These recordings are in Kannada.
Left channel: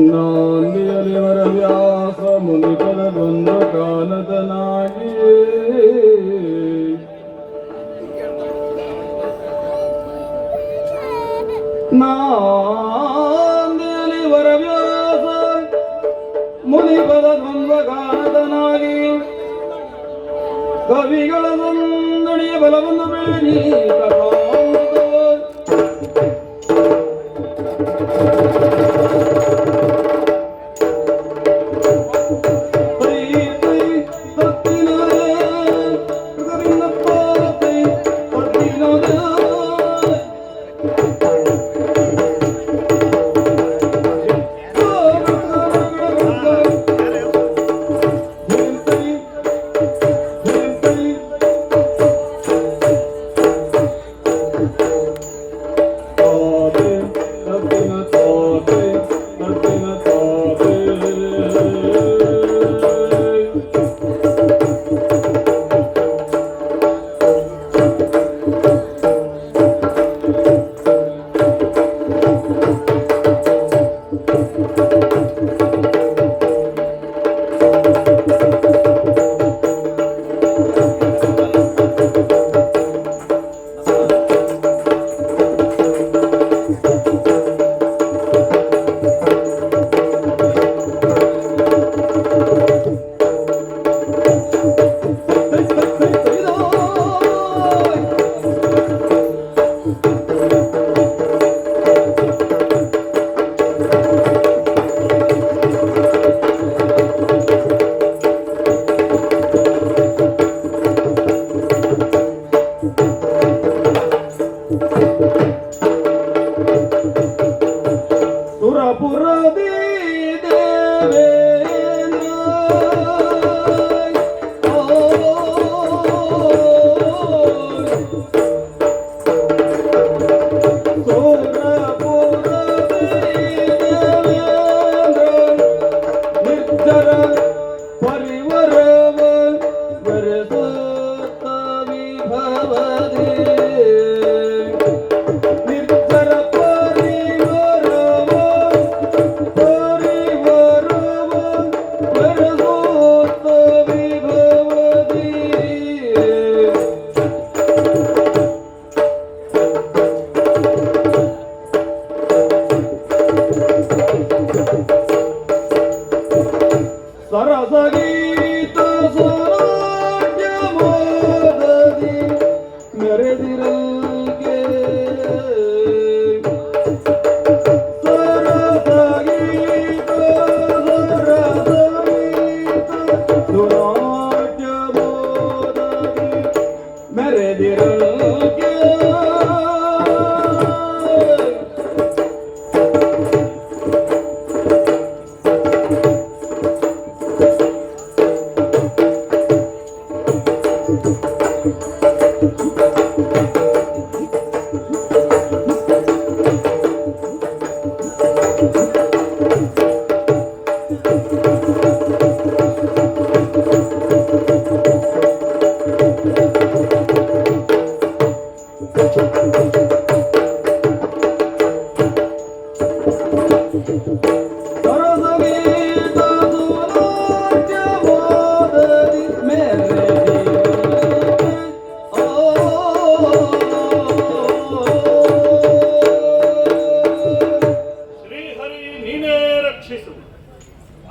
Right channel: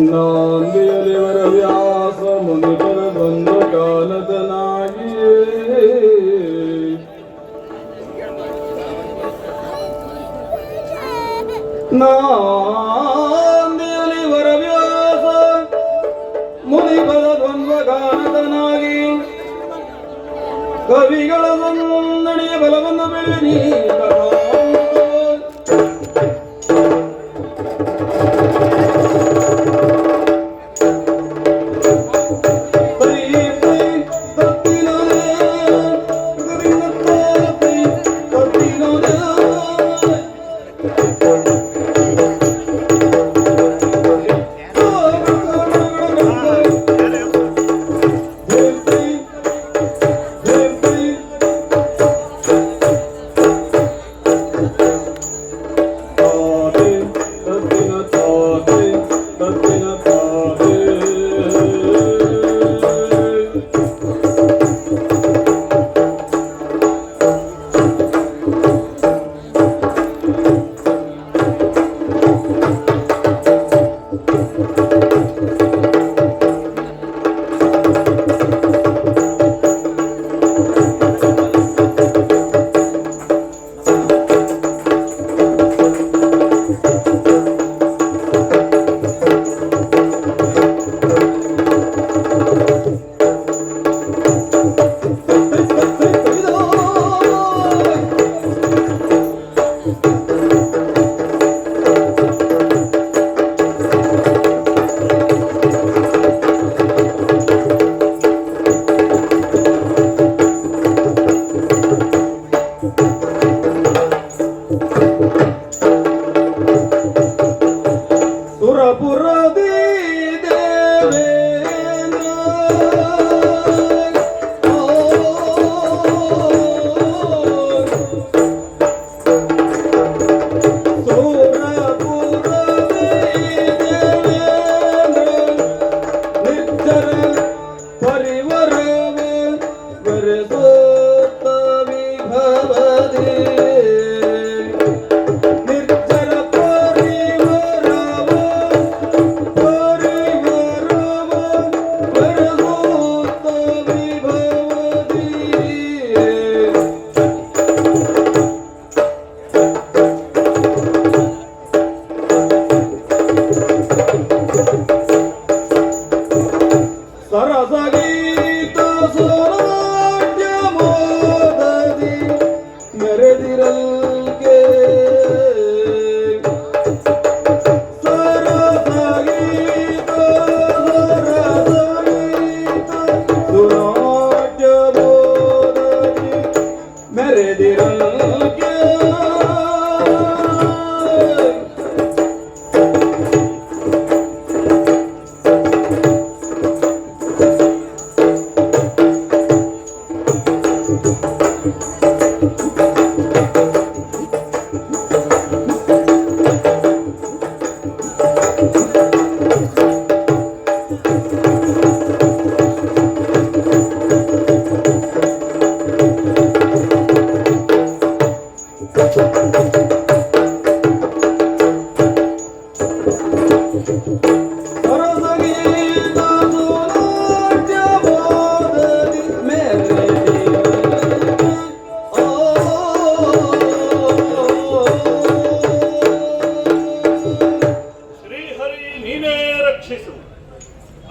ನಾಂದಿಯಲಿವರ ವ್ಯಾಸ ಮುನಿಪದ ಬಂದು ಕಾಲತನಾಗಿಯೇ ನಾಂದಿಯಲಿವರ ವ್ಯಾಸ ಮುನಿಪದ ದ್ವಂದ್ವ ಕಾಲತನಾಗಿ ಕವಿಗಳ ಸಂದಣಿಯ ಬಲವನ್ನು ಬೆಳೆದಿ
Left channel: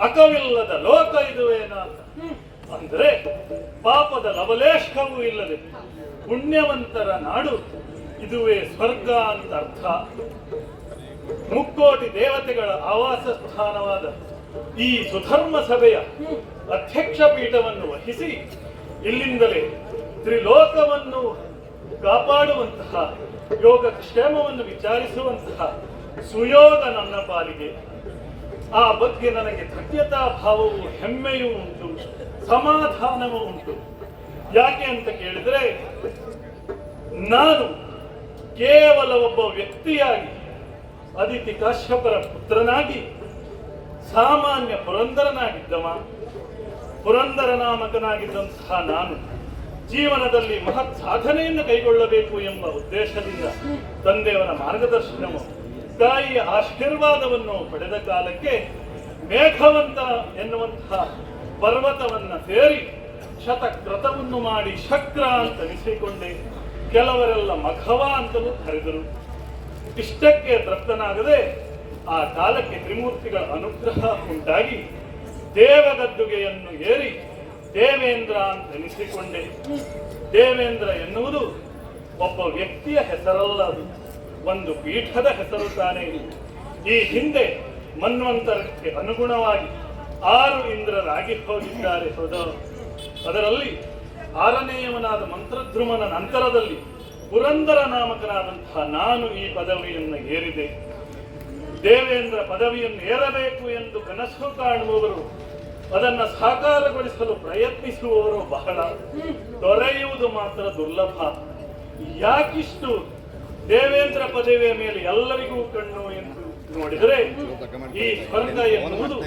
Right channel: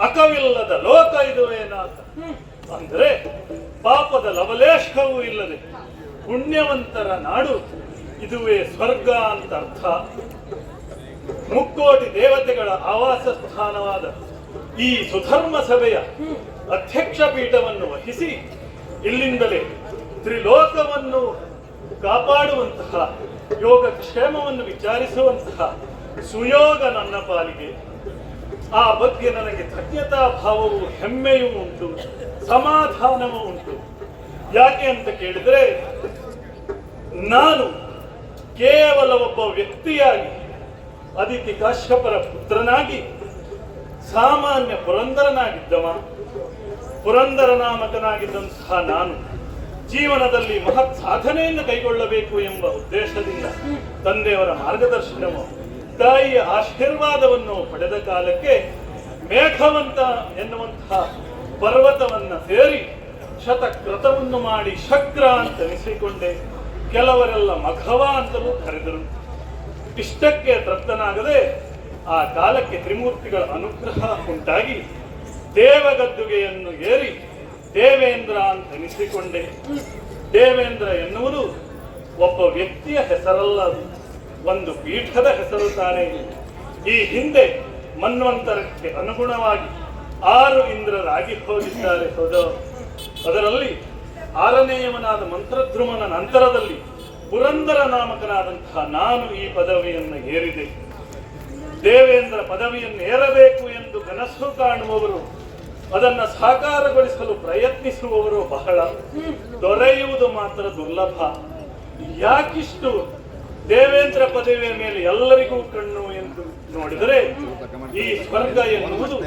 ಅಕವಿಲ್ಲದ ಲೋಕ ಇದುವೇನಾತ ಅಂದ್ರೆ ಪಾಪದ ಲವಲೇಶವೂ ಇಲ್ಲದೆ ಪುಣ್ಯವಂತರ ನಾಡು ಇದುವೇ ಸ್ವರ್ಗ ಅಂತ ಅರ್ಥ. ಮುಕ್ಕೋಟಿ ದೇವತೆಗಳ ಆವಾಸ ಸ್ಥಾನವಾದ ಈ ಸುಧರ್ಮ ಸಭೆಯ ಅಧ್ಯಕ್ಷ ಪೀಠವನ್ನು ವಹಿಸಿ ಇಲ್ಲಿಂದಲೇ ತ್ರಿಲೋಕವನ್ನು ಕಾಪಾಡುವಂತಹ ಯೋಗಕ್ಷೇಮವನ್ನು ವಿಚಾರಿಸುವಂತಹ ಸುಯೋಗ ನನ್ನ ಪಾಲಿಗೆ. ಆ ಬಗ್ಗೆ ನನಗೆ ಧನ್ಯತಾ ಭಾವವು ಹೆಮ್ಮೆಯೂ ಉಂಟು, ಸಮಾಧಾನವೂ ಉಂಟು. ಯಾಕೆ ಅಂತ ಕೇಳಿದ್ರೆ, ನಾನು ಕೇವಲ ಒಬ್ಬ ವ್ಯಕ್ತಿಯಾಗಿ ಅದಿತಿ ಕಾಶ್ಯಪರ ಪುತ್ರನಾಗಿ ಸಾಮಾನ್ಯ ಪುರಂದರನಾಗಿದ್ದವ, ಪುರಂದರ ನಾಮಕನಾಗಿದ್ದಂತಹ ನಾನು ಜೀವನದಲ್ಲಿ ಮಹತ್ ಸಾಧನೆಯನ್ನು ಕೈಗೊಳ್ಳಬೇಕು ಎಂಬ ಉದ್ದೇಶದಿಂದ ತಂದೆಯವರ ಮಾರ್ಗದರ್ಶನವು ತಾಯಿಯ ಆಶೀರ್ವಾದವನ್ನು ಪಡೆದ ಕಾಲಕ್ಕೆ ಮೇಘವಂತ ಎನ್ನುವಂತಹ ಪರ್ವತವನ್ನ ಸೇರಿ ಶತಕ್ರತವನ್ನು ಮಾಡಿ ಶಕ್ರ ಅಂತ ಅನಿಸಿಕೊಂಡೆ. ಕೆಲವರೆಲ್ಲ ಮಖವ ಅಂತಲೂ ಕರೆದರು. ಇಷ್ಟಕ್ಕೆ ತೃಪ್ತನಾಗದೆ ಆ ಕಾಲಕ್ಕೆ ತ್ರಿಮೂರ್ತಿಗಳ ಅನುಗ್ರಹ ಉಂಟಾಗಿ ದೇವಗದ್ದುಗೆಯನ್ನು ಏರಿ ದೇವೇಂದ್ರ ಅಂತ ಅನಿಸಿಕೊಂಡೆ. ದೇವೇಂದ್ರ ಎನ್ನುವುದು ಒಬ್ಬ ವ್ಯಕ್ತಿಯ ಹೆಸರಲ್ಲ, ಅದು ಒಂದು ಪೀಠದ ಹೆಸರು ತಾನೇ. ಈ ಹಿಂದೆ ಮನ್ವಂತರಕ್ಕೆ ಅನುಗುಣವಾಗಿ 6 ಇಂದ್ರರಾಗಿ ಹೋಗಿದ್ದಾರೆ ಸೋದರ. ಅದರಲ್ಲಿ 6ನೇಯವನಾದ ಮಂತ್ರಧ್ರುಮನ ನಂತರದಲ್ಲಿ ಪುರಂದರ ನಾಮಕನಾದಂತಹ ನಾನು ಈ ಪದವಿಯನ್ನು ಏರಿದೆ. ದೇವೇಂದ್ರ ಪದವಿಯನ್ನು ಏರಬೇಕು ಎಂದು ಕನಸು ಕಾಣುವವರು, ಅದನ್ನು ಸಾಕಾರಗೊಳಿಸಲು ಪ್ರಯತ್ನಿಸುವವರು ಬಹಳ, ದೊರೆಯುವುದು ಮಾತ್ರ ದುರ್ಲಭ. ಯಾಕಿಷ್ಟು ದೇವೇಂದ್ರ ಪದವಿಯ ಮೇಲೆ ಎಲ್ಲರಿಗೂ ಕಣ್ಣು ಎಂದು ನೋಡಿದರೆ, ಈ ಸ್ವರ್ಗ ಎನ್ನುವುದು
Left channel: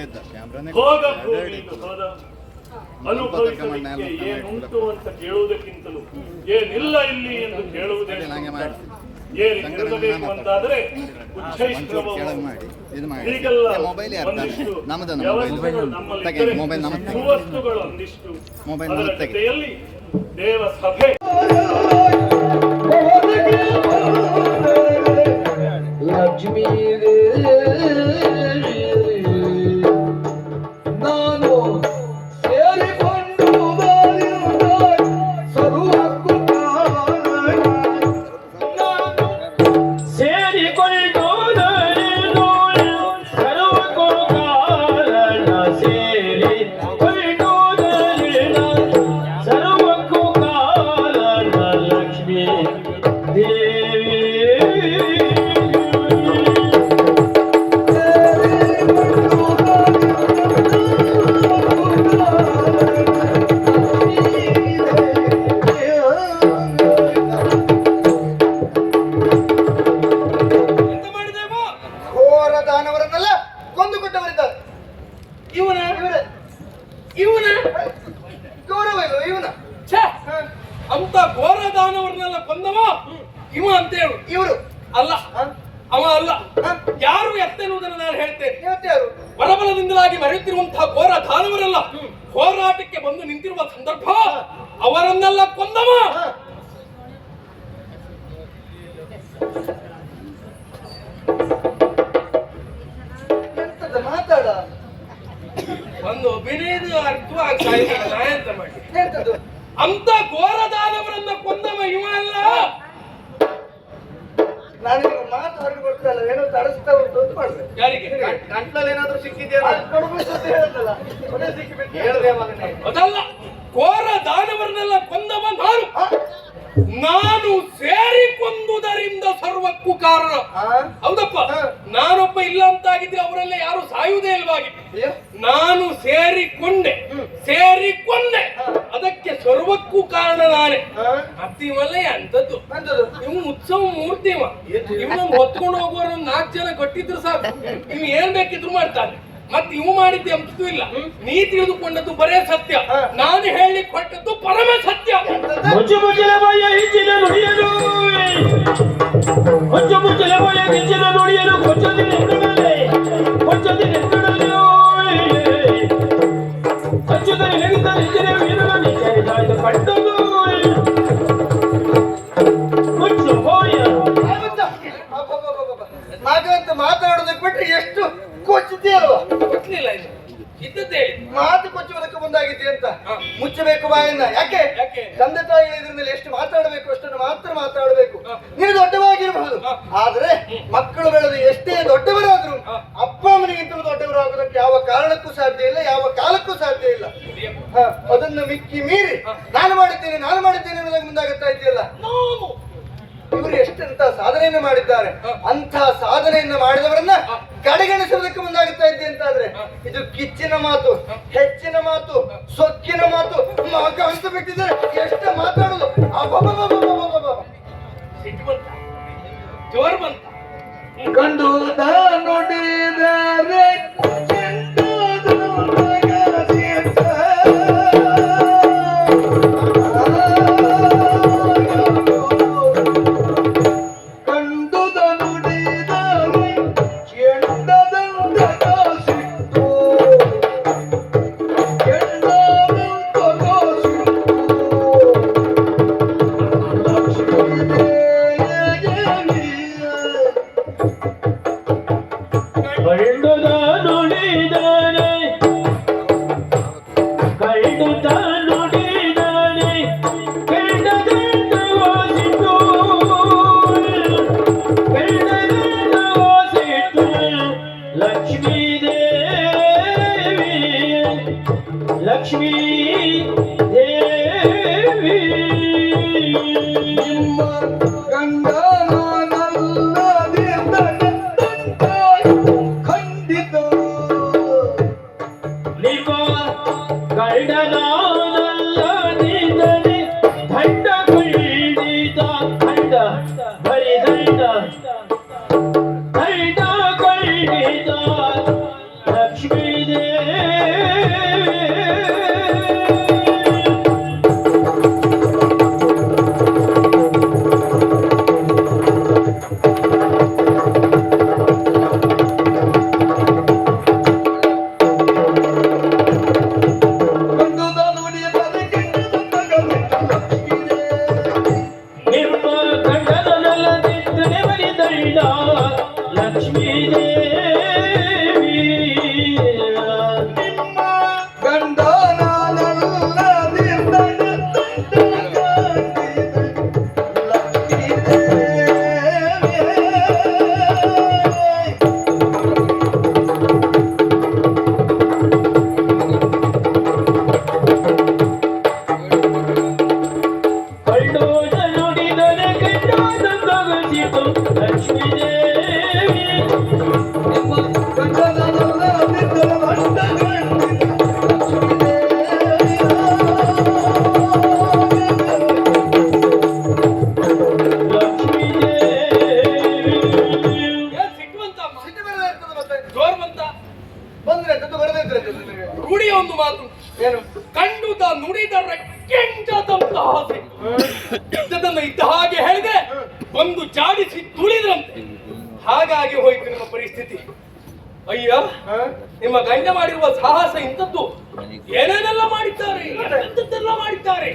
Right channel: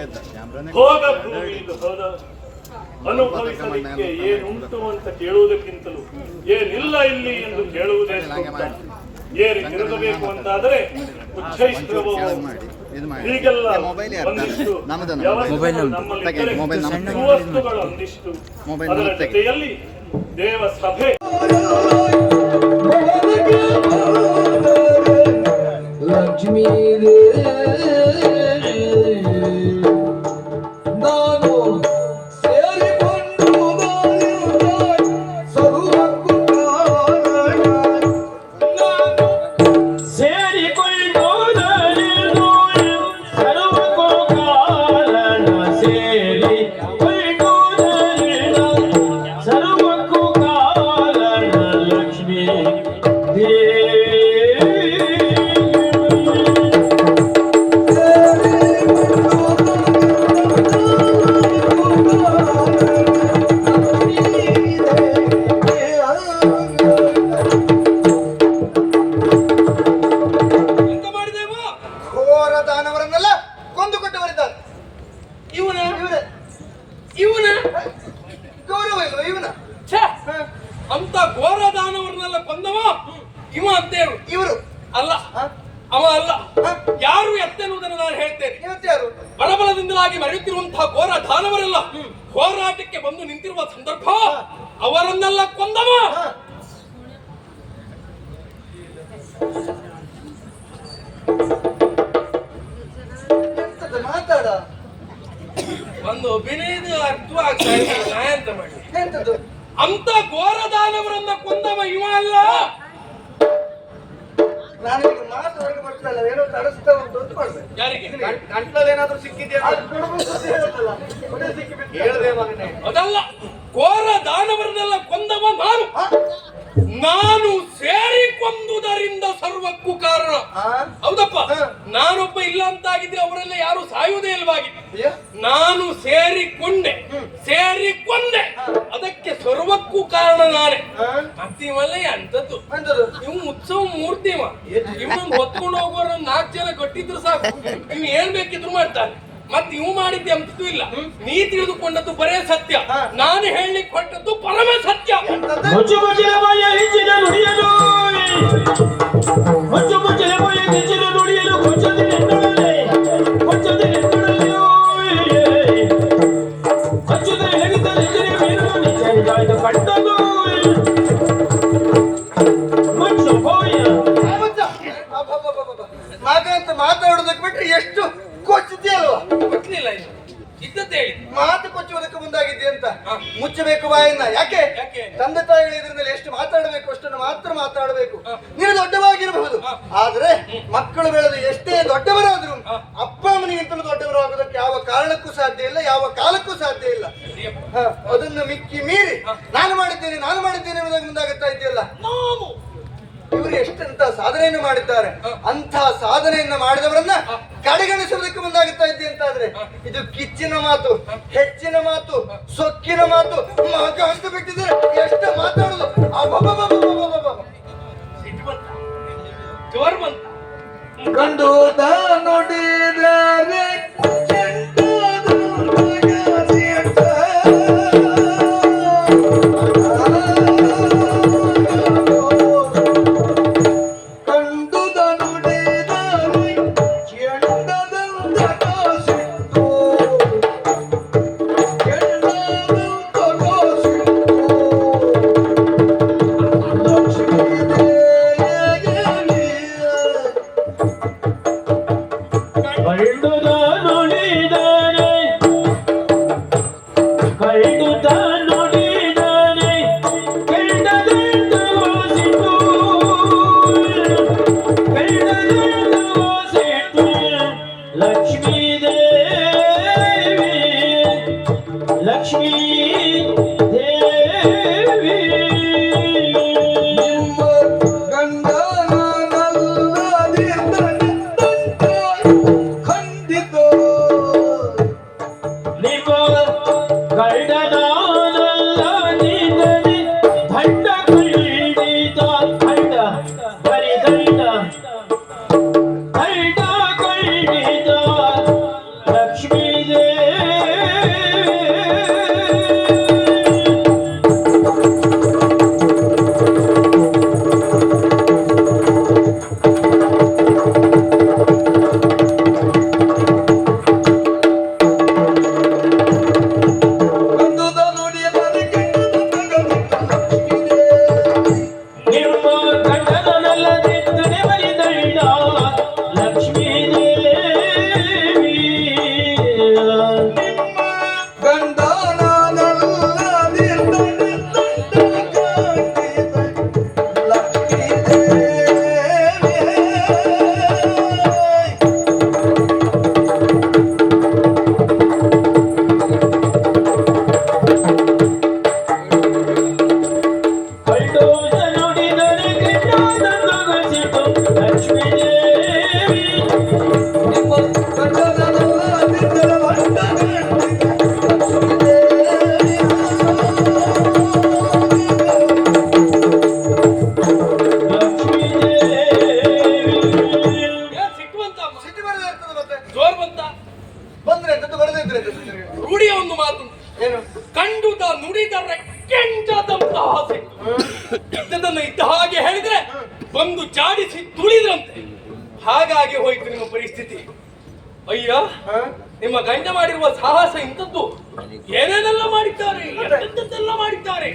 ಭೋಗ ಭೂಮಿ. ಹೋದ ಅನುಭವಿಸಲಿಕ್ಕೆ ಏನುಂಟು ಅಂತ ಕೇಳುವುದಕ್ಕಿಂತಲೂ ಏನಿಲ್ಲ ಇಲ್ಲಿ ಎಂದು ಕೇಳುವುದೇ ಏರಿರಬೇಕು ಅಂತಾದರೆ ಹೀಗೆಲ್ಲ ಒಂದಿಷ್ಟು ಸುವಸ್ತುಗಳು, ಒಂದಿಷ್ಟು ಅದರ ಜೊತೆಯಲ್ಲಿ ದೇವ ಸಭೆ ಲಕ್ಷ್ಮೀ ನಾನು ಸೇರಿಕೊಂಡು ಅಂತ ಘೋರ ದಾನವರನ್ನೆಲ್ಲ ಕೊಂದವ ಇವ ಅಂತೇಳು. ಇವರು ಅಲ್ಲ, ಅವ ಅಲ್ಲ. ಯಾರು ಎತ್ತೆನ್ನುವುದನ್ನು ನಾನು ಹೇಳ್ತೇನೆ. ಬಲಬಲದಿಂದಲಾಗಿ ಮರೆಯುತ್ತಿರುವಂತಹ ಘೋರ ದಾನವರೆಲ್ಲ ಹೋರಾಟಕ್ಕೆ ಬಂದು ನಿಂತಿರುವ ಸಂದರ್ಭ ಅವರನ್ನೆಲ್ಲ ಕೊಂದವ. ಮಾತಾಡ ಒಂದು ಅಭಿನಯದ ಅರ್ಥವಾಗ್ತಾ ಇಲ್ಲ. ಎಂತ ಮಾಡಿ ಎಂತದ್ದು? ಅಂತ ಘೋರ ದಾನವರನ್ನ ಕೊಂದವ ಇವ ಅಲ್ಲ. ನಾನು ನಿಮ್ಮ ಮಾತು ಹೊರಗೆ ಬರ್ತಾ ಇಲ್ಲ, ಏನೋ ತಡಿಸ್ತಾ ಉಂಟು ಮಾಡ್ಬೇಕು. ಯಾರಿಗೆ ಗಂಟ್ಲಲ್ಲಿ ಏನಾದ್ರೂ ಸಿಕ್ಕಿದೆಯಾ? ಹೇಳ್ದೆ ಮಗನೇ. ಅದಲ್ಲ, ಘೋರ ದಾನವರನ್ನೆಲ್ಲ ಕೊಂದವ ನಾನು. ನಾನು ಸೇರಿ ಕೊಂದುದರಿಂದ ಸರ್ವಕ್ಕೂ ಕಾರಣ. ಹೌದಪ್ಪ, ನಾನೊಬ್ಬ ಇಲ್ಲ ಅಂತಾಗಿದ್ರೆ ಅವರೆಲ್ಲ ಯಾರು ಸಾಯುವುದೇ ಇಲ್ವಾಗಿತ್ತು. ನಾನು ಸೇರಿಕೊಂಡೆ, ಅದಕ್ಕೆ ಸರ್ವಕ್ಕೂ ಕಾರಣ ನಾನೇ. ಮತ್ತಿವಲ್ಲ ಅಂತದ್ದು ಇವ್ ಉತ್ಸವ ಮೂರ್ತಿ. ಇವ್ ಹೊತ್ಕೊಂಡು ಹೋಗುವ 4 ಜನ ಗಟ್ಟಿದ್ರು ಸಾಕು, ಇವ್ ಏನ್ ಬೇಕಿದ್ರು ಮಾಡ್ತಾನೆ. ಮತ್ತೆ ಇವು ಮಾಡಿದ್ದೆ ಅಂತದ್ದು ಇಲ್ಲ. ನೀ ತಿಳಿದುಕೊಂಡದ್ದು ಬರೇ ಸತ್ಯ, ನಾನು ಹೇಳಿ ಕೊಟ್ಟದ್ದು ಪರಮ ಸತ್ಯ. ಹಾಗಂತ ಮಾತಾಡೋದಕ್ಕೆ ಬಿಟ್ರೆ ಎಷ್ಟು ಕೊಚ್ಚಿದೆಯಲ್ವ? ಗೊತ್ತಿಲ್ಲ, ಇದ್ದದ್ದು ಹೇಳಿ. ಮಾತು ಕೊಚ್ಚುವುದಕ್ಕೆ ಮುಂದಾಗಿದ್ದೆ ಅಂತ ಮುಚ್ಚಬೇಕು ಬಾಯನ್ನ. ಯಾಕೆ? ಯಾಕೆ? ತಂದೆ ತಾಯಿಗಳ ಎದುರಿನಲ್ಲಿ ಎಷ್ಟು ಮಾತಾಡಬೇಕು ಅಷ್ಟನ್ನು ಮಾತ್ರ ಮಾತಾಡಬೇಕು. ನೀವು ದೊಡ್ಡವಾಗಿರಬಹುದು, ಆದ್ರೆ ಮಕ್ಕಳು ಬೆಳೆದು ಎಷ್ಟೇ ದೊಡ್ಡವರಾದ್ರು ಅಪ್ಪ ಅಮ್ಮನಿಗಿಂತಲೂ ದೊಡ್ಡವರಾಗೋದಕ್ಕೆ ಯಾವ ಕಾರಣಕ್ಕೂ ಸಾಧ್ಯ ಇಲ್ಲ, ಯಾವ ಕಾಲಕ್ಕೂ ಸಾಧ್ಯ ಇಲ್ಲ. ಅದನ್ನು ಮಿಕ್ಕಿ ಮೀರಿ ನಾನು ಮಾಡಿದ್ದೇನೆ ಅನ್ನೋದಕ್ಕೆ ಮುಂದಾಗುತ್ತಾ ಇದೆಯಲ್ಲ. ಇವರು ಎಷ್ಟಂತ ಸಾಧನೆಯನ್ನು ಮಾಡಿದ್ದಾರೆ. ಅಂತ ಸಾಧನೆಯನ್ನು ಮಾಡಿದವರನ್ನ ಕಡೆಗಣಿಸುವುದಕ್ಕೆ ಮುಂದಾಗುತ್ತಾ ಇದ್ದೆ ಅಂತಾದ್ರೆ ಇದು ಕಿಚ್ಚಿನ ಮಾತು, ಹೆಚ್ಚಿನ ಮಾತು, ಸೊಕ್ಕಿನ ಮಾತು. ಮಗ ಅಂತ ಬಿಟ್ಟಿದ್ರೆ ಎಷ್ಟು ಮಾತಾಡೋದು. ಜೋರ್ ಬಂತ ಕಂಡು ನುಡಿದರೆ ಕಂಡುದ ನುಡಿದರೆ ಕಂಡುದ ನುಡಿದರೆ ಕಂಡದಿಂದ ವಾಸಿತು ಕಂಡದಿಂದ ವಾಸಿತು ಲಕ್ಷ್ಮೀ ದೇವಿ ಲಕ್ಷ್ಮೀ ದೇವಿ ನಿಮ್ಮ ಖಂಡಿತ ನಿಮ್ಮ ಗಂಡನಾನಲ್ಲದಿದ್ದರೆ ದಂಡ ಖಂಡಿತ ದಂಡ ಬರಿ ದಂಡ ದಂಡ ಖಂಡಿತ ಲಕ್ಷ್ಮೀ ದೇವಿ ಕಂಡುದ ನುಡಿದರೆ ನಿಮ್ಮ ಗಂಡನಲ್ಲದಿದ್ದರೆ ಬರಿ ದಂಡ ಲಕ್ಷ್ಮೀ ದೇವಿ ಗಂಡ ಕಂಡೋದ ನುಡಿದರೆ ಕೆಟ್ಟದೊಗಸಿತು ಲಕ್ಷ್ಮೀ ದೇವಿ ಲಕ್ಷ್ಮೀ ದೇವಿ ಏನ್ ಸಿಟ್ಟುವಂತ ಅಮ್ಮ? ಸಿಟ್ಟು ಬರದೇ ಇರ್ತದೆ ಮತ್ತೆ ಜೋರ್ ಬಂತ ಬಂದ್ರೆ ಎಂತದ್ದು ಬರದೇ ಇದ್ರೆ ಎಂತದ್ದು ನಿನಗೆ? ರೂಢಿಯ ಒಂದು ಮಾತು ಏನು ಕಂಡುದ ನುಡಿದರೆ ಕೆಂಡದಂತಹ ಸಿಟ್ಟು. ಇದ್ದದನ್ನು ಇದ್ದ ಹಾಗೆ ಹೇಳಿದ್ರೆ ಬಂದು ಜಾಡಿಸಿ ತುಳಿದ್ರಂತೆ. ಹಾಗಾಗಿ ಹೋಯ್ತು ನಿಮ್ಮ ಪರಿಸ್ಥಿತಿ. ಅಯ್ಯ ಹ? ನಿಮ್ಮ ಗಂಡ ಮಾಡಿರುವ ಸಾಹಸ ಇಂಥದ್ದು. ಏನೇನೆಲ್ಲ ಮಾಡಿದ್ದಾರೆ, ಎಂತೆಲ್ಲ ಮಾಡಿದ್ದಾರೆ.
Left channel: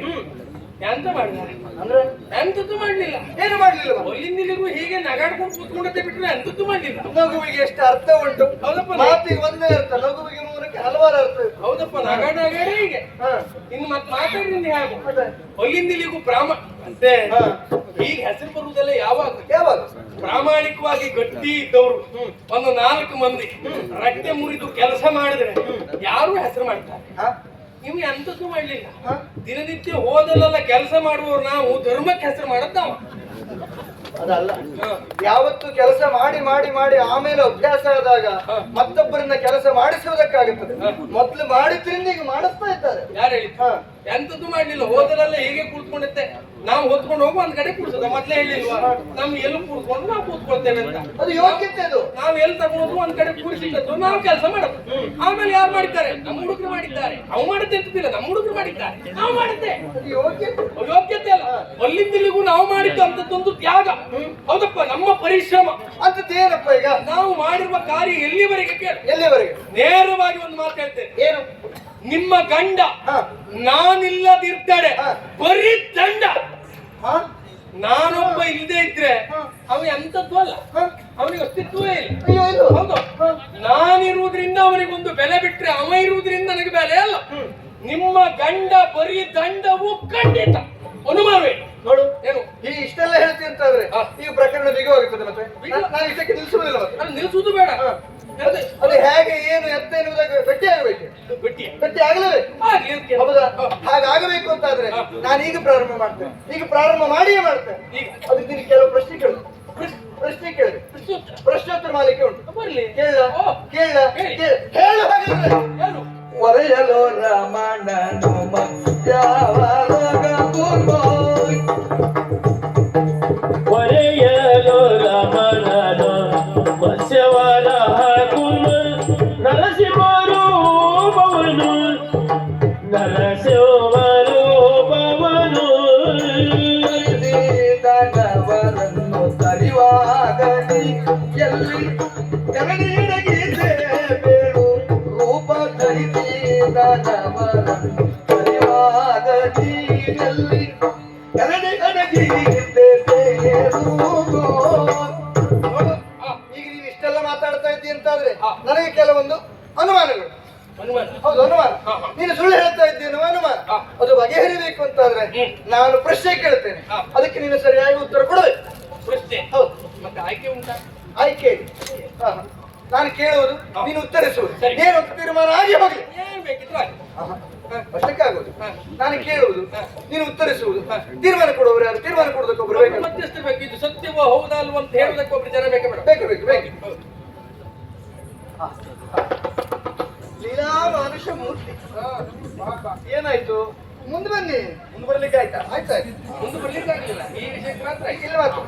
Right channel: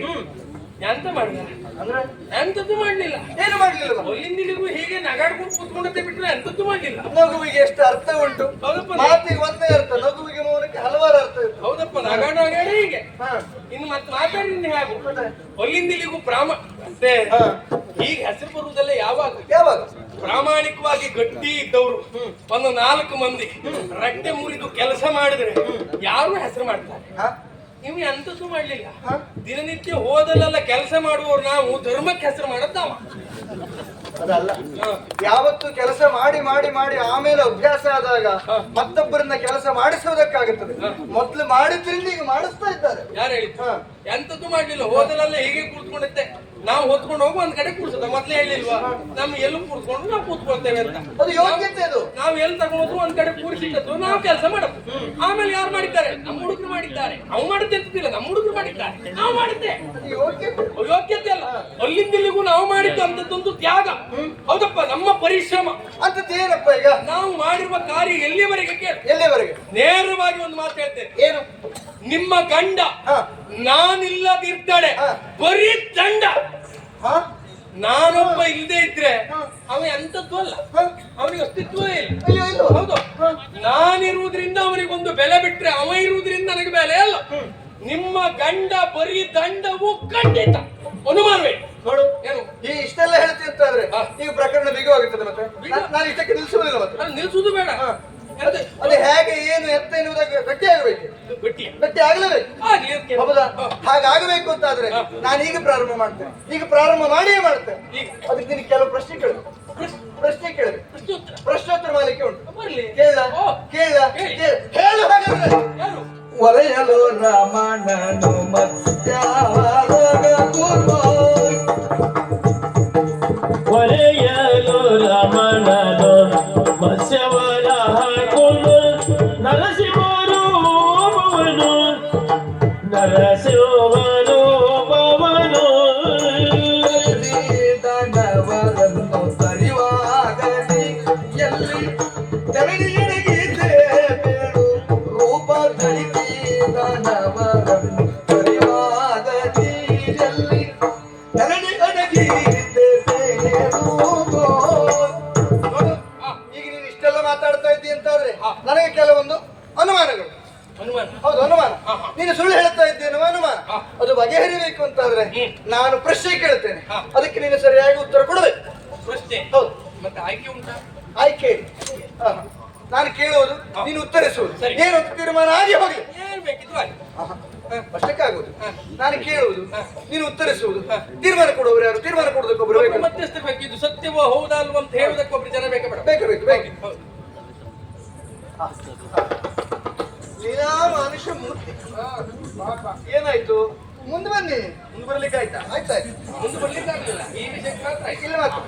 ಎಂತ ಮಾಡಿದ್ದಾರೆ ಅಂದ್ರೆ ಎಂತದ್ದು ಮಾಡ್ಲಿಲ್ಲ. ಏನು ಮಾಡ್ಲಿಲ್ಲ ಅಲ್ಲಿಂದಿಗೂ ಹೀಗೆ ನಗಾಡ್ಕೊಂಡು ಕೂತ್ಕೊಂಡಂತೆ ಬಿಟ್ರೆ ಎಂತದ್ದು ಮಾಡ್ಲಿಲ್ಲ. ನಗುವಿಗೆ ಎಷ್ಟು ಅರ್ಥ ಉಂಟು ಹೌದಪ್ಪ. ಮಾತಿಗೆ ಒಂದೇ ಅರ್ಥ ನಗುವಿಗೆ ಮೌನಕ್ಕೆ ಹಲವಾರು ಅರ್ಥ ಇರ್ತದೆ ಹೌದಪ್ಪ, ನಗಾಡೇ ಹೀಗೆ. ಹ. ಇನ್ನು ಮತ್ತೆ ಮಾತಾಡಿದ್ರೆ ಹೇಗೆ ಮತ್ತೆ? ಅಲ್ಲಿಂದಿಗೂ ಅಂತೆ ಹ. ಈಗ ಹೆಸರು ಬರುವುದೆಲ್ಲ ಯಾವಾಗ ಯಾವಾಗ ಪ್ರಾಮಾಣಿಕವಾಗಿ ಗಟ್ಟಿ ಇದ್ದವರು ಒಂದು 4 ಮಂದಿ ರಟ್ಟೆ ಮುರಿದು ಕೆಲಸ ಮಾಡಿದ್ರೆ ಯಾರು ಹೆಸರು ಮಾಡ್ತಾರೆ. ಹ? ನೀವು ಎಂತದ್ದು ಮಾಡ್ಲಿಲ್ಲ. ಹ? ದಿನನಿತ್ಯ ಹೋದಲ್ಲೆಲ್ಲ ಕೆಲಸ ಮಾಡುವವರು ನಾವು ಧರ್ಮಕ್ಕೆ ಹೆಸರು ಮಾಡೋದು ಅದಲ್ಲ ಯಾವತ್ತು ಕೆಲಸ ಮಾಡಿ ಮಾಡಿ ಮಾಡಿ ಆಮೇಲೆ ಅಭ್ಯಾಸ ಆದಾಗ ಮತ್ತೊಬ್ಬರನ್ನ ಕೆಲಸ ಮಾಡಿಸುವುದಕ್ಕಾಗುತ್ತದೆ. ಮೊದ್ಲು ಮಾಡಿದ್ರಿಂದ ಈಗ ಮಾಡಿಸ್ತಾ ಇದ್ದಾರೆ. ಯಾರು ಹೇಳಿ ಹ. ಎಂತದ್ದು ಮಾಡ್ಲಿಲ್ಲ. ಹೋದಲೆಲ್ಲ ಹೀಗೆ ಕೂತ್ಕೊಂಡತ್ತೆ. ನಾವು ಹೊತ್ಕೊಂಡು ಹೋಗಿ ಒಂದ್ ಕಡೆ ಕೂರ್ಸೋದ ಮೊದ್ಲೇ ಹೇಳಿಲ್ವಾ ನಮ್ಗೆ ಎಲ್ಲಿ ಕೂತ್ಕೊಂಡು ನಾವು ಕೂತ್ಕೊಳ್ತೇವೆ ಅಂತ. ಅದು ಯೋಗ್ಯತೆ ಅದು. ನಾವ್ ಎಲ್ಲಿ ತಗೊಂಡು ಒಂದ್ ಕಡೆ ಕೂರಿಸಿಟ್ಟು ನಾವು ಕೆಲಸ ಮಾಡೋದು. ಆಮೇಲೆ ಯಾರು ಮಾಡಿದ್ದಾರೆ? ನಮ್ಮ ಹುಡುಗರು ಮಾಡಿದ್ದಾರೆ. ಅವು ಮಾಡುತ್ತೆ ಅಂತಿಲ್ಲ, ನಮ್ಮ ಹುಡುಗರು ಮಾಡಿದ್ದಾರೆ, ನಾವು ಮಾಡುತ್ತೆ. ಅದು ಯೋಗ್ಯತೆ. ಯೋಗ್ಯತೆ ಅಲ್ಲ, ಅಲ್ಲಿಂದಿಲ್ಲಿಗೂ ನಾವು ಮಾಡಿದ್ದು ಅಂತದ್ದೊಂದು ತ್ಯಾಗ. ಹೌದಪ್ಪ, ನಮ್ಮ ಪರಿಶ್ರಮ ಅಂತದ್ದೇನಪ್ಪ ಈಗ ನಾವು ಮಾಡಿರುವ ಕಾರ್ಯ ಎಲ್ಲಿವರೆಗೆ ಕೇಳಿ. ಎಲ್ಲಿವರೆಗೆ? ನೇರವಾಗಿ ಒಂದು ಮಾತು ಹೇಳ್ತೇನೆ. ಏನು? ನಿಮ್ಮ ಗಂಡ ಹ. ನಾನಿಲ್ಲದಿರ್ತಾಳೆ ಹ. ಬರೀ ದಂಡ. ಹ? ನಾನೊಬ್ಬ ಇಲ್ಲದೆ ಇದ್ರೆ ಹ. ಅವ ಎಂತದ್ದು ಅಲ್ಲ, ಹ? ಅವನಿಗೆ ಅಸ್ತಿತ್ವವೇ ಇಲ್ಲ. ಅಯ್ಯೋ ಇಲ್ಲ. ಹೌದು, ನಾನಿರುವುದರಿಂದ ಅವನಿಗೊಂದು ಬೆಲೆ ಬಿಟ್ರೆ ಅವ ಇರುವುದರಿಂದ ನನಗೆ ಬೆಲೆ ಅಲ್ಲ. ನಿಮ್ಮ ಗಂಡ ಬರೀ ದಂಡವು ಖಂಡಿತ, ಅನುಮಾನವೇ. ನೋಡು ಏನು ಈ ಇಷ್ಟೆಲ್ಲ ಹೇಳ್ತಿ ಅಂತಾದ್ರೆ ಹ. ಈಗ ಪ್ರಕರಣ ಬಿಗುವಾಗುತ್ತದೆ ಮತ್ತೆ ಬಿಗು? ನಾನು ಇಷ್ಟಕ್ಕೆ ನಿಲ್ಲಿಸುವುದಿಲ್ಲ ಮತ್ತೆ ಅದು ನಿಲ್ಸುವುದು ಬೇಡ. ಹ. ಅದು ಹೇಗೆ ಏನು ಎತ್ತ ಎನ್ನುವುದಾಗ ಗಟ್ಟಿ ಆಗಬೇಕು. ಗಟ್ಟಿ ಗಟ್ಟಿ ಆಗಲೇಬೇಕು. ಆಗ್ಲಿ ಅದಕ್ಕೆ. ಹೌದಾ? ಹಾಗಾಗಬೇಕು ಅಂತಾದ್ರೆ ನಾನು ಈಗ ಪ್ರಾರಂಭ ಮಾಡ್ತೇನೆ. ಈಗ ಪ್ರಾರಂಭ ಮಾಡಿಯೇ ಮಾಡ್ತೇನೆ. ಈಗ ಅದಕ್ಕೆ ನಿನಗೆ ಕೆಲವು ಪ್ರಶ್ನೆ ಕೇಳು. ಪ್ರಶ್ನೆ ಕೇಳು. ಪ್ರಶ್ನೋತ್ತರ ಪ್ರಶ್ನೋತ್ತರ ಮಾಲಿಕೆ ಉಂಟು. ಬರ್ಲಿ. ಕೇಳ ಓ. ಕೇಳ ಹೇಳಿ. ಹೇಳು ಹಾಗಾದ್ರೆ. ಯಾರು? ಒರೆಯಲು ರಮಣನು ಮತ್ಯಾವಲೋಕ ಕೂರ್ಮೋ ಒರೆಯಲು ರಮಣನ ಮತ್ಸ್ಯವನ ಹಾಕುವ ನರಸಿಂಹರೂಪವನು ನರಸಿಂಹರೂಪವನು ದನವರನ್ನು ತರಿವಾಗಲಿ ಎಲ್ಲಿ ತೆರಳಿಯಡಗಿದ್ದೆ ಬೇಡು ರೂಪ ಧರಿಸಿ ದನವರನ್ನು ತರಿವಾಗಲಿ ಎಲ್ಲಿ ತೆರಳಿ ಅಡಗಿದ್ದೆ ಬೇಡು. ಈಗ ನೀನು ಇಷ್ಟೆಲ್ಲ ಮಾತಾಡ್ತಾ ಇದ್ದಿ ಅಂತಾದ್ರೆ ನನಗೆ ಕೆಲವೊಂದು ಅನುಮಾನಗಳು. ಅನುಮಾನ ಹೌದು, ಅನುಮಾನ. ನೀನು ಸುಳ್ಳು ಹೇಳ್ತಾ ಇದ್ದೇನೋ ಅನುಮಾನ. ಅದು ಬಗೆಹರಿಬೇಕು ಅಂತಾದ್ರೆ ನಾನು ಪ್ರಶ್ನೆ ಕೇಳ್ತೇನೆ, ಅದಕ್ಕೆ ನೀನು ಸರಿಯಾಗಿ ಉತ್ತರ ಕೊಡಬೇಕು. ಪ್ರಶ್ನೆ ಹೌದು, ಮತ್ತೆ ಆಯ್ಕೆ ಉಂಟಾ? ಆಯ್ಕೆ ಇದೆ. ನಾನು ಕೇಳುವುದು, ನೀನು ಉತ್ತರಿಸುವುದು. ಸರಿ. ಏನು ತೀರ್ಮಾನ ಆಗಿ ಹೋಗ್ಲಿ, ಏನ್ ಬೇಕಿದ್ರು ಆಯ್ತು. ಅಷ್ಟಕ್ಕಾಗೋದು. ನಾನು ಕೇಳುವುದು, ನೀನು ಉತ್ತರಿಸುವುದು. ತೀರ್ಮಾನ ಕೊಡುವವರು ಯಾರು? ತೀರ್ಮಾನ ಕೊಡೋದಕ್ಕೊಬ್ರು ಬೇಕು. ಮಧ್ಯಸ್ಥರು ಬೇಕಿದ್ದು ಸತ್ಯವೋ ಹೌದಾ ಅಲ್ವಾ ಅಂತ ಹೇಳೋದಕ್ಕೊಬ್ರು ಜನ ಬೇಕ ಬೇಡ? ಬೇಕು ಬೇಕು ಬೇಕು. ಲೀಲಾ ಮನುಷ್ಯ ಮೂರ್ತಿ. ಏನಾಯ್ತು? ಮುಂದೆ ಬನ್ನಿ. ಮುಂದೆ ಬರ್ಲಿಕ್ಕೆ ಆಯ್ತಾ? ಆಯ್ತಾಯ್ತು. ಮುಂದೆ ಬರ್ಲಿಕ್ಕೆ ಆಗ್ಲಿಲ್ಲ, ಈ ವಿಷಯಕ್ಕೆ ಮಾತ್ರ ಆಯ್ತು. ಇಲ್ಲ ಮಾತ್ರ.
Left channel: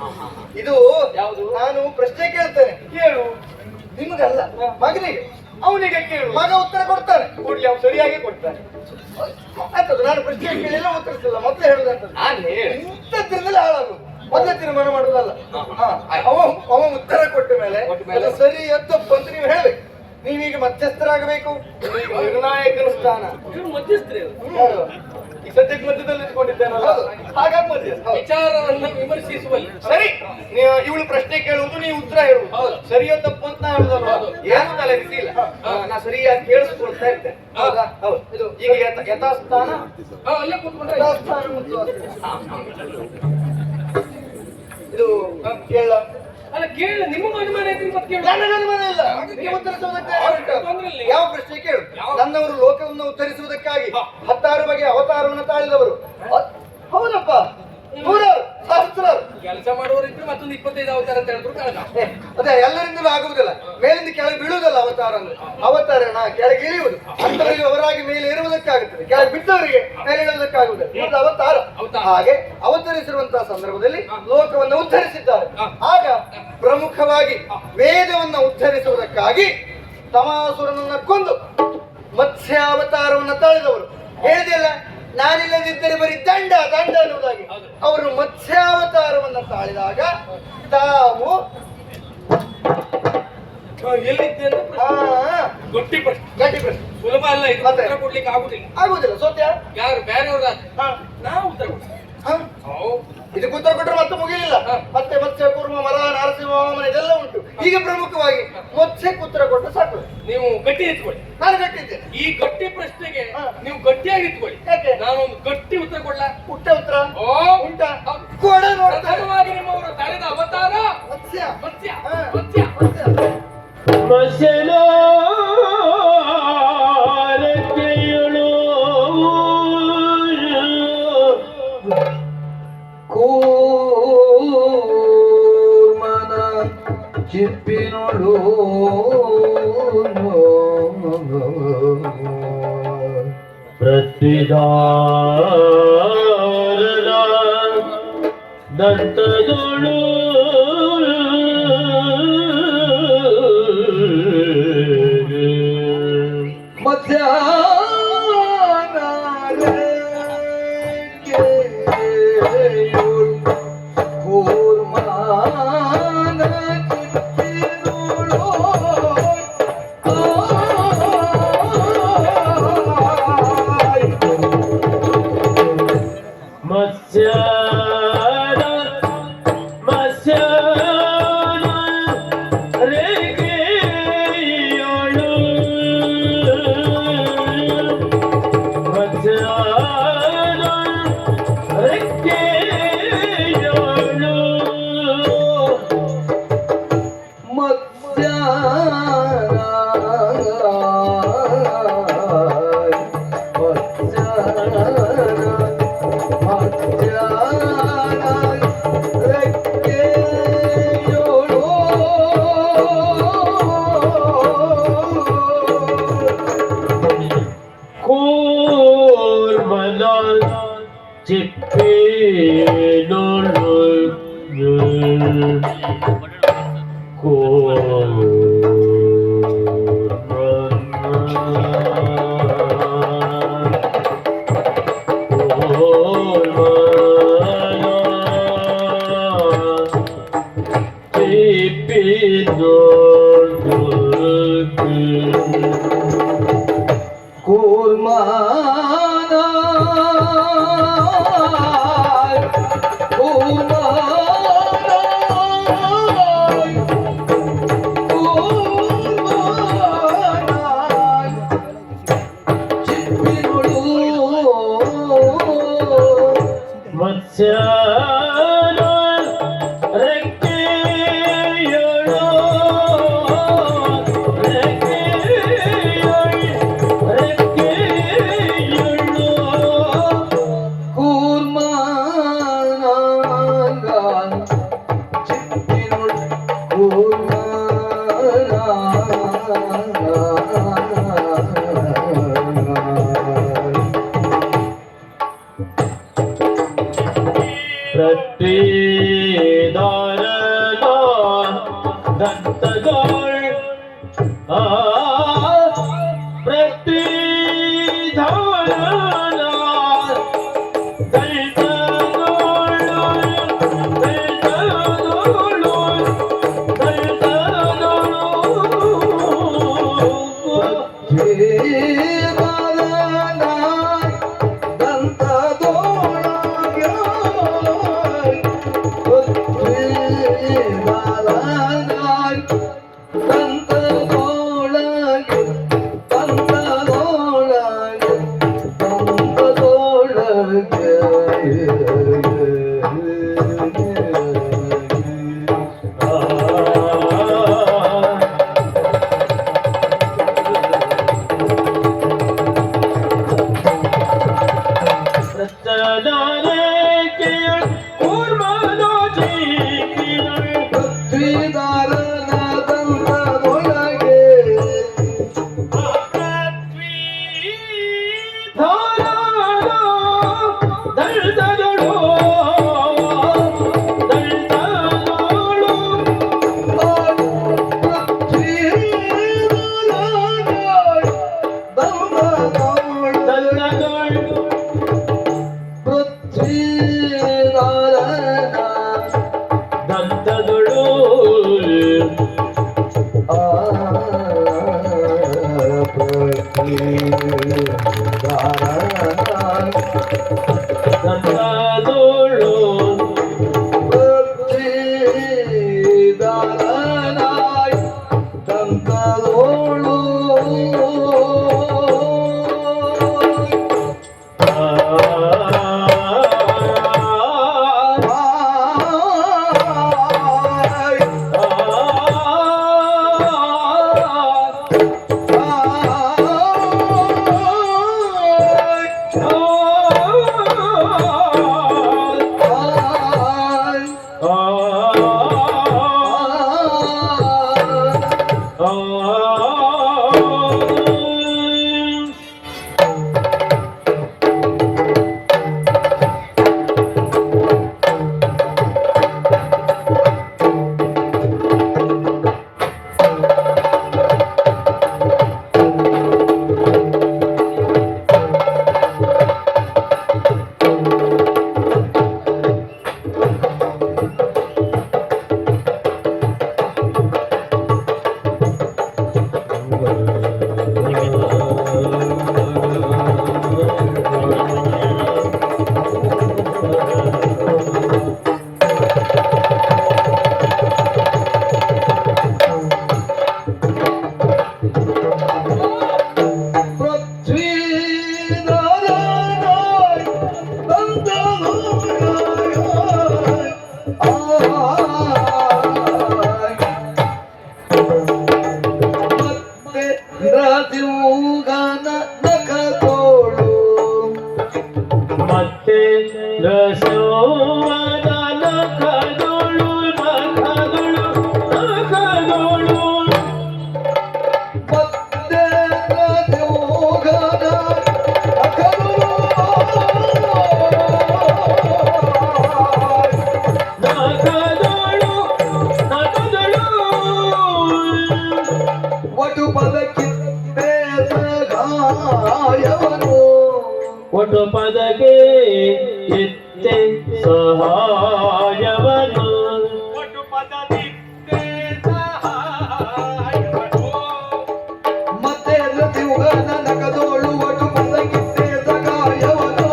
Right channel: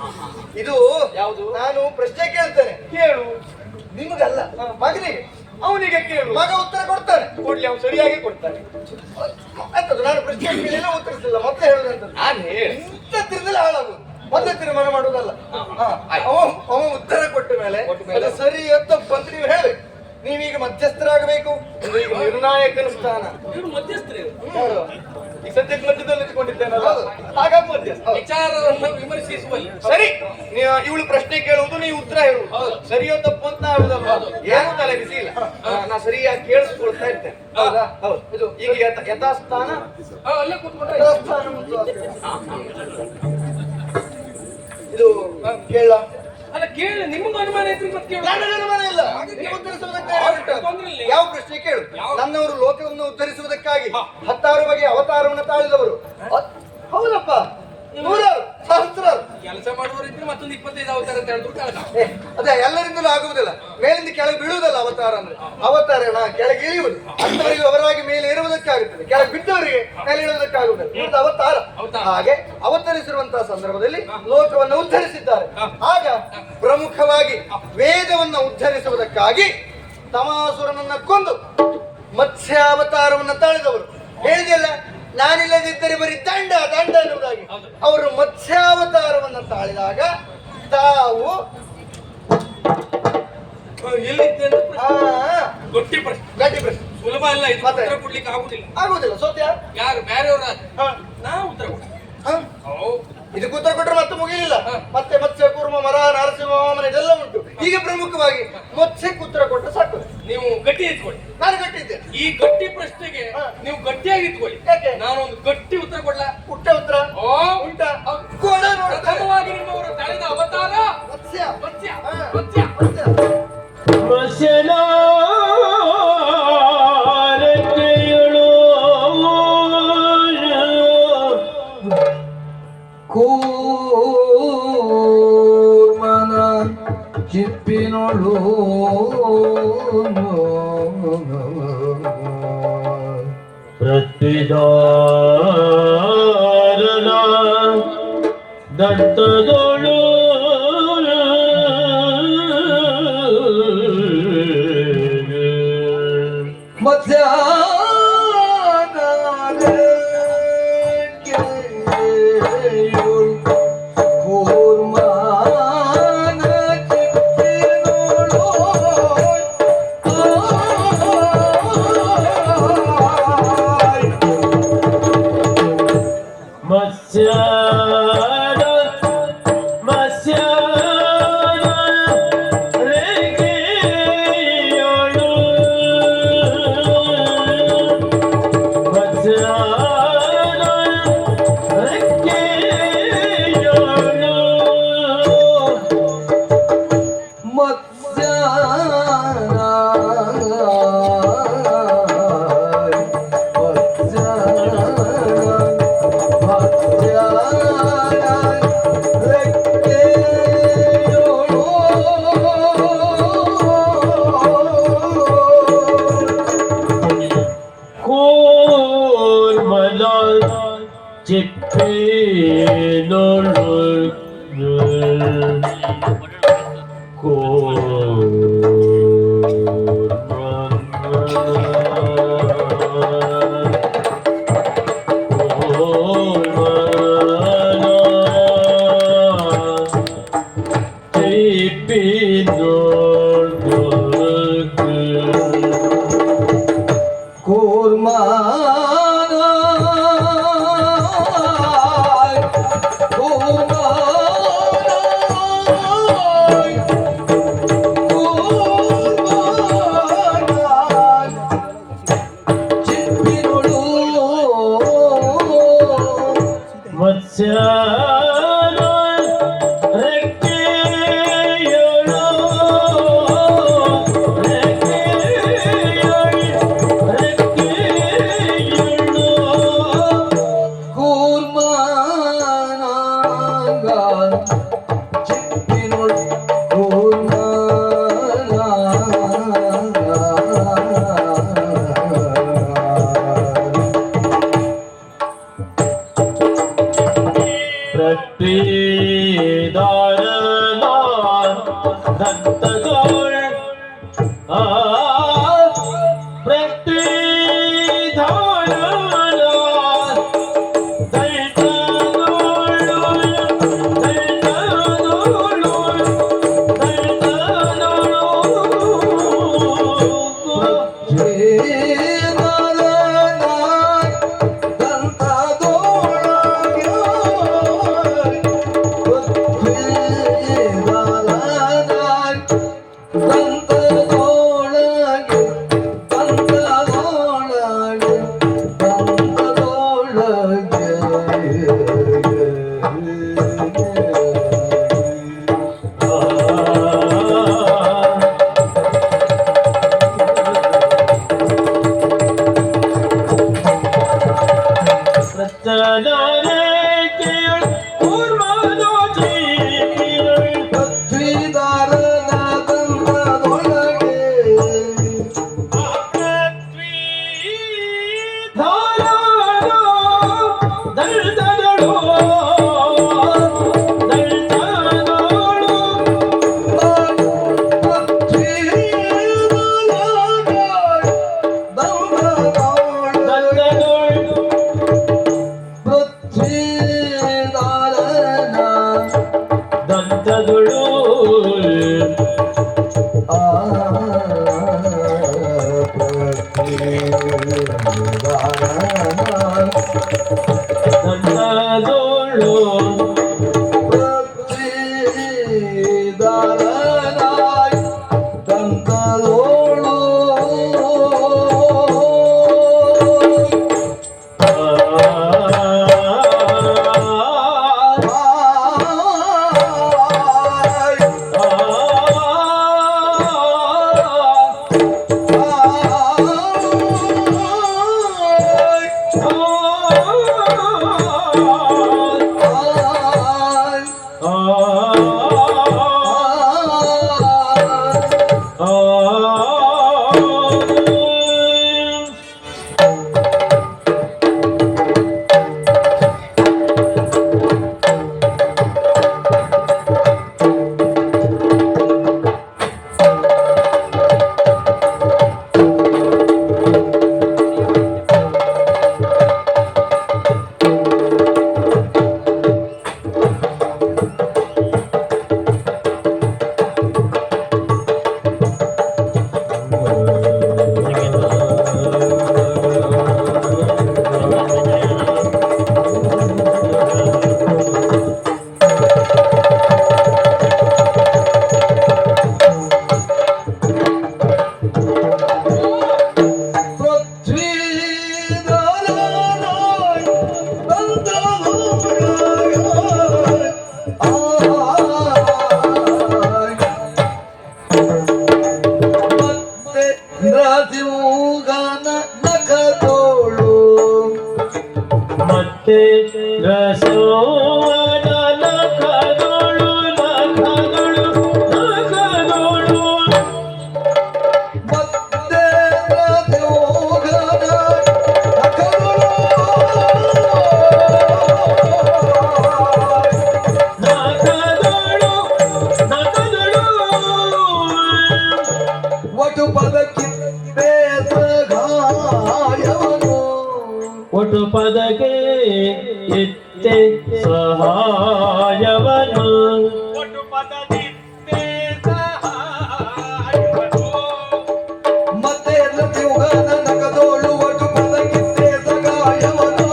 ಇದು ಯಾವುದು? ನಾನು ಪ್ರಶ್ನೆ ಕೇಳ್ತೇನೆ, ಕೇಳು. ನಿಮಗಲ್ಲ, ಮಗನಿಗೆ. ಅವನಿಗೆ ಕೇಳು, ಮಗ ಉತ್ತರ ಕೊಡ್ತಾನೆ. ಕೊಡ್ಲಿ, ಅವ್ನು ಸರಿಯಾಗಿ ಕೊಡ್ತಾನೆ. ಆಯ್ತದು, ನಾನು ಪ್ರಶ್ನೆ ಕೇಳಿಲ್ಲ, ಉತ್ತರಿಸಿಲ್ಲ. ಮೊದಲೇ ಹೇಳುದಂತ ನಾನು ಹೇಳಿ ಇಂಥದ್ರಿಂದಲೇ ಹಾಳಾಗುದು. ಮೊದಲೇ ತೀರ್ಮಾನ ಮಾಡುದಲ್ಲ. ಅವ ಉತ್ತರ ಕೊಟ್ಟ ಮೇಲೆ ಅದು ಸರಿ ತಪ್ಪು ಅಂತ ನೀವು ಹೇಳ್ಬೇಕು. ನೀವೀಗ ಮಧ್ಯಸ್ಥರಾಗಬೇಕು. ಈಗ ನಿರ್ಣಾಯಕನ ಸ್ಥಾನ. ಇವ್ರು ಮಧ್ಯಸ್ಥರೇ ಇವ್ರು. ಹೌದು. ಈಗ ಸದ್ಯಕ್ಕೆ ಮಧ್ಯದಲ್ಲಿ ನಿಂತ್ಕೊಂಡಿದ್ದೇನಲ್ಲ, ಹಾಗಾಗಿ ಮಧ್ಯಸ್ಥ. ವಿಚಾರವನ್ನು ವಿಮರ್ಶಿಸುವಲ್ಲಿ ಸರಿ, ನೀವು ಇವಳು ಪ್ರಶ್ನೆ ಕೇಳುವುದು, ನೀವು ಉತ್ತರ ಹೇಳುವುದು. ಸರಿಯೋ ತಪ್ಪು ಅಂತ ನಾ ಹೇಳುದಲ್ಲ. ಏನು ತಲೆ ಬಿಸಿ ಇಲ್ಲ, ನಾ ಸರಿಯಾಗಿ ಕೇಳಿಸ್ಕೊಳ್ತಾ ಇರ್ತೇನೆ. ಹೌದಾ? ಹೌದು. ಇದು ಈಗ ಯಥಾಸ್ಥಾನ, ಅಲ್ಲೇ ಕೂತ್ಕೊಂಡ್ರೆ ಯಥಾಸ್ಥಾನ ಮತ್ತು ಇದು ಕೇಳ. ಅಲ್ಲ ಕೇಳ, ನಿಮ್ಮನ್ನು ಅನುಮಾನ ಇದ್ರೆ ಮತ್ತೆ ಕೇಳು. ನನ್ನ ಅನುಮಾನ ಇಲ್ಲ. ನೀವು ಉತ್ತರಿಸುವುದಕ್ಕೆ ತೊಂದ್ರೆ ಇಲ್ಲ. ಯಾವ ಪ್ರಶ್ನೆ ಕೇಳು. ನನ್ನವರು ಲೋಕವನ್ನು ಉತ್ತರಿಸುವುದಕ್ಕಾಗಿ 16 ಬಗೆಯ ಅವತಾರವನ್ನು ತಾಳಿದವರು. ಹೌದಪ್ಪ, ನೂರಾರು, ಸಹಸ್ರಾರು. ಕೆಲಸ ಮಾಡುವವರಿದ್ರೆ ಮತ್ತೊಂದು 25 ಅವತಾರ ಅಂತ ಹೇಳಿದ್ರು ಕಾರಣ. ಅದೇ ಎಲ್ಲರಿಂದಲೂ ಆಗುವುದಿಲ್ಲ. ಮೇಲಿಂದ ಕೆಳಗೆ ಬೀಳುವುದಲ್ಲ ಅವತಾರ ಅಂದ್ರೆ. ಅವತಾರನ ಕೆಳಗೆ ಇಳಿಯುವುದು. ಅಂತವರಿಗೆ ಅವರಾಗಿ ಮೇಲೆ ಏರುವುದಕ್ಕಾಗುತ್ತದೆ, ಕೆಳಗೆ ಬಿದ್ದವರಿಗೆ ಮೇಲೆ ಇಳುವುದಕ್ಕಾಗುತ್ತದೆ. ಮತ್ತು ಅವತಾರ. ಹಾಗೆ ಅವತರಿಸಿರುವಂತಹ ಸಂದರ್ಭದಲ್ಲಿ ಲೋಕವನ್ನು ಉದ್ಧರಿಸಿದ್ದಾರೆ. ಆಗ ಪ್ರಮುಖವಾಗಿ ವೇದವನ್ನು ಉದ್ಧರಿಸುವುದಕ್ಕಾಗಿ ತಮಾಸುರನನ್ನ ಕೊಂದು ಮತ್ಸ್ಯಾವತಾರವನ್ನು ತಾಳಿದವರು. ಹೇಳಿದಿಲ್ಲ, ನಾನಿಲ್ಲದಿದ್ದರೆ ಬರೀ ದಂಡ ದಂಡ ಎನ್ನುವುದಾಗಿ. ಅವರು ಮತ್ಸ್ಯಾವತಾರವನ್ನು ತಾಳಿದಾಗ ತಾವು ಎಲ್ಲಿದ್ದೆ ಅಂತ ಗಟ್ಟಿ ಪ್ರಶ್ನೆ. ಗಟ್ಟಿ ಪ್ರಶ್ನೆ. ಸುಲಭ ಅಲ್ಲ ಇದು, ಉತ್ತರ ಕೊಡ್ಲಿಕ್ಕೆ ಆಗುದಿಲ್ಲ. ಆಗುದಿಲ್ಲ. ಸೋತ್ಯ ಯಾರು ಬೇರೆಯವ್ರ ನಾವು ಉತ್ತರ ಕೊಡ್ತೀವಿ. ಇದಕ್ಕೆ ಉತ್ತರ ಕೊಟ್ಟರೆ ಮತ್ತೆ ಮುಗಿಲಿಲ್ಲ. ಮತ್ತೆ ಮತ್ಸ್ಯ ಕೂರ್ಮ, ಮರ, ನರಸಿಂಹ ವಾಮನ ಇದೆಲ್ಲ ಉಂಟು. ಈಗ ಪ್ರಮುಖವಾಗಿ ಮತ್ಸ್ಯಕ್ಕೆ ಉತ್ತರ ಕೊಟ್ಟರೆ ಸಾಕು. ನೀವು ಗಟ್ಟಿ ಇಟ್ಕೊಳ್ಳಿ. ನಾನು ಗಟ್ಟಿದ್ದೆ. ಈ ಗಟ್ಟಿ ಪ್ರಶ್ನೆಗೆ ನೀವು ಗಟ್ಟಿಯಾಗಿ ಇಟ್ಕೊಳ್ಳಿ. ಯಾಕೆ? ನಾನೊಂದು ಗಟ್ಟಿ ಉತ್ತರ ಕೊಡ್ಲಾ? ಪುಟ್ಟ ಉತ್ತರ ಓ ಉಂಟಾ? ಕೊಡ ನೋಡ್ತಾರೆ. ಪ್ರಥಮವಾಗಿ ನಿಮ್ಮವರು ತಳೆದ ಅವತಾರ ಮತ್ಸ್ಯ. ಮತ್ಸ್ಯ. ಮತ್ಸ್ಯ. ಮತ್ಸ್ಯ. ವಚನಾರಕೆಯಳು ಕೂರ್ಮನ ಚಿಪ್ಪಿನೊಳು ಪ್ರತಿದಾರನ ದಂತದೊಳು ದಂಡದೊಳಗೆ ಒಟ್ಟು ಪದಕ್ಕೆ ಚಿತ್ತೆ ಸಹಾಯವನು ಒಟ್ಟು ಪದದಿತ್ತೆ ಸಹಾಯವನು ಮತ್ತೆ ರತಿಯುಗನ ನಗದೋಳು ಒಟ್ಟು ಪದಕ್ಕಿತ್ತೆ ಸಗಾಯವನು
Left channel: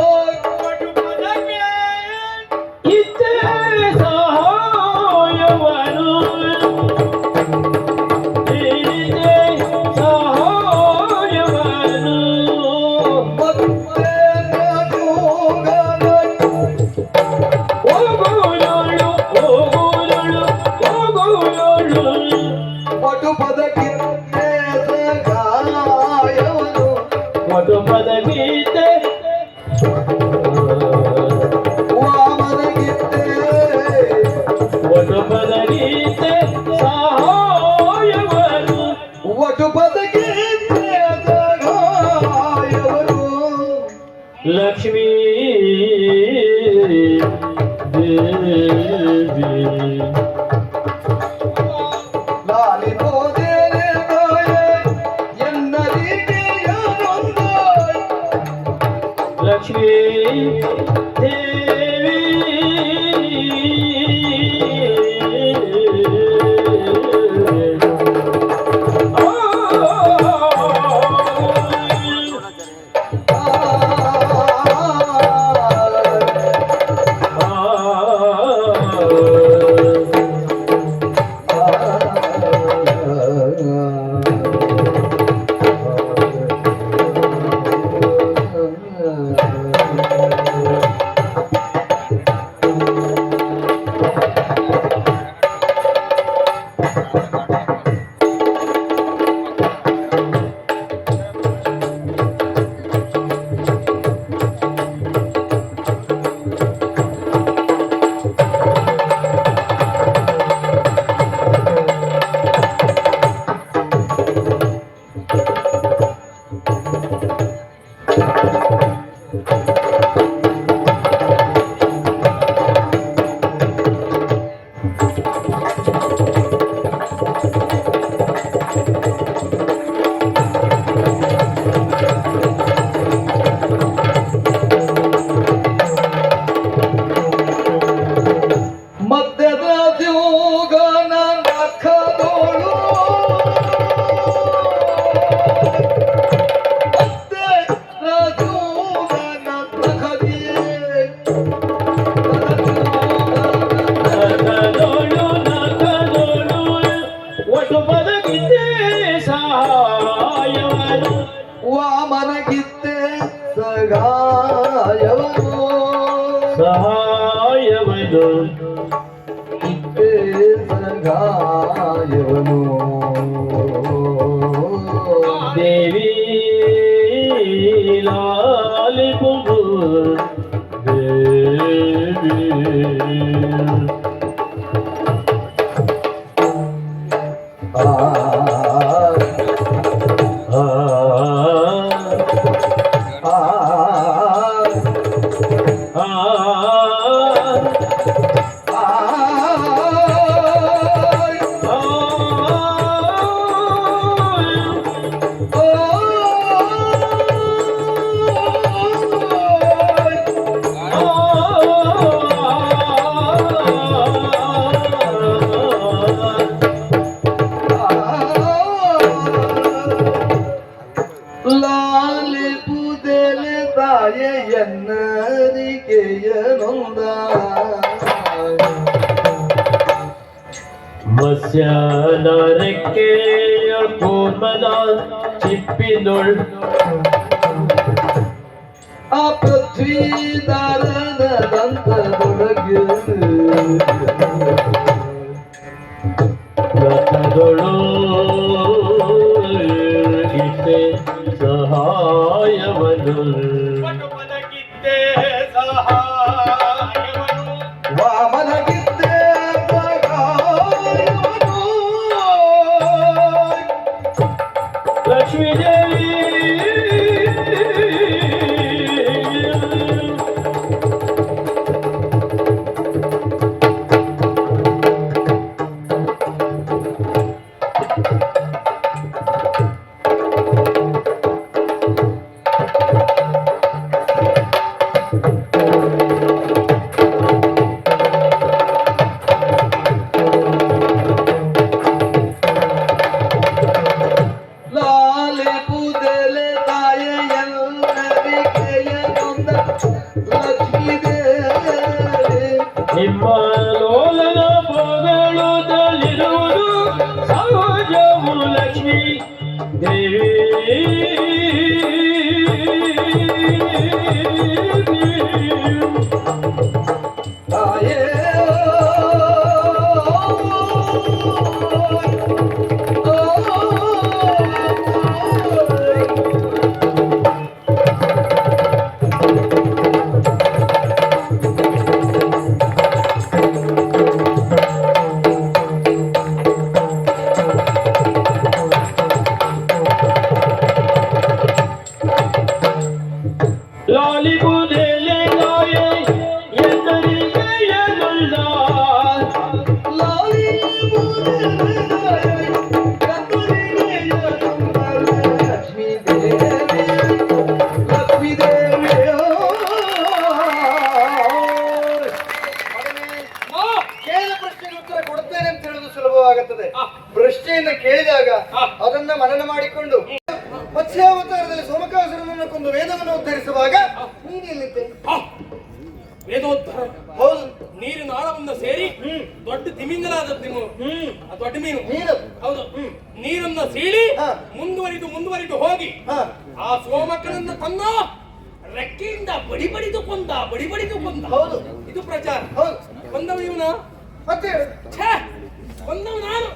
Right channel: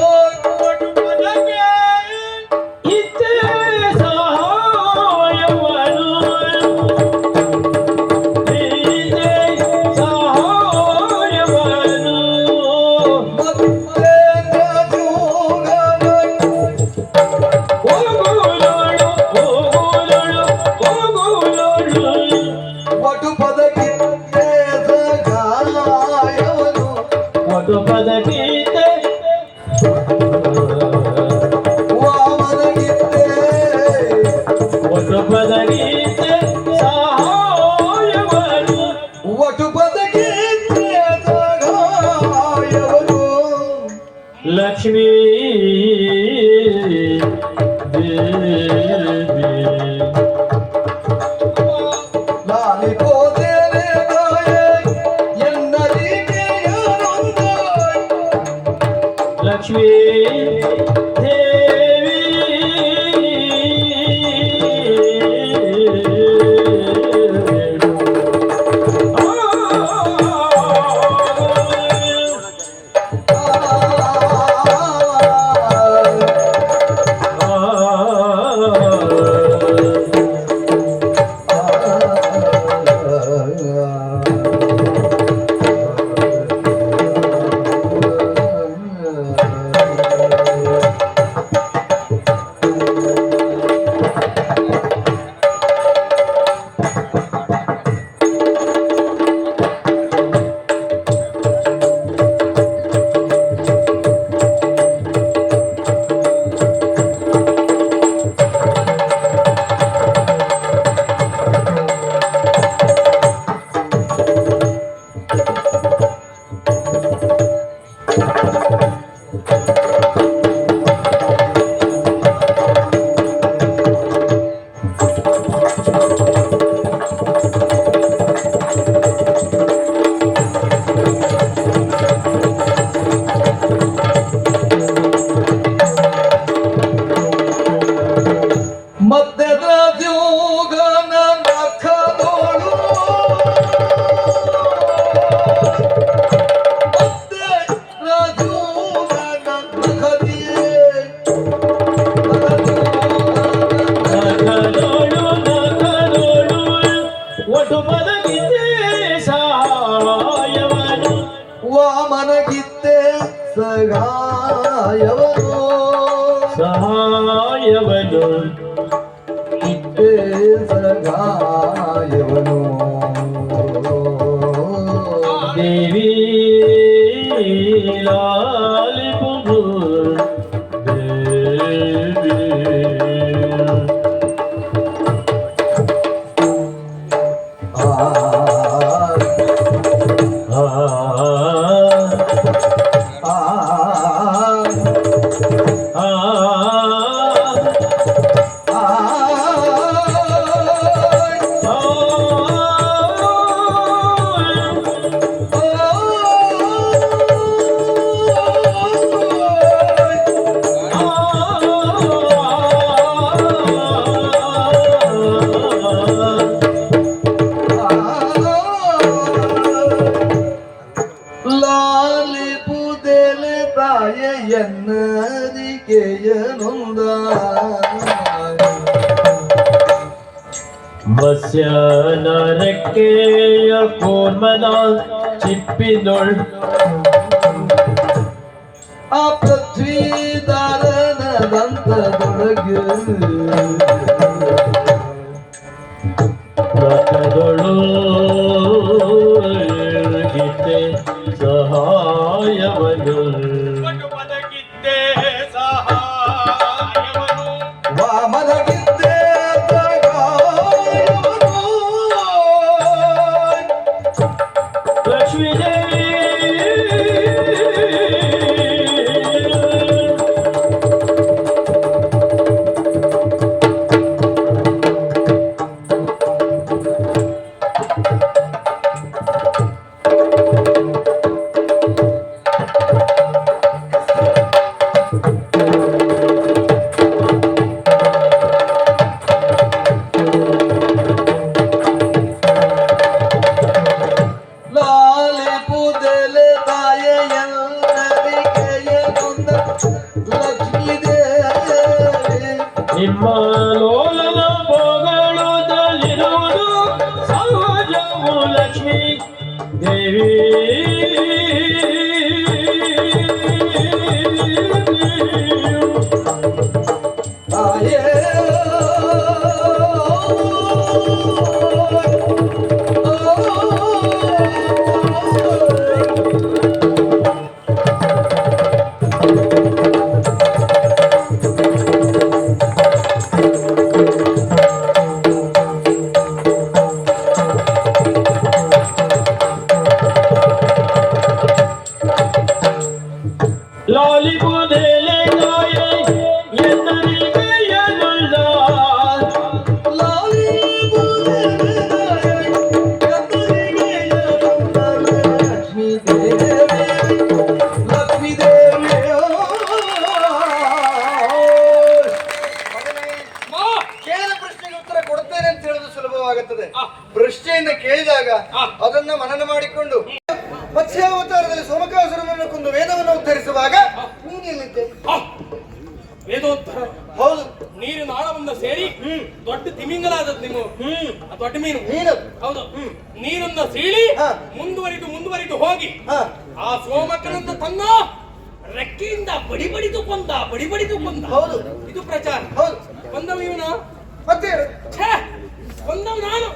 ಒಟ್ಟು ಪದಕ್ಕೆ ಚಿತ್ತೆ ಸಹಾಯವನು ಲಕ್ಷ್ಮೀ ದೇವಿ ಲಕ್ಷ್ಮೀ ದೇವಿ ವಾಮನಗಿದ್ದೆ ಸಹಾಯವನು ವಾಮನಗಿದ್ದೆ ಸಗಾಯವನು ಸಹಾಯವನು ಇದ್ದೆ ಸಗಾಯವನು ದೇವಿ ಲಾಲಿಪುದು ದೇವಿ ಆ ಆ ಆ ಆ ಲಾಲಿ ಪುದೆಲೆ ತಾಯೆ ಎನ್ನರಿಕೆಯ ನೊಂದ ಮತ್ಸ್ಯನರಕ್ಕೆಯ ಕೋರ್ಮನ ಚಿಪ್ಪಿನೊಳ್ ಆ ಪೃಥ್ವಿದಾರನ ದಂತದೊಳಗೆ ಮತಗಳು ಗೀತೆ ಸಹಾಯವನು ವಾಮನಗಿದ್ದೆ ಸಗಾಯವನು ಲಕ್ಷ್ಮೀ ದೇವಿ ಲಾಲಿ ಪುದೆಲೆ ತಾಯೆ ಎನ್ನರಿಕೆಯ ನೊಂದ ಲಕ್ಷ್ಮೀ ದೇವಿ ನಿಮ್ಮ ಲೋಲನ ಪೊಗಳುತ್ತಲಿರುವುದು ಸಹಜವು ಲಕ್ಷ್ಮೀ ದೇವಿ ತಾಯೇ ಲಾಲಿಪುದೆಲೆ ತಾಯೆ ಎನ್ನರಿಕೆಯನುಳ್ಳ ಲಾಲಿ ಪುದೆಲೆ ತಾಯೆ ಎನ್ನರಿಕೆಯ ನೊಂದ ಲಕ್ಷ್ಮೀ ದೇವಿ ಲಕ್ಷ್ಮೀ ದೇವಿ ಕೇಳಿದ ಪ್ರಶ್ನೆಗೆ ಉತ್ತರ ಕೊಡುತ್ತೇನೆ ಅಂತ ಹೇಳುವುದು ಸುಲಭವಾಗುತ್ತದೆ. ಪ್ರಶ್ನೆಯನ್ನ ಕೇಳಿದಾಗ ಅದನ್ನ ಮನನ ಮಾಡಿಕೊಂಡು ಮತ್ಸ್ಯಾವತಾರದಲ್ಲಿ ಸೋಮಕಾಸುರನನ್ನು ಕೊಂದು ವೇದವನ್ನು ಉದ್ಧರಿಸುವಾಗ ನೀನು ಎಲ್ಲಿದ್ದೆ? ವೇದೋದ್ಧಾರ ಹೌದು, ನೀರಿನ ಆಳವನ್ನ ಸೇರಿ ದೊಡ್ಡ ತಿಮಿಂಗಲಾದದ್ದು ನೀವು ಆ ದೊಡ್ಡ ಮೀನು ನೀನು. ಹೌದು ನೀರನ್ನ ಸೀಳಿ ಹಾ. ಮುಂದುವರಿದು ಹೋಗಿ ಹಾ, ಆ ಸೋಮಕನನ್ನ ತನ್ನ ರೆಕ್ಕೆಯಿಂದ ಬಡಿದು ಕೊಂದ ಹೌದು. ಇದು ಪ್ರಚಾರ ಹೌದು. ಕೊಂದವ ಇವನು ಮತ್ತೆ ಹೇಳು. ಛೇ, ಕೊಂದವ ನಾನು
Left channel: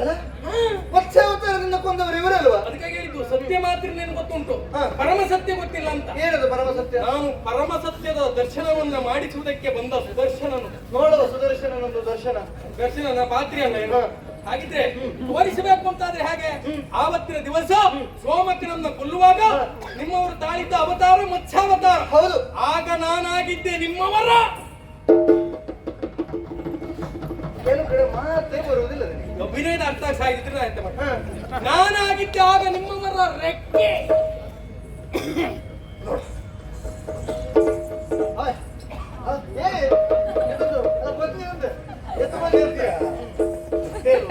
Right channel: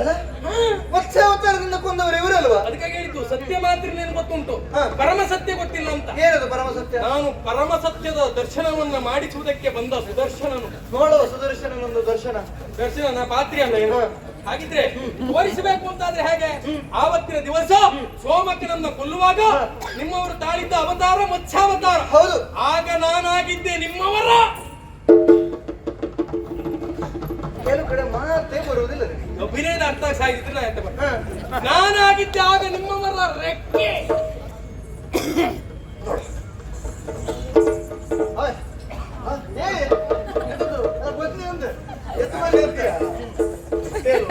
ಅಲ್ಲ? ಹಾ. ಮತ್ಸ್ಯಾವತಾರದಿಂದ ಕೊಂದವರು ಇವರಲ್ವಾ? ಅದಕ್ಕಾಗಿ ಹೇಳಿದ್ದು ಸತ್ಯ ಮಾತ್ರ ನಿನಗೆ ಗೊತ್ತುಂಟು ಹಾ. ಪರಮ ಸತ್ಯ ಗೊತ್ತಿಲ್ಲ ಅಂತ. ಏನದು ಪರಮ ಸತ್ಯ? ನಾನು ಪರಮ ಸತ್ಯದ ದರ್ಶನವನ್ನ ಮಾಡಿಸುವುದಕ್ಕೆ ಬಂದ ಸುದರ್ಶನನು. ನೋಡುವ ಸುದರ್ಶನ ಒಂದು ದರ್ಶನ. ದರ್ಶನನ ಪಾತ್ರಿ ಅಲ್ಲ ಏನು? ಹಾಗಿದ್ರೆ ತೋರಿಸಬೇಕು ಅಂತಾದ್ರೆ ಹೇಗೆ? ಆವತ್ತಿನ ದಿವಸ ಸೋಮಕನನ್ನ ಕೊಲ್ಲುವಾಗ ನಿಮ್ಮವರು ತಾಳಿದ್ದ ಅವತಾರ ಮತ್ಸ್ಯಾವತಾರ. ಹೌದು. ಆಗ ನಾನಾಗಿದ್ದೆ ನಿಮ್ಮವರ ಕೆಲವು ಕಡೆ ಮಾತೇ ಬರುವುದಿಲ್ಲ ನನಗೆ. ಅಭಿನಯದ ಅರ್ಥ ಸಾಗಿದ್ರೆ ನಾ ಎಂತ ಮಾಡ್ತೆ? ಹಾ. ನಾನಾಗಿದ್ದೆ ಆಗ ನಿಮ್ಮವರ ರೆಕ್ಕೆ. ಆಯ್. ಆ, ಏ, ಎಂತದು? ಅಲ್ಲ, ಬನ್ನಿ ಅಂದೆ. ಎತ್ತು ಬನ್ನಿ ಅಂತೀಯ? ಹೇಳು.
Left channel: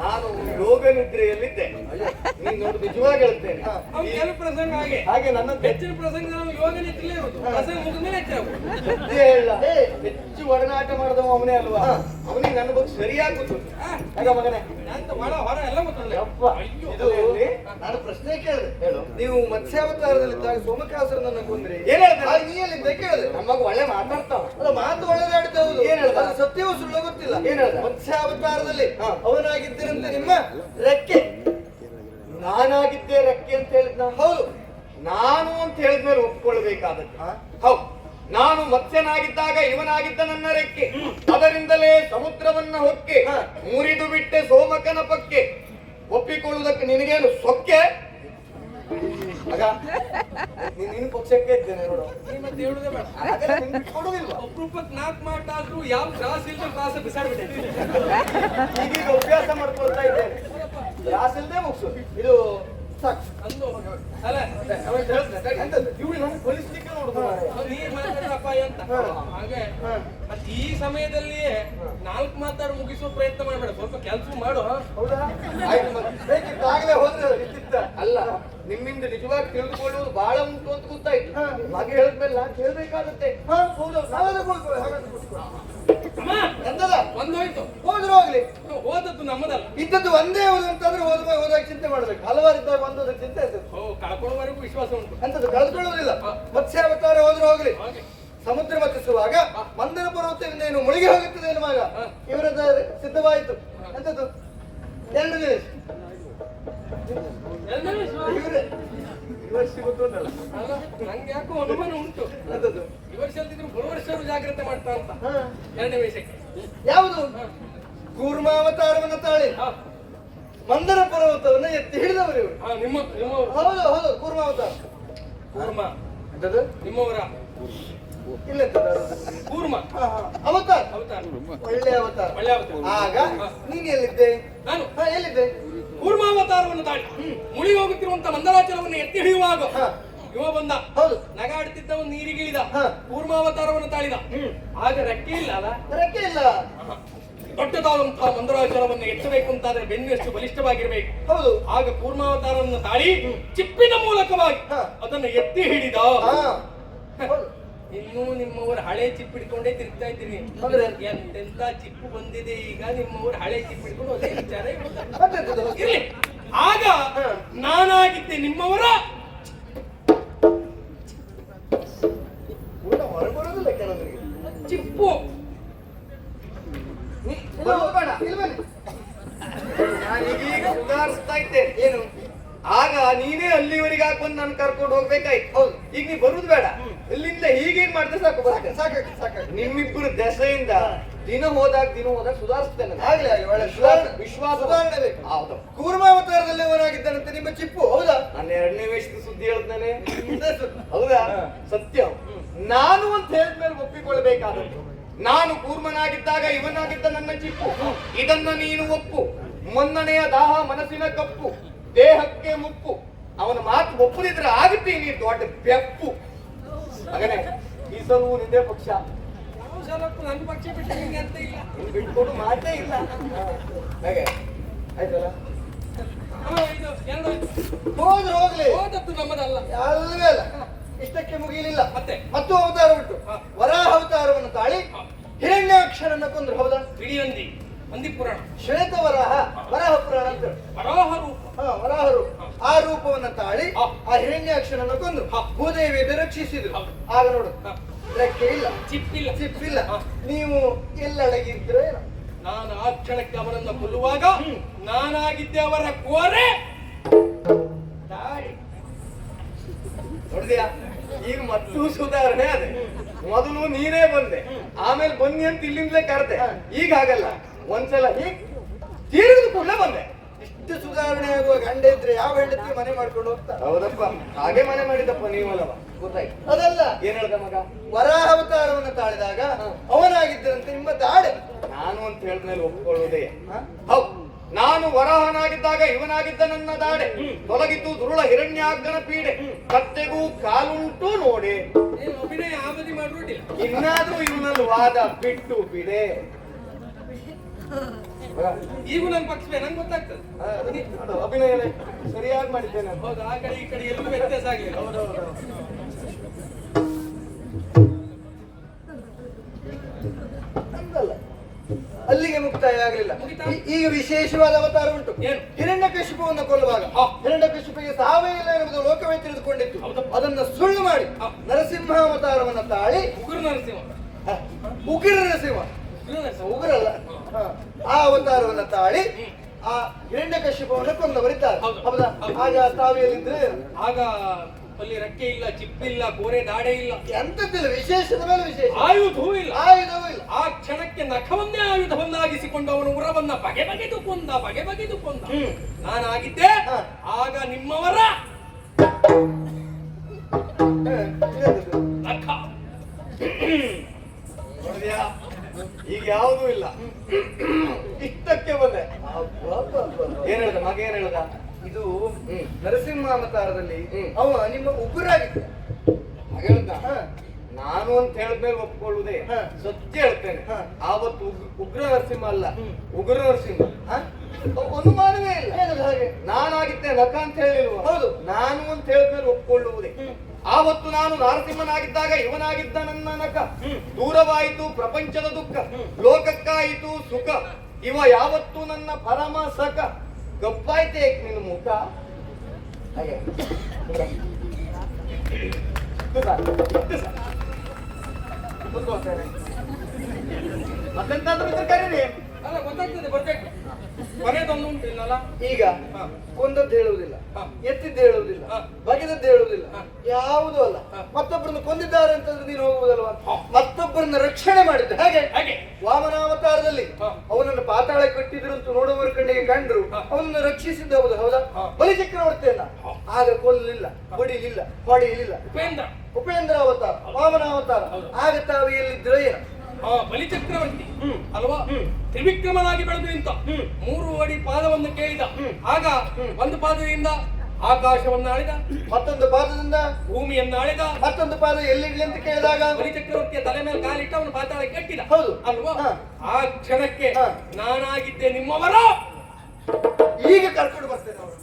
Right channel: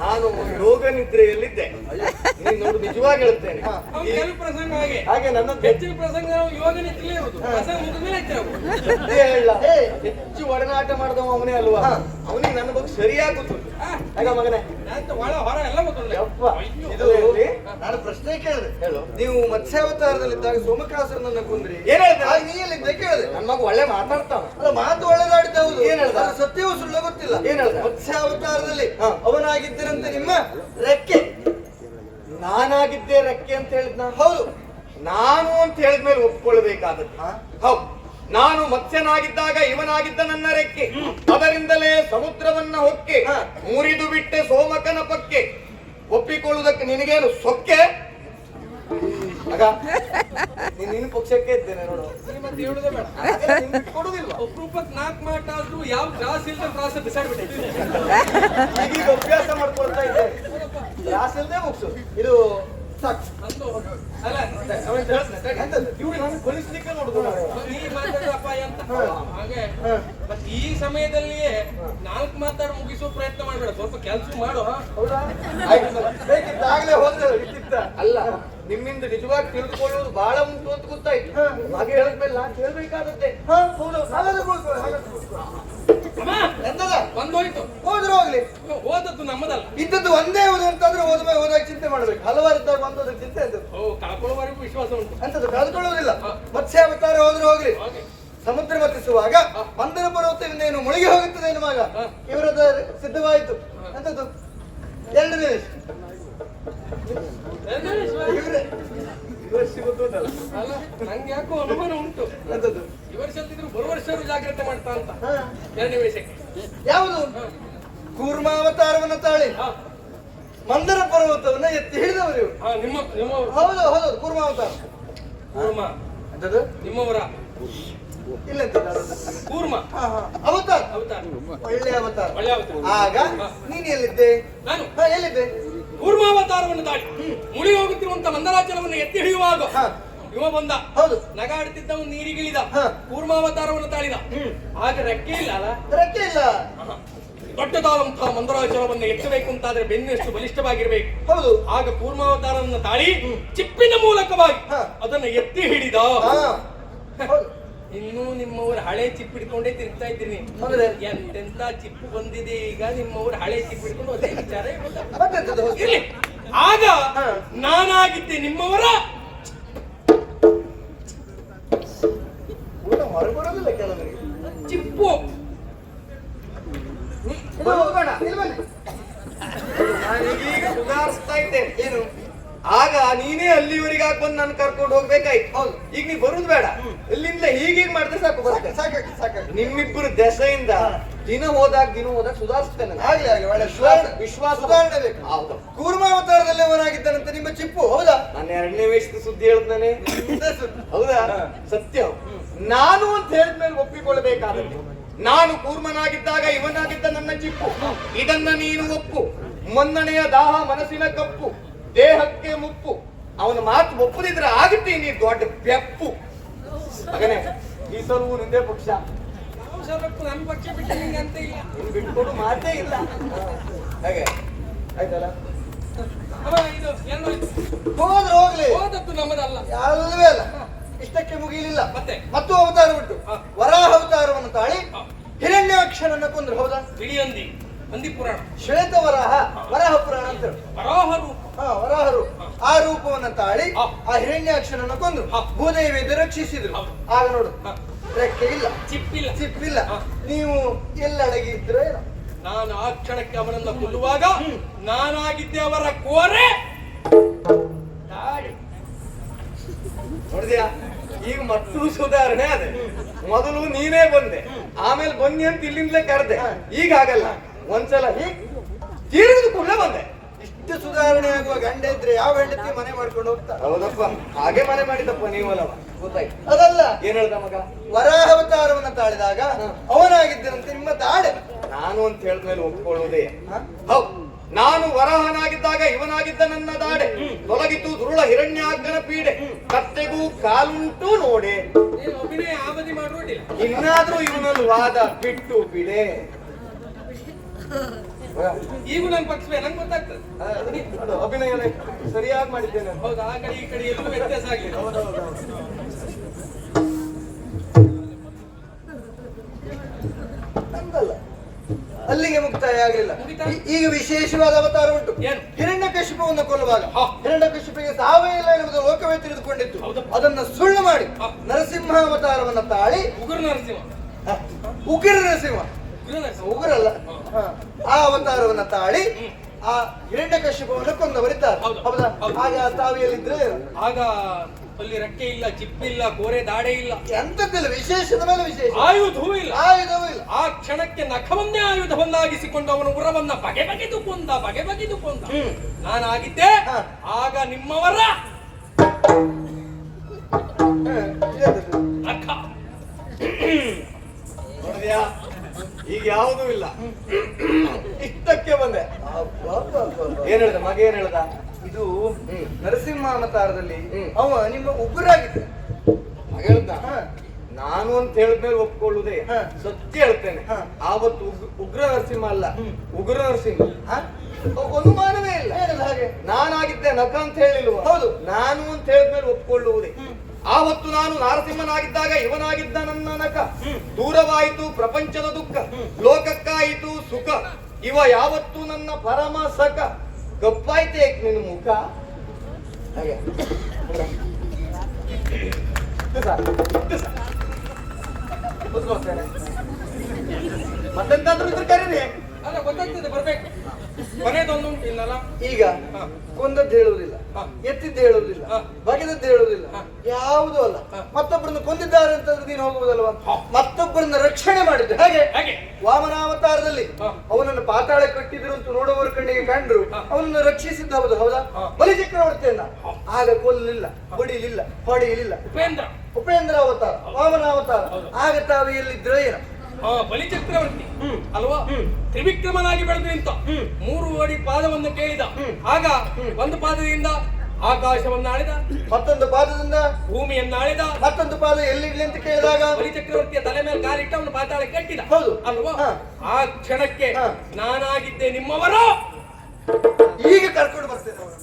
ನಾನು ಯೋಗ ನಿದ್ರೆಯಲ್ಲಿದ್ದೆ. ನೀನ್ ನೋಡು ನಿಜವಾಗಿ ಹೇಳ್ತೇನೆ. ಅವ್ನು ಕೆಲವು ಪ್ರಸಂಗ ಹಾಗೆ ಹಾಗೆ ನನ್ನ ಹೆಚ್ಚಿನ ಪ್ರಸಂಗ ನಾವು ಯೋಗ ನಿಂತಲೇ ಇರುವುದು ಪ್ರಸಂಗ ಮುಗಿದ್ಮೇಲೆ ಹೆಚ್ಚಾಗುದು. ಹೇಳ ಹೆಚ್ಚು ಒಡನಾಟ ಮಾಡಿದವ ಅವನೇ ಅಲ್ವಾ? ಅವನಿಗೆ ನನ್ನ ಬಗ್ಗೆ ಸರಿಯಾಗಿ ಗೊತ್ತು. ಆಗ ಮಗನೇ ಅಂತ ಒಳ ಹೊರ ಎಲ್ಲ ಗೊತ್ತುಂಟು. ಯಪ್ಪ, ಇದು ಇರ್ಲಿ. ನಾನು ಪ್ರಶ್ನೆ ಕೇಳಿದೆ. ಹೇಳು. ನೀವು ಮತ್ಸ್ಯಾವತಾರದಲ್ಲಿದ್ದಾಗ ಸೋಮಕಾಸುರನನ್ನ ಕೊಂದ್ರಿ, ಏನ್ ಹೇಳ್ತಾರೆ? ನೀ ಎಲ್ಲಿದ್ದ ಕೇಳಿದೆ. ನನ್ನ ಮಗ ಒಳ್ಳೆ ಮಾತಾಡ್ತಾವ. ಅಲ್ಲ, ಮಾತು ಒಳ್ಳೆದಾಡಿದ್ದ ಹೌದು. ಏನ್ ಹೇಳ್ದ? ಸತ್ಯವೂ ಸುಳ್ಳು ಗೊತ್ತಿಲ್ಲ. ಏನ್ ಹೇಳ್ದ? ಮತ್ಸ್ಯಾವತಾರದಲ್ಲಿ ಅವನಾಗಿದ್ದರಂತೆ ನಿಮ್ಮ ರೆಕ್ಕೆ, ನಾನಾಗಿದ್ದೆ ರೆಕ್ಕೆ ಅಂತ ಹೇಳಿದ್ನ. ಹೌದು, ನಾನು ಅಂತ ಹೇಳಿದ್ಮೇಲೆ ಒಪ್ಕೊಳ್ಬೇಕಾದದ್ದು. ಹೌದು, ನಾನು ಮತ್ಸ್ಯನಾಗಿದ್ದಾಗ ಇವನಾಗಿದ್ದ ನನ್ನ ರೆಕ್ಕೆ, ಅದರಿಂದಲೇ ಸಮುದ್ರವನ್ನ ಹೊಕ್ಕೆ ಮುರಿದು ಬಿಟ್ಟೆ ಸೋಮಕನ ಪಕ್ಕೆ. ಒಪ್ಪಿಕೊಳ್ಳುವುದಕ್ಕೆ ನಿನಗೇನು ಸೊಕ್ಕೆ? ಮಗ, ನೀನು ಪಕ್ಷಕ್ಕೆ ಇದ್ದೇನೆ ನೋಡು. ಮತ್ತೆ ಹೇಳುದೇ ಬೇಡ. ಕೊಡುದಿಲ್ವಾ? ಒಬ್ರೊಬ್ಬಕ್ಕೆ 4 ಮಾಟ ಆದ್ರೂ ಯಾವ ತ್ರಾಸ ಇಲ್ಲದೆ ತ್ರಾಸ ಬಿಸಾಡ್ಬಿಟ್ಟೈತೆ. ಈಗೀಗ ಅಭ್ಯಾಸ ಮಾಡ್ಕೊಳ್ತಾ ಇದ್ದೇನೆ. ಕ್ಲಾಸ್ ಇಲ್ಲದೆ ಮುಗಿಸು. ಇದು ಸಾಕು. ಅಂದು ಅಲ್ಲ ಇವ್ರು ನಾನು ಕಳಿಸ್ಲಿಕ್ಕೆ ನೋಡುದು. ನೀ ಮಾತಾಡೋ ಅಪಾಯ ಅಂತ ಹಾಗೆ. ಮತ್ತೆ ಈ ಸಮಯದಲ್ಲಿಯೇ 4 ಮಾತಾಡಿ ಮುಗಿಸೋ ಪ್ರಯತ್ನ ಮಾಡ್ಬೇಡ, ಸ್ವಲ್ಪ ಕೆಲಸ ಮಾಡು. ಹೌದಾ? ಆಯ್ತು, ಬೇಕಿದ್ದಾಗಲೇ ಹೋದ್ರೆ ಇಷ್ಟಿತ್ತ. ಅಲ್ಲ, ನಿಮ್ಮಿಂದ ನಿಜವಾಗಿ ತಿಳಿದುಕೊಳ್ಳುವುದು ಬಹಳ ಉಂಟು ಅಂತ ಗೊತ್ತಾಯ್ತು. ಹಾಗೆ ಹೇಳಿದ್ಮೇಲೆ ನಾನು ಕೇಳ್ಬೇಕಾಗತ್ತೆ. ಹೌದು, ಎಂತದ ಒಂದೋಯ್ತು, ಹೋದ್ರು ಹೋಗ್ಲಿ. ಓದದ್ದು ನಮ್ಮದಲ್ಲ. ಇದ್ದದ್ದು ಒಂದೇ ಓದು ಅಂತಂದ್ರೆ ಹೋದಾಗ ಚಿಂತೆ ಮಾಡ್ಬೇಕು. ಹಲವಾರು ಇದ್ದಾಗ ಬಂದೋದ್ರ ಚಿಂತೆ ಇದ್ದದ್ದು. ಕಳ್ಕೊಳ್ಳೋವರೆಗೂ ವಿಶ್ವಾಸ ಉಂಟು. ಅಂತದ್ದು ಕಳೆದುಕೊಳ್ಳೋದಿಲ್ಲ. ಮತ್ಸ್ಯಾವತಾರ ಹೋದ್ರು ಹೋಗ್ಲಿ. ಸಮುದ್ರ ಮತ್ತಿಸುವಾಗ ಮಂದರ ಪರ್ವತವಿಂದೇನು ಮುಳುಗಿ ಹೋಗುತ್ತದೆ ಎನ್ನುವಾಗ ಇವರದ ಸಿದ್ಧವಾಯಿತು. ಎಂತದ್ದು? 2 ನಿಮಿಷ. ಅಲ್ಲ, ನಂಗೆ ಯಾಕೋ ಅನುಮಾನ ಉಂಟು. ಎಂತದ್ದು? ಈ ವರ್ಷ ಅಲ್ದಿದ್ರು ಬರುವ ವರ್ಷವೂ ಜಾಗ್ರತೆ ಮಾಡ್ತಾ ಅಂತ. 2 ನಿಮಿಷಕ್ಕೆ ಯಾವುದು? ಕೂರ್ಮಾವತಾರವನ್ನು ತಾಳಿ ಮಂದರ ಪರ್ವತವನ್ನ ಎತ್ತಿ ಹಿಡಿದವರು ಇವರು. ನಿಮ್ಮವರು. ಹೌದು ಹೌದು, ಕೂರ್ಮಾವತಾರ. ಕೂರ್ಮ ಎಂತದ್ದು? ನಿಮ್ಮವರ ಇಲ್ಲ, ಕೂರ್ಮ ಅವತಾರ. ಅವತಾರ, ಒಳ್ಳೆ ಅವತಾರ. ಒಳ್ಳೆ ಅವತಾರ. ಆಗ ನೀನ್ ಎಲ್ಲಿದ್ದೆ? ನಾನು ಎಲ್ಲಿದ್ದೆ? ಕೂರ್ಮಾವತಾರವನ್ನು ತಾಳಿ ಮುಳಿ ಹೋಗುತ್ತಿರುವಂತ ಮಂದರಾಚಲವನ್ನು ಎತ್ತಿ ಹಿಡಿಯುವಾಗ ಇವ ಬಂದ. ಹೌದು, ನಗಾಡುತ್ತಿದ್ದವನು ನೀರಿಗಿಳಿದ. ಕೂರ್ಮಾವತಾರವನ್ನು ತಾಳಿದ. ಆಗ ರೆಕ್ಕೆ ಇಲ್ಲ ಅಲ್ಲ? ರೆಕ್ಕೆ ಇಲ್ಲ. ದೊಡ್ಡದಾದಂತಹ ಮಂದರಾಚಲವನ್ನು ಎತ್ತಬೇಕು ಅಂತಾದ್ರೆ ಬೆನ್ನೆಷ್ಟು ಬಲಿಷ್ಠವಾಗಿರ್ಬೇಕು. ಹೌದು, ಆಗ ಕೂರ್ಮಾವತಾರವನ್ನು ತಾಳಿ ಚಿಪ್ಪಿನ ಮೂಲಕವಾಗಿ ಅದನ್ನು ಎತ್ತಿ ಹಿಡಿದ. ಇನ್ನೂ ನಿಮ್ಮವರು ಹಳೆ ಚಿಪ್ಪು ಹಿಡ್ಕೊಂಡೇ ತಿರುಗ್ತಾ ಇದ್ದೀನಿ. ಎಂತೆಂತ ಚಿಪ್ಪು ಬಂದಿದೆ ಈಗ. ನಿಮ್ಮವರು ಹಳೆ ಚಿಪ್ಪು ಹಿಡ್ಕೊಂಡು ಒಂದೇ ವಿಚಾರ ಇರ್ಲಿ. ಆಗ ನಾನಾಗಿದ್ದೆ ನಿಮ್ಮವರ ಹೊರಗೆ ಬರೋದಿಲ್ಲ ಕೆಲವರಿಗೆ. ಚಿಪ್ಪು. ನಾನೀಗೀಗ ಸುಧಾರಿಸ್ತಾ ಇದ್ದೇನೆ. ಏನು? ಆಗ ನೀನೇ ಅಲ್ಲಿವರೆಗೆ ಹಾಕೊಂಡು ನಾನು ಕರ್ಕೊಂಡು ಹೋಗ್ಬೇಕಾಯ್ತು. ಹೌದು, ಈಗ ನೀ ಬರುದು ಬೇಡ. ಇಲ್ಲಿಂದ ಹೀಗೆ ಮಾಡಿದ್ರೆ ಸಾಕು, ಬರುತ್ತೆ. ಸಾಕಾಗಿ ನಿಮ್ಮಿಬ್ಬರು ದೆಸೆಯಿಂದ ದಿನ ಹೋದಾಗ ಸುಧಾರಿಸ್ತೇನೆ. ಆಗ್ಲಿ ಆಗ್ಲಿ, ಒಳ್ಳೆ ವಿಶ್ವಾಸ ಸುಧಾರಣೆ ಬೇಕು. ಹೌದು, ಕೂರ್ಮಾವತಾರದಲ್ಲಿ ಅವನಾಗಿದ್ದಾನಂತೆ ನಿಮ್ಮ ಚಿಪ್ಪು. ಹೌದಾ? ನಾನು 2ನೇ ವೇಷದ ಸುದ್ದಿ ಹೇಳ್ತಾನೆ. ಹೌದಾ? ಸತ್ಯ. ನಾನು ಅಂತ ಹೇಳಿದ್ಮೇಲೆ ಒಪ್ಪಿಕೊಳ್ಳಬೇಕಾಗುತ್ತೆ. ನಾನು ಕೂರ್ಮನಾಗಿದ್ದಾಗ ಇವನಾಗಿದ್ದ ನನ್ನ ಚಿಪ್ಪು. ಇದನ್ನ ನೀನು ಒಪ್ಪು. ಮನ್ನಣೆಯ ದಾಹ ಮನಸ್ಸಿನ ಕಪ್ಪು, ದೇಹಕ್ಕೆ ಮುಪ್ಪು. ಅವನ ಮಾತು ಒಪ್ಪದಿದ್ರೆ ಆಗುತ್ತೆ ನೀ ದೊಡ್ಡ ಬೆಪ್ಪು. ಮಗನೇ, ಈ ಸಲವು ನಿಂದೇ ಪಕ್ಷ. ನನ್ನ ಪಕ್ಷ ಬಿಟ್ಟು ನಿಂಗೆ ಅಂತ ಇಲ್ಲ. ಬಿಟ್ಕೊಡು ಮಾತೇ ಇಲ್ಲ. ಹಾಗೆ ಆಯ್ತಲ್ಲ? ಇದು ಎರಡು ಹೋದ್ರೆ ಹೋಗ್ಲಿ. ಹೋದದ್ದು ನಮ್ಮದಲ್ಲ. ಅಲ್ಲವೇ ಅಲ್ಲ, ಇಷ್ಟಕ್ಕೆ ಮುಗಿಲಿಲ್ಲ. ಮತ್ತು ಅವತಾರ ಬಿಟ್ಟು ವರಾಹ ಅವತಾರವನ್ನು ತಾಳಿ ಹಿರಣ್ಯಾಕ್ಷರನ್ನ ಕೊಂದ್ರು. ಹೌದಾ? ತಿಳಿಯಂದಿ ನಂದಿ ಪುರಾಣ. ಶ್ವೇತ ವರಾಹ, ವರಾಹ ಪುರಾಣ ಅಂತ. ವರಾಹ ರೂಪ. ವರಾಹ ರೂಪ. ಆ ರೂಪವನ್ನ ತಾಳಿ ಆ ಹಿರಣ್ಯಾಕ್ಷರನ್ನ ಕೊಂದ್ರು. ಭೂದೇವಿ ರಕ್ಷಿಸಿದ್ರು. ಆಗ ನೋಡು, ರೆಕ್ಕೆ ಇಲ್ಲ, ಚಿಪ್ಪಿಲ್ಲ. ನೀವು ಎಲ್ಲಡಗಿದ್ರೆ ನಾನು ಆ ಕ್ಷಣಕ್ಕೆ ಅವರನ್ನ ಕೊಲ್ಲುವಾಗ ನಾನಾಗಿದ್ದೆ ಅವರ ಕೋರೆ. ನೋಡಿದ್ಯಾ? ಈಗ ಮತ್ತೂ ಸುಧಾರಣೆ ಅದೇ. ಮೊದಲು ನೀನೇ ಬಂದೆ, ಆಮೇಲೆ ಬನ್ನಿ ಅಂತ ಇಲ್ಲಿಂದಲೇ ಕರೆದೆ. ಈಗ ಆಗಲ್ಲ, ಒಂದ್ಸಲ ಹೀಗ್ ತೀರಿದ ಕೂಡಲೇ ಬಂದೆ. ಇಷ್ಟು ಸುಧಾರಣೆ ಆಗುವ ಗಂಡ ಇದ್ರೆ ಯಾವ ಹೆಂಡತಿ ಮನೆ ಮಾಡ್ಕೊಂಡು ಹೋಗ್ತಾರೆ? ಹೌದಪ್ಪ, ಹಾಗೆ ಮನೆ ಮಾಡಿದಪ್ಪ ನೀವಲ್ಲವ. ಗೊತ್ತಾಯ್ತು? ಅದಲ್ಲ, ಏನ್ ಹೇಳ್ದ ಮಗ? ವರಾಹಾವತಾರವನ್ನ ತಾಳಿದಾಗ ಅವನಾಗಿದ್ದರಂತೆ ನಿಮ್ಮ ತಾಡೆ. ನಾನು ಅಂತ ಹೇಳಿದ್ಮೇಲೆ ಒಪ್ಕೊಳ್ಳುವುದೇ. ಹೌದು, ನಾನು ವರಾಹನಾಗಿದ್ದಾಗ ಇವನಾಗಿದ್ದ ನನ್ನ ದಾಡೆ. ತೊಲಗಿತು ದುರುಳ ಹಿರಣ್ಯಾಗ್ಗನ ಪೀಡೆ. ಕತ್ತೆಗೂ ಕಾಲುಂಟು ನೋಡೆ. ಅಭಿನಯ ಆಮದಿ ಮಾಡುವುದಿಲ್ಲ. ಇನ್ನಾದ್ರೂ ಇವನಲ್ಲಿ ವಾದ ಬಿಟ್ಟು ಬಿಡೆ. ಈಗ ನನ್ ಪಕ್ಷವೇ ನಂಗೆ ಗೊತ್ತಾಗ್ತದೆ. ನೋಡು, ಅಭಿನಯ ಸರಿಯಾಗಿ ಮಾಡಿದ್ದೇನೆ. ಹೌದು, ಆ ಕಡೆ ಈ ಕಡೆ ಎಲ್ಲೂ ವ್ಯತ್ಯಾಸ ಆಗ್ಲಿಲ್ಲ. ಹಂಗಲ್ಲ. ಅಲ್ಲಿಗೆ ಮುಕ್ತಾಯ ಆಗಲಿಲ್ಲ. ಮುಗಿತಾ? ಈಗ ವಿಶೇಷವಾದ ಅವತಾರ ಉಂಟು. ಏನು? ಹಿರಣ್ಯಕಶಿಪುವನ್ನು ಕೊಲ್ಲುವಾಗ ಹಿರಣ್ಯಕಶಿಪಿಗೆ ಸಾವೇ ಇಲ್ಲ ಎನ್ನುವುದು ಲೋಕವೇ ತಿಳಿದುಕೊಂಡಿತ್ತು. ಹೌದು. ಅದನ್ನ ಸುಳ್ಳು ಮಾಡಿ ನರಸಿಂಹ ಅವತಾರವನ್ನ ತಾಳಿ ಉಗುರು ನರಸಿಂಹ. ಉಗ್ರ ನರಸಿಂಹ, ಉಗುರು ನರಸಿಂಹ. ಉಗ್ರಲ್ಲ, ಆ ಅವತಾರವನ್ನ ತಾಳಿ ಆ ಹಿರಣ್ಯಕಶಿಪುವನ್ನು ಕೊಂದವರಿದ್ದಾರೆ. ಹೌದು. ಹೌದಾ? ಹೌದು. ಹಾಗೆ ಆ ತಾವಿಯಲ್ಲಿದ್ರೆ ಆಗ ಅಲ್ಲಿ ರೆಕ್ಕೆ ಇಲ್ಲ, ಚಿಪ್ಪಿಲ್ಲ, ಕೋರೆ ದಾಡೆ ಇಲ್ಲ, ಎಂತದ್ದಿಲ್ಲ, ವಿಶೇಷದ ಮೇಲೆ ವಿಶೇಷ, ಆಯುಧವೂ ಇಲ್ಲ. ಆಯುಧವೂ ಇಲ್ಲ. ಆ ಕ್ಷಣಕ್ಕೆ ನಖವನ್ನೇ ಆಯುಧವನ್ನಾಗಿಸಿಕೊಂಡು ಅವನ ಉರವನ್ನ ಬಗೆ ಬಗೆದು ಕೊಂದ, ಬಗೆ ಬಗೆದು ಕೊಂದ. ನಾನಾಗಿದ್ದೆ ಹ. ಆಗ ನಿಮ್ಮವರ ಇದೆಂತದ್ದು? ನಖ. ನೋಡಿದ್ಯಾ? ಈಗ ಯಾವುದೂ ಇಲ್ಲ, ಇಷ್ಟಕ್ಕೆ ಬಂದೆ. ಏನ್ ಹೇಳ್ದ ಮಗ, ಏನ್ ಹೇಳ್ದ? ಇದು ನರಸಿಂಹ ಅವತಾರದಲ್ಲಿ ಅವ ನಿಮ್ಮ ಉಗುರಾಗಿದ್ದ ಹೇಳ್ದ. ನಾನು ಅಂತ ಹೇಳಿದ್ಮೇಲೆ ಒಪ್ಕೊಳ್ಳುದೇ, ಸತ್ಯ ಹೇಳ್ತೇನೆ. ಆವತ್ತು ಉಗ್ರ ನರಸಿಂಹ ಅಲ್ಲ, ಉಗ್ರ ನರಸಿಂಹ. ಅನುಮಾನವೇ ಇಲ್ಲ. ಹಾಗೆ ನಾನಾಗಿದ್ದೆ ನಖ ಅಂತ ಹೇಳಿಲ್ವ? ಹೌದು, ನಾನು ಅಂತ ಹೇಳಿದ್ಮೇಲೆ ಒಪ್ಕೊಳ್ಳುವುದೇ. ಆವತ್ತು ನಾನು ನರಸಿಂಹನಾಗಿದ್ದಾಗ ಇವನಾಗಿದ್ದ ನನ್ನ ನಖ. ದೂರವಾಯಿತು ಪ್ರಪಂಚದ ದುಃಖ, ಲೋಕಕ್ಕಾಯಿತು ಸುಖ. ಇವ ಯಾವತ್ತು ನನ್ನ ಪರಮ ಸಖ. ಗಪ್ಪಾಯ್ತೆ ನಿನ್ನ ಮುಖ. ಹಾಗೆ ಮತ್ತೆಂತಾದ್ರೂ ಇದ್ರೆ ಕರೀರಿ. ಅಲ್ಲ, ಗೊತ್ತಾಗ್ತದೆ, ಬರ್ಬೇಕು. ಕೊನೆದೊಂದು ಉಂಟು ಇಲ್ಲಲ್ಲ. ಈಗ ಕೊಂದದ್ದು ಹೇಳುವುದಿಲ್ಲ, ಎತ್ತಿದ್ದು ಹೇಳುವುದಿಲ್ಲ, ಹ. ಬಗೆದದ್ದು ಹೇಳುವುದಿಲ್ಲ, ಹ. ಯಾವುದೂ ಅಲ್ಲ. ಹ. ಮತ್ತೊಬ್ಬರನ್ನು ಕೊಂದಿದ್ದಾರೆ ಅಂತಂದ್ರೆ ನೀನು ಹೋಗುವುದಲ್ವಾ? ಮತ್ತೊಬ್ಬರನ್ನ ರಕ್ಷಣೆ ಮಾಡಿದ್ದೆ. ಹಾಗೆ ಹಾಗೆ ವಾಮನಾವತಾರದಲ್ಲಿ ಹ. ಅವನನ್ನು ಪಾತಾಳ ಕಟ್ಟಿದ್ರು ಅಂತ ನೋಡುವವರ ಕಣ್ಣಿಗೆ ಕಂಡ್ರು. ಹ. ಅವನನ್ನು ರಕ್ಷಿಸಿದ್ದು ಹೌದು, ಹೌದಾ? ಹ. ಬಲಿಚಕ್ರವರ್ತಿಯನ್ನ ಆಗ ಕೊಲ್ಲಲಿಲ್ಲ, ಹೊಡಿಲಿಲ್ಲ, ಹೊಡೆಯಲಿಲ್ಲ. ಉಪೇಂದ್ರ. ಉಪೇಂದ್ರ ಅವತಾರ, ವಾಮನಾವತಾರ. ಹೌದು. ಆಗ ತಾವು ಎಲ್ಲಿದ್ರೆ ಏನು? ಬಲಿಚಕ್ರವರ್ತಿ ಅಲ್ವಾ? ತ್ರಿವಿಕ್ರಮನಾಗಿ ಬೆಳೆದು ನಿಂತ. 3 ಅಡಿ ಪಾದವನ್ನು ಕೇಳಿದ. ಆಗ ಒಂದು ಪಾದದಿಂದ ಆಕಾಶವನ್ನು ಆಳಿದ, ಮತ್ತೊಂದು ಪಾದದಿಂದ ಭೂಮಿಯನ್ನು ಆಳಿದ. ಮತ್ತೊಂದು ಪಾದ ಎಲ್ಲಿಡ್ಲಿ ಅಂತ ಕೇಳಿದಾಗ ಬಲಿಚಕ್ರವರ್ತಿಯ ತಲೆ ಮೇಲೆ ಕಾಲಿಟ್ಟ ಅವನು ಪಾತಾಳ ಕಟ್ಟಿದ. ಹೌದು. ಅಲ್ವಾ? ಹ. ಆ ಕ್ಷಣಕ್ಕೆ ಹ. ನಾನಾಗಿದ್ದೆ ನಿಮ್ಮವರು. ಈಗ ಕರ್ಕೊಂಡು ಬರ್ತೇನೆ ಅವರು.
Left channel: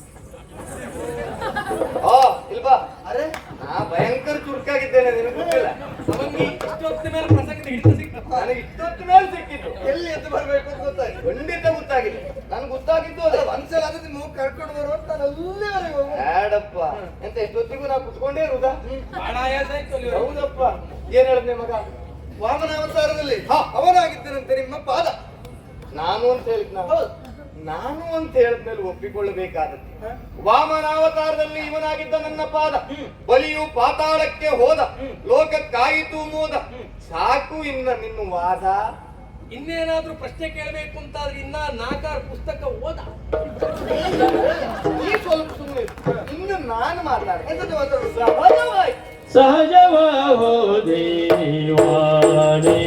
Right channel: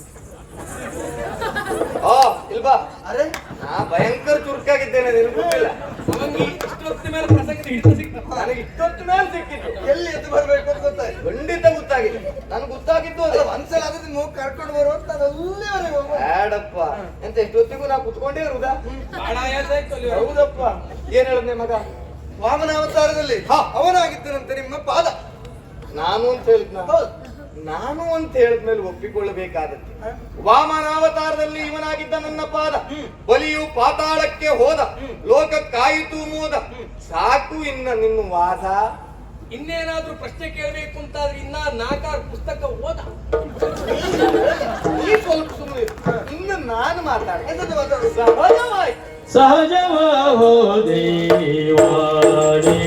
ಇಲ್ವಾ? ಅರೆ, ನಾ ಭಯಂಕರ ಚುರುಕಾಗಿದ್ದೇನೆ, ನಿನಗೆ ಗೊತ್ತಿಲ್ಲ. ಅವನಿಗೆ ಇಷ್ಟೊತ್ತ ಮೇಲೆ ಪ್ರಸಕ್ತಿ ಹಿಡಿತ ಸಿಕ್ತ. ನನಗೆ ಇಷ್ಟೊತ್ತು ಮೇಲೆ ಸಿಕ್ಕಿತ್ತು. ಎಲ್ಲಿ ಎದ್ದು ಬರ್ಬೇಕು ಅಂತ ಗೊತ್ತಾಯ್ತು. ಖಂಡಿತ ಗೊತ್ತಾಗಿದೆ. ನನ್ಗೆ ಗೊತ್ತಾಗಿದ್ದು ಅದೇ. ಒಂದ್ಸಲ ಆದ್ರೆ ಮೂಗ್ ಕರ್ಕೊಂಡು ಬರುವ ಅಂತ ನಾನು ಅಲ್ಲಿವರೆಗೆ ಹೋಗುವ. ಬೇಡಪ್ಪ, ಎಂತ ಎಷ್ಟೊತ್ತಿಗೂ ನಾವು ಕುತ್ಕೊಂಡೇ ಇರುವುದಾ? ಬಹಳ ಆಯಾಸ ಆಯ್ತು ಅಲ್ಲಿ. ಹೌದಪ್ಪ. ಏನ್ ಹೇಳಿದ್ನೆ ಮಗ? ವಾಮನಾವತಾರದಲ್ಲಿ ಅವನಾಗಿದ್ದನಂತೆ ನಿಮ್ಮ ಪಾದ. ನಾನು ಅಂತ ಹೇಳಿದ್ನ? ಹೌದು. ನಾನು ಅಂತ ಹೇಳಿದ್ಮೇಲೆ ಒಪ್ಪಿಕೊಳ್ಳಬೇಕಾದದ್ದು. ವಾಮನಾವತಾರದಲ್ಲಿ ಇವನಾಗಿದ್ದ ನನ್ನ ಪಾದ. ಬಲಿಯು ಪಾತಾಳಕ್ಕೆ ಹೋದ, ಲೋಕಕ್ಕಾಯಿತು ಮೋದ. ಸಾಕು ಇನ್ನ ನಿನ್ನ ವಾದ. ಇನ್ನೇನಾದ್ರೂ ಪ್ರಶ್ನೆ ಕೇಳಬೇಕು ಅಂತಾದ್ರೆ ಇನ್ನ 4-6 ಪುಸ್ತಕ ಓದ. ಈ ಸ್ವಲ್ಪ ಸುಮ್ಮನೆ ಇನ್ನು ನಾನು ಮಾತಾಡ ಎಂತದ್ದು ಮಾತಾಡುದು? ಸಹಜವಾಯ್ತು. ಸಹಜವಾಹೋ ದೇವಾನೇ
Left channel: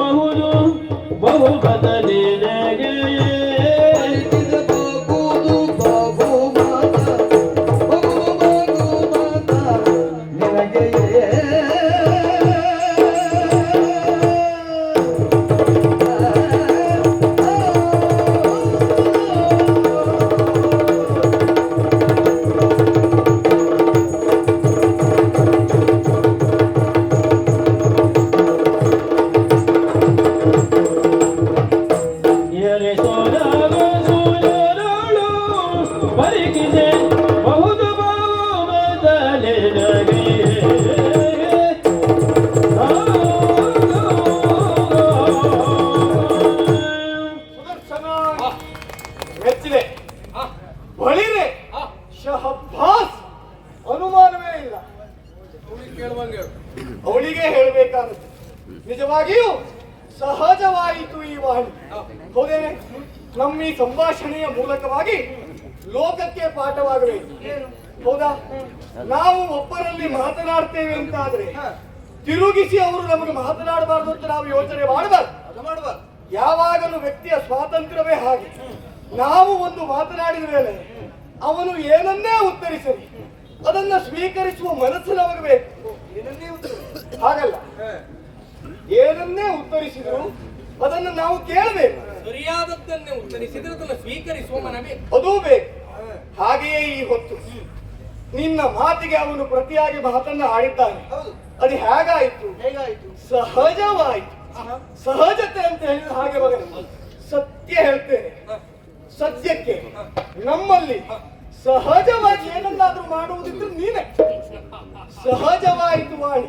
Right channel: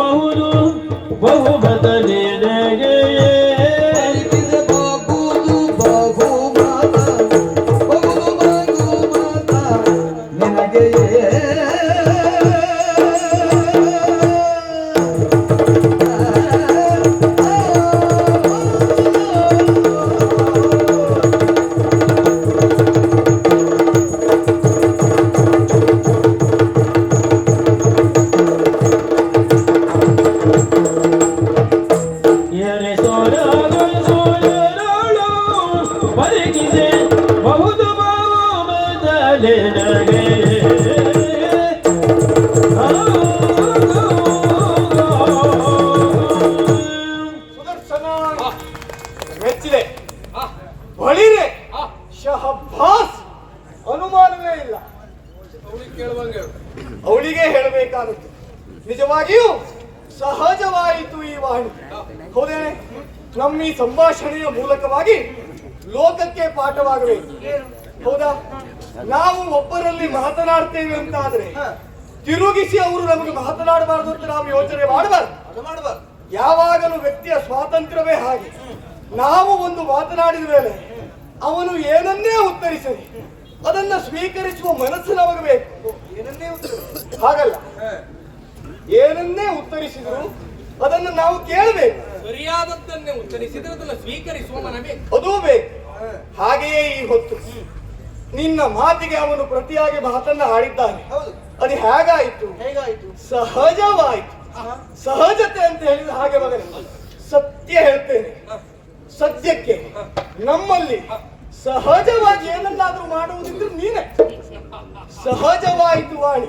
ಬಹುದು ಸಹಜವಾಯಿತು ಈ ವಾಣಿ. ಹೌದೇನೆ? ನಮ್ಮ ಈ ಸಂಭಾಷಣೆಯ ಮೂಲಕವಾಗಿ ಲೋಕಕ್ಕೆ ಪಾಠವಾಗಬೇಕು. ಹೌದಾ? ನಾವು ಒಬ್ಬರಲ್ಲಿ ಮಾತನಾಡ್ತೇವೆ ಅಂತ ಆದ್ರೆ ತಿರುಗಿಸಿ ಅವರು ನಮಗೆ ಮಾತನಾಡಬಾರದು ಅಂತ ನಾವು ಯೋಚನೆ ಮಾಡಬಾರ್ದು. ಯಾವಾಗಲೂ ವ್ಯಕ್ತಿಯ ಸ್ವಾತಂತ್ರ್ಯವೇ ಹಾಗೆ. ನಾವು ಒಂದು ಮಾತನಾಡಿದ ಮೇಲೆ ಅವನು ಏನನ್ನೇ ಉತ್ತರಿಸಲಿ ಅದನ್ನ ಸ್ವೀಕರಿಸುವ ಮನಸ್ಸು ನಮಗೆ ಬೇಕು. ಹಾಗಲ್ಲ, ಏನನ್ನೇ ಉತ್ತರಿಸಿದ್ರು ಅದನ್ನು ನಾವು ಕೇಳಬೇಕು. ಸರಿಯಾದದ್ದನ್ನೇ ಉತ್ತರಿಸಿದ್ರೆ ಅದನ್ನು ಸ್ವೀಕರಿಸುವ ಮನ ಬೇಕು, ಅದೂ ಬೇಕು. ಹಾಗೆಯೇ ಈ ಹೊತ್ತು ನಿನ್ನ ಮಾತಿಗೆ ಅವನು ಪ್ರತಿಯಾಗಿ ಮಾತನ್ನ ಆಡಿದ್ದಾನೆ. ಅದು ಹೇಗಾಯಿತು? ಸಹಜವಾಯಿತು. ಸಹಜತೆ ಅಂತ ಹೇಳಿದ್ರೆ ಹಾಗೆ ಮಗನೇ, ಸತ್ಯ ಹೇಳ್ತೇನೆ. ಸದ್ಯಕ್ಕೆ ನಮ್ಮಲ್ಲಿ ಸಹಜವಾಗಿ ಏನನ್ನಾದ್ರೂ ಮಾಡುವುದಿದ್ರೆ ನೀನೆ. ಸಹಜವಾಯಿತು ವಾಣಿ.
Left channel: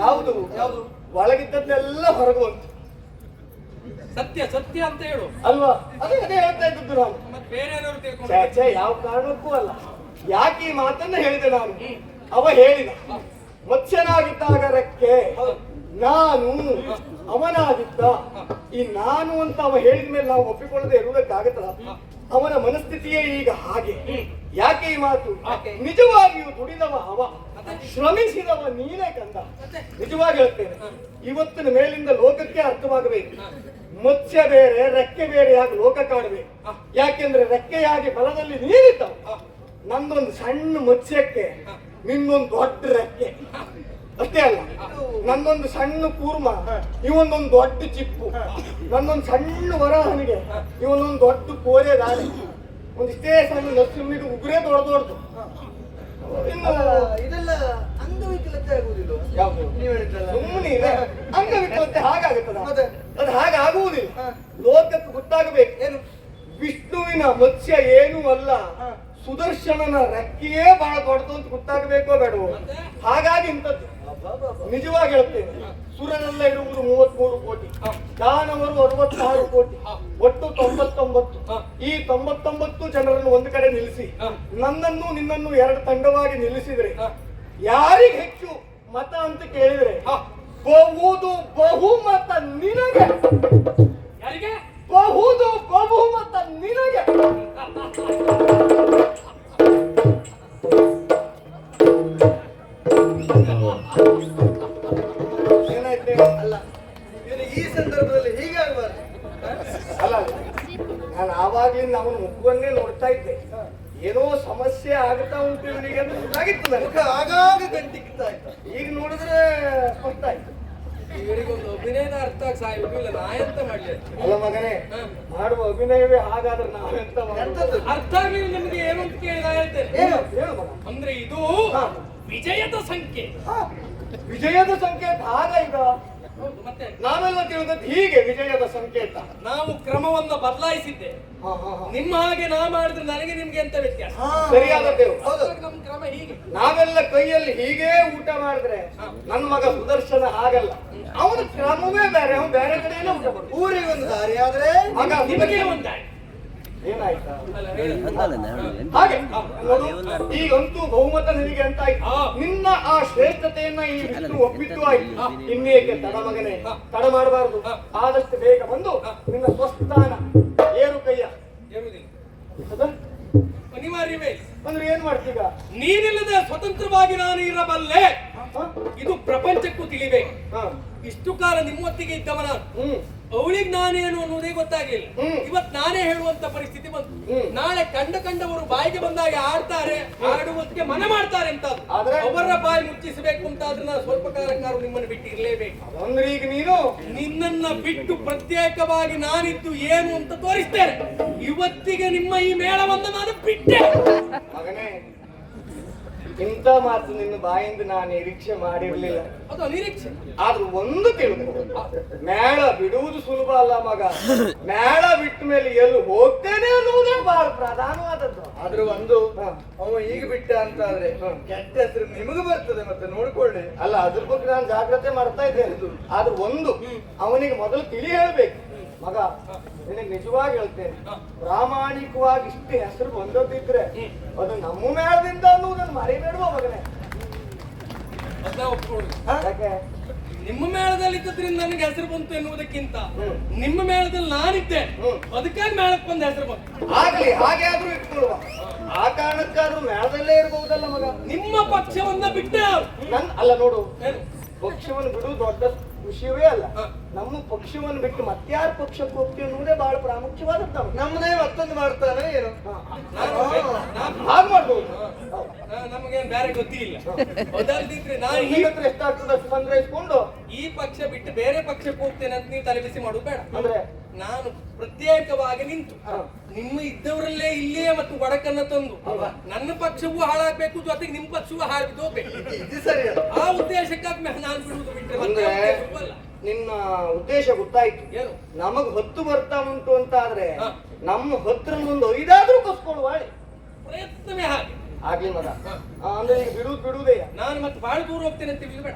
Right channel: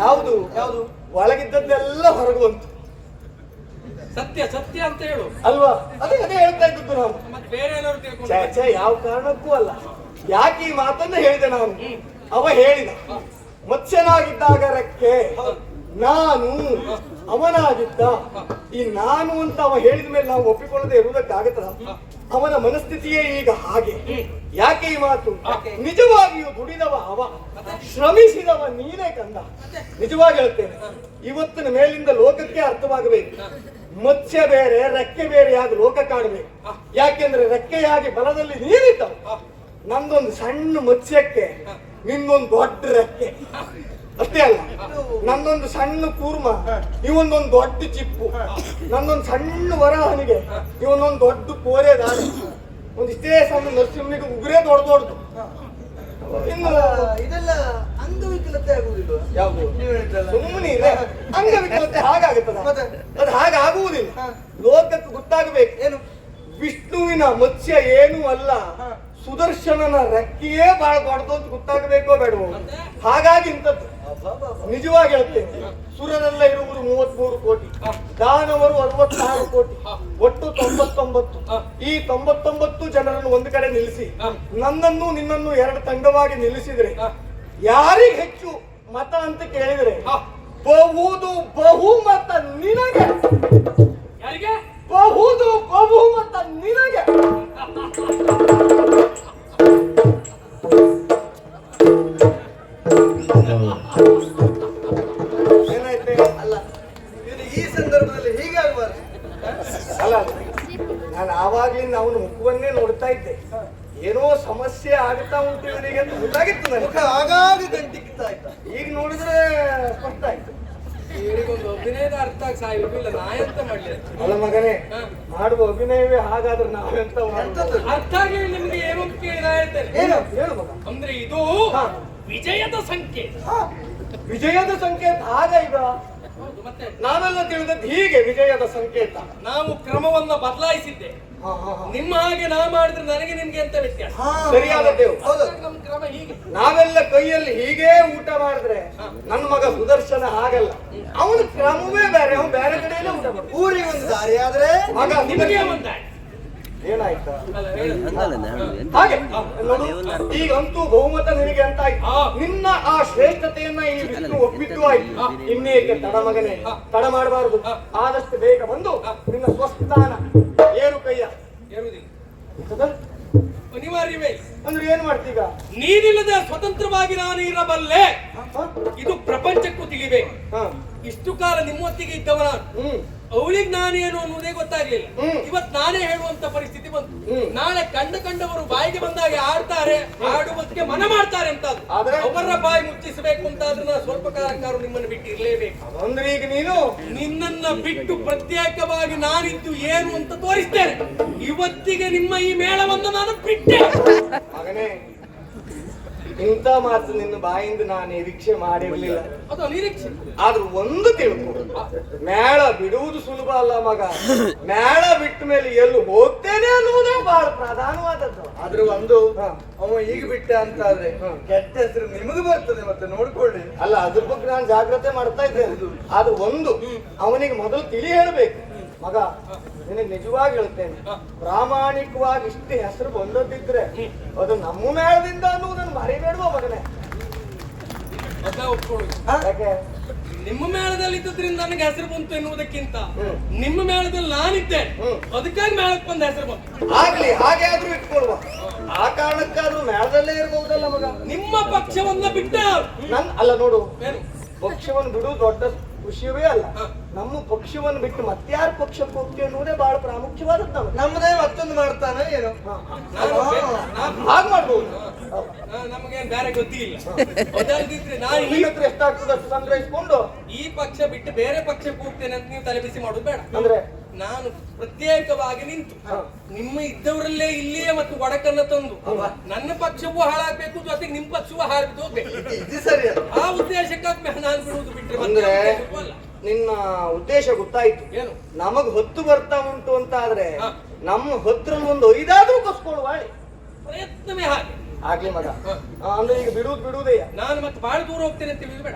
ಯಾವುದು ಒಳಗಿದ್ದದ್ದೆಲ್ಲ ಹೊರಗುವಂತು. ಸತ್ಯ ಸತ್ಯ ಅಂತ ಹೇಳು ಅಲ್ವಾ? ಅದೇ ಹೇಳ್ತಾ ಇದ್ದದ್ದು ನಾನು. ಮತ್ತೆ ಬೇರೆ ಏನಾದ್ರು ತಿಳ್ಕೊಂಡು ಯಾವ ಕಾರಣಕ್ಕೂ ಅಲ್ಲ. ಯಾಕೆ ಈ ಮಾತನ್ನ ಹೇಳಿದೆ ನಾನು? ಅವ ಹೇಳಿದ ಮತ್ಸ್ಯನಾಗಿದ್ದಾಗ ರೆಕ್ಕೆ, ನಾನು ಅವನಾಗಿದ್ದ. ಈ ನಾನು ಅಂತ ಅವ ಹೇಳಿದ ಮೇಲೆ ನಾವು ಒಪ್ಪಿಕೊಳ್ಳದೆ ಇರುವುದಕ್ಕಾಗತ್ತ? ಅವನ ಮನಸ್ಥಿತಿಯೇ ಈಗ ಹಾಗೆ. ಯಾಕೆ ಈ ಮಾತು? ನಿಜವಾಗಿಯೂ ದುಡಿದವ ಅವ, ಶ್ರಮಿಸಿದವ ನೀನೇ ಕಂದ. ನಿಜವಾಗಿ ಹೇಳ್ತೇನೆ, ಇವತ್ತಿನ ಮೇಲಿಂದ ಲೋಕಕ್ಕೆ ಅರ್ಥವಾಗಬೇಕು. ಮತ್ಸ್ಯ ಬೇರೆ ರೆಕ್ಕೆ ಬೇರೆ ಆಗಿ ಲೋಕ ಕಾಣಬೇಕು. ಯಾಕೆಂದ್ರೆ ರೆಕ್ಕೆಯಾಗಿ ಬಲದಲ್ಲಿ ನೀರಿದ್ದವ. ನಂದೊಂದು ಸಣ್ಣ ಮತ್ಸ್ಯಕ್ಕೆ ನಿನ್ನೊಂದು ದೊಡ್ಡ ರೆಕ್ಕೆ. ಅಷ್ಟೇ ಅಲ್ಲ, ನಂದೊಂದು ಸಣ್ಣ ಕೂರ್ಮ, ಇವನೊಂದು ದೊಡ್ಡ ಚಿಪ್ಪು. ನಂದೊಂದು ಸಣ್ಣ ವರಹನಿಗೆ ಇವನೊಂದು ದೊಡ್ಡ ಕೋರೆ ದಾರಿ. ಒಂದಿಷ್ಟೇ ಸಣ್ಣ ನರಸಿಂಹನಿಗೆ ಉಗುರೇ ದೊಡ್ಡದು. ಇನ್ನು ಇದೆಲ್ಲ ಅಂಗವಿಕಲತೆ ಆಗುದಿಲ್ಲ. ಯಾವುದು? ಸುಮ್ಮನೆ ಅಂಗವಿಕಲತೆ ಹಾಗಾಗುತ್ತದ? ಅದು ಹಾಗಾಗುವುದಿಲ್ಲ. ಲೋಕಕ್ಕೆ ಗೊತ್ತಾಗಬೇಕು. ಏನು? ವಿಷ್ಣುವಿನ ಮತ್ಸ್ಯ ಏನೂ ಅಲ್ಲ, ಸುದರ್ಶನನ ರೆಕ್ಕೆಯೇ ಬಹಳ ದೊಡ್ಡದು ಅಂತ ಗೊತ್ತಾಗಬೇಕೋ ಬೇಡವೋ? ಹಾಗಾಗಿ ಇಂಥದ್ದು. ನಿಜವಾಗಿ ಹೇಳ್ತೇನೆ, ಸುರರೆಲ್ಲ ಇರುವುದು 33 ಕೋಟಿ, ದಾನವರು 66 ಕೋಟಿ, ಒಟ್ಟು 99. ಈ 99 ಜನರನ್ನು ಒಂದು ಕಡೆ ನಿಲ್ಲಿಸಿ ನನ್ನನ್ನು ನಿನ್ನನ್ನು 2 ತಂಡವಾಗಿ ನಿಲ್ಲಿಸಿದ್ರೆ ಯಾರಿಗೆ ಹೆಚ್ಚು ಮತ ಅಂತ ಕೇಳಿದ್ರೆ ಬಹುಮತ ನಿನಗೆ. ಯಾರಿಗೆ? ಬಹುಮತ ನಿನಗೆ. ಏನಾಯ್ತೆ? ಅಲ್ಲ, ಇವನು ಈ ಸಂದರ್ಭದಲ್ಲಿ ಹೀಗೆ ಆಗ್ಬಾರ್ದು. ಅಲ್ಲ, ನಾನು ಆವಾಗ್ಲಿಂದ ಅವನ ಮುಖವನ್ನೇ ನೋಡ್ತಾ ಇದ್ದೆ. ಏನೋ ಸಮಸ್ಯೆ ಆಗ್ತಾ ಉಂಟು ಇವನಿಗೆ ಅಂತ ಗೊತ್ತಾಗಿತ್ತು ನನಗೆ. ಮುಖ ಆಗಾಗ ಗಂಟಿಕ್ತಾ ಇತ್ತು. ಈಗ ನೋಡಿದ್ರೆ ಸ್ಪಷ್ಟ ಆಯ್ತು. ಇವರಿಗೊಂದು ಅಭಿನಯದ ಅರ್ಥ ಸಾಯುವುದಿಲ್ಲ. ನಾ ಎಂತ ಮಾಡ್ಲಿ? ಅಲ್ಲ ಮಗನೇ, ಮಾಡುವ ಅಭಿನಯವೇ ಹಾಗಾದ್ರೆ ನಾವೆಂತ ಮಾಡುವುದು? ಅರ್ಥ ಆಗಲಿ ನಿಮ್ಗೆ ಏನು ಅಂತ ಕೇಳಿ ನಾ ಹೇಳ್ತೇನೆ. ಏನು ಹೇಳು ಮಗ. ಅಂದ್ರೆ ಇದು ವಿಜಯದ ಸಂಖ್ಯೆ. ವಿಜಯದ ಸಂಕೇತ ಆಗ ಈಗ ಹೌದು, ಮತ್ತೆ ನಾವೆಲ್ಲ ತಿಳಿದದ್ದು ಹೀಗೆ ವಿಜಯದ ಸಂಕೇತ. ನಾವು ಕ್ರಮವನ್ನ ಬದಲಾಯಿಸಿದ್ದೆ. ನಿಮ್ಮ ಹಾಗೆ ನಾ ಮಾಡಿದ್ರೆ ನನಗೆ ನಿಮ್ಗೆ ಎಂತ ವ್ಯತ್ಯಾಸ? ಸರಿಯಾದದ್ದೇವು. ನಮ್ಮ ಕ್ರಮ ಹೀಗೆ. ನಾವೆಲ್ಲ ಕೈಯಲ್ಲಿ ಹೀಗೇ ಊಟ ಮಾಡಿದ್ರೆ ನನ್ನ ಮಗ ಸುದರ್ಶನ ಆಗಲ್ಲ. ಅವನ ಕ್ರಮವೇ ಬೇರೆ, ಅವನು ಬೇರೆ ಕಡೆಯಲ್ಲೇ ಊಟ ಮಾಡ್ತಾನೆ. ಊರಿಗೆ ಒಂದು ದಾರಿ ಆದ್ರೆ ಮಗ ನಿಮಗೆ ಒಂದಾಯ್ತು. ಏನಾಯ್ತಾ? ಅಲ್ಲ, ಹೇಳು. ಹಾಗೆ ನೋಡು, ಈಗಂತೂ ಬಹುಮತ ನಿನಗೆ ಅಂತ ಆಯ್ತು. ನಿನ್ನ ಆ ಶ್ರೇಷ್ಠತೆಯನ್ನ ಈ ವಿಷ್ಣು ಒಪ್ಪಿಟ್ಟು ಆಯ್ತು. ಇನ್ನೇಕೆ ತಡ ಮಗನೇ? ತಡ ಮಾಡಬಾರದು. ಆದಷ್ಟು ಬೇಗ ಬಂದು ನಿನ್ನ ಸ್ವಸ್ಥಾನ ಏರು ಕೈಯ ಏರುವುದಿಲ್ಲ, ಹೌದಾ? ಅನಿವಾರ್ಯವೇ. ಅಂದ್ರೆ ಏನ್ ಮಾಡ್ತೀಗ? ನೀನಿಲ್ಲದೆ ಸ್ವತಂತ್ರವಾಗಿ ನಾನು ಇರಬಲ್ಲೆ, ಇದು ಪ್ರಪಂಚಕ್ಕೂ ತಿಳಿಬೇಕು. ಇಷ್ಟು ಕಾಲ ನಿಮ್ಮೊತ್ತಿಗೆ ಇದ್ದವ ನಾನು. ಅವಳಿಗೆ ನಾನೇನು ಅನ್ನೋದೇ ಗೊತ್ತಾಗ್ಲಿಲ್ಲ. ಇವತ್ ನಾನೇ ಹೇಳುವಂತ ಪರಿಸ್ಥಿತಿ ಬಂತು. ನಾಳೆ ಕಂಡವರು ಬಾಯಿಗೆ ಬಂದಾಗ ಆಡ್ತಾರೆ, ಆಡುವುದಕ್ಕೆ ಮನ ಮಾಡ್ತಾರೆ ಅಂತ. ಅವರ ಬಾಯಿ ಮುಚ್ಚಿಸಬೇಕು ಅಂತಾದ್ರೆ ನಾನು ಸ್ವಲ್ಪ ಕಾಲಕ್ಕಾರು ನಿಮ್ಮನ್ನು ಬಿಟ್ಟು ಇರ್ಲೇಬೇಕು. ಅಂದ್ರೆ ಈಗ ನೀನು ನಿನ್ನನ್ನ ಬಿಟ್ಟು ಪ್ರತ್ಯೇಕವಾಗಿ ನಾನಿದ್ದು ಏನು ಅಂತ ತೋರಿಸ್ತೇನೆ. ಇವತ್ತಿಗೆ ನಿಮ್ಮ ಈ ಮೇಳವನ್ನು ನಾನು ಬಿಟ್ಟೆ. ಮಗನೇ, ಇಂಥ ಮಾತು ನಿನ್ನ ಬಾಯಿಂದ ನಾನು ನಿರೀಕ್ಷೆ ಮಾಡಿರ್ಲಿಲ್ಲ. ಅದು ನಿರೀಕ್ಷೆ. ಆದ್ರೂ ಒಂದು ತಿಳ್ಕೊ, ಮೇಳ ಬಿಡುವುದು ಸುಲಭ ಅಲ್ಲ ಮಗ. ಮೇಳ ಬಿಟ್ಟ ಮೇಲೆ ಎಲ್ಲಿ ಹೋಗ್ತೇನೆ ಅನ್ನುವುದೇ ಬಹಳ ಪ್ರಧಾನವಾದದ್ದು. ಆದ್ರೂ ಒಂದು ಅವ ಈಗ ಬಿಟ್ಟ ಅಂತ ಆದ್ರೆ ಕೆಟ್ಟ ಹೆಸರು ನಿಮಗೆ ಬರ್ತದೆ, ಮತ್ತೆ ನೋಡ್ಕೊಳ್ಳಿ. ಅಲ್ಲ, ಅದ್ರ ಬಗ್ಗೆ ನಾನು ಜಾಗ್ರತೆ ಮಾಡ್ತಾ ಇದ್ದೇನೆ. ಆದ್ರೂ ಒಂದು ಅವನಿಗೆ ಮೊದಲು ತಿಳಿ ಹೇಳ್ಬೇಕು. ಮಗ, ನಿನಗೆ ನಿಜವಾಗಿ ಹೇಳ್ತೇನೆ, ಪ್ರಾಮಾಣಿಕವಾಗಿ ಇಷ್ಟು ಹೆಸರು ಬಂದದ್ದಿದ್ರೆ ಅದು ನಮ್ಮ ಮೇಳದಿಂದ ಅನ್ನುವುದನ್ನು ಮರಿಬೇಡುವ ಮಗನೇ. ಅದ ಒಪ್ಕೊಳ್ಳಿ. ಯಾಕೆ? ನಿಮ್ಮ ಮೇಳದಲ್ಲಿ ಇದ್ದದ್ರಿಂದ ನನಗೆ ಹೆಸರು ಬಂತು ಎನ್ನುವುದಕ್ಕಿಂತ ನಿಮ್ಮ ಮೇಳದಲ್ಲಿ ನಾನಿದ್ದೆ ಅದಕ್ಕಾಗಿ ಮೇಳಕ್ಕೆ ಬಂದ ಹೆಸರು ಬಂತು. ಆಗ್ಲಿ, ಹಾಗೆ ಆದ್ರೂ ಇಟ್ಕೊಳ್ಳುವ. ಆ ಕಾರಣಕ್ಕಾದ್ರೂ ಮೇಳದಲ್ಲೇ ಇರ್ಬಹುದಲ್ಲ ಮಗ. ನಿಮ್ಮ ಪಕ್ಷವನ್ನ ಬಿಟ್ಟೆ ಅಲ್ಲ ನೋಡು, ಏನು? ಪಕ್ಷವನ್ನು ಬಿಡುವುದು ದೊಡ್ಡ ವಿಷಯವೇ ಅಲ್ಲ. ನಮ್ಮ ಪಕ್ಷವನ್ನು ಬಿಟ್ಟು ಮತ್ಯಾರ ಪಕ್ಷಕ್ಕೆ ಹೋಗ್ತೀವಿ ಅನ್ನೋದೇ ಬಹಳ ಪ್ರಾಮುಖ್ಯವಾದದ್ದು. ನಮ್ಮದೇ ಮತ್ತೊಂದು ಮಾಡ್ತಾನೆ ಏನು ಹಾಗೆ ಮಾಡ್ಬೋದು. ನಮಗೇನು ಬೇರೆ ಗೊತ್ತಿಲ್ಲ. ಅದಲ್ದಿದ್ರೆ ನಾನು ನಿಮ್ಮ ಹತ್ರ ಎಷ್ಟಾಗ್ತದೆ ಅಷ್ಟು ಸಂಗ್ರಹಿಸಿಕೊಂಡು ಈ ಪಕ್ಷ ಬಿಟ್ಟು ಬೇರೆ ಪಕ್ಷಕ್ಕೆ ಹೋಗ್ತೇನೆ ಅಂತ ನೀವು ತಲೆಬಿಸಿ ಮಾಡೋದು ಬೇಡ. ಅಂದ್ರೆ ನಾನು ಪ್ರತ್ಯೇಕವಾಗಿ ನಿಂತು ನಿಮ್ಮ ಇದ್ದವರಲ್ಲೇ ಇಲ್ಲಿಯೇ ಮತ್ತು ಒಡಕನ್ನ ತಂದು ನನ್ನ ಪಕ್ಷವೂ ಹಾಳಾಗ್ಬೇಕು, ಜೊತೆಗೆ ನಿಮ್ಮ ಪಕ್ಷವೂ ಹಾಳಾಗ್ದು ಹೋಗ್ಬೇಕು. ಇದು ಸರಿ ಅಲ್ಲ. ಆ ಉದ್ದೇಶಕ್ಕಾಗಿ ನಾನು ಬಿಡುವುದು ಬಿಟ್ಟರೆ ಮತ್ತೆ ಅಂದ್ರೆ ಉದ್ದೇಶಕ್ಕೂ ಅಲ್ಲ. ನಿನ್ನ ಉದ್ದೇಶ ಗೊತ್ತಾಯ್ತು. ಏನು? ನಮಗ್ ಹೊತ್ತು ಬರ್ತಾ ಉಂಟು ಅಂತ ಆದ್ರೆ ಹಾ. ನಮ್ಮ ಹೊತ್ರ ಒಂದು ಐದಾದ್ರೂ ಕಸ್ಕೊಳ್ಳುವ ಪ್ರಯತ್ನವೇ ಹಾಗೆ. ಆಗ್ಲಿ ಮಗ. ಅಂದ್ರೆ ಈಗ ಬಿಡುವುದೇ ನಾನು ಮತ್ತೆ ಬಹಳ ದೂರ ಹೋಗ್ತೇನೆ ಅಂತ ಬೇಡ,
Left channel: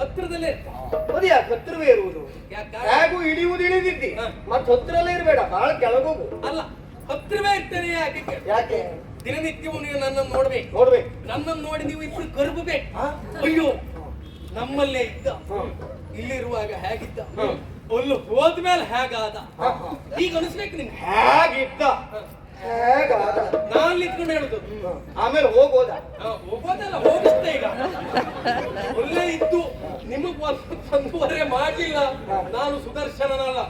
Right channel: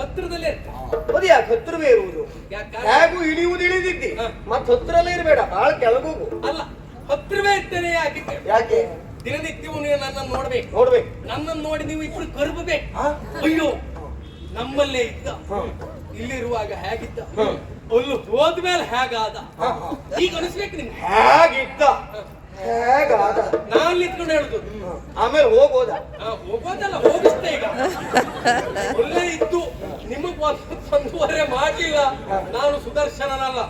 ಹತ್ತಿರದಲ್ಲೇ ಇರ್ತೇನೆ. ಅದು ಯಾಕೆ ಹತ್ರವೇ ಇರುವುದು? ಯಾಕೆ? ಹೇಗೂ ಇಳಿದಿದ್ದಿ ಮತ್ ಹತ್ರಲ್ಲೇ ಇರ್ಬೇಡ, ಬಹಳ ಕೆಳಗೋಗು. ಅಲ್ಲ, ಹತ್ತಿರವೇ ಇರ್ತೇನೆ. ಯಾಕೆ? ಯಾಕೆ? ದಿನನಿತ್ಯವೂ ನೀವು ನನ್ನನ್ನು ನೋಡ್ಬೇಕು. ನನ್ನನ್ನು ನೋಡಿ ನೀವು ಇಬ್ರು ಕರ್ಬಬೇಕು. ಅಯ್ಯೋ, ನಮ್ಮಲ್ಲೇ ಇದ್ದ, ಇಲ್ಲಿರುವಾಗ ಹೇಗಿದ್ದ, ಅಲ್ಲಿ ಹೋದ್ಮೇಲೆ ಹೇಗಾದ, ಈಗ ಅನಿಸ್ಬೇಕು ನಿಮ್ಗೆ. ಹೇಗಿದ್ದ ಹೇಗಾದ ನಾನ್ ನಿಂತ್ಕೊಂಡು ಹೇಳುದು. ಆಮೇಲೆ ಹೋಗೋದ? ಹೋಗೋದಲ್ಲ, ಹೋಗಿಸ್ತೆ. ಈಗ ಒಳ್ಳೆ ಇದ್ದು ನಿಮಗ್ ಒಂದೂವರೆ ಮಾಡ್ಲಿಲ್ಲ, ನಾನು ಸುದರ್ಶನನಲ್ಲ,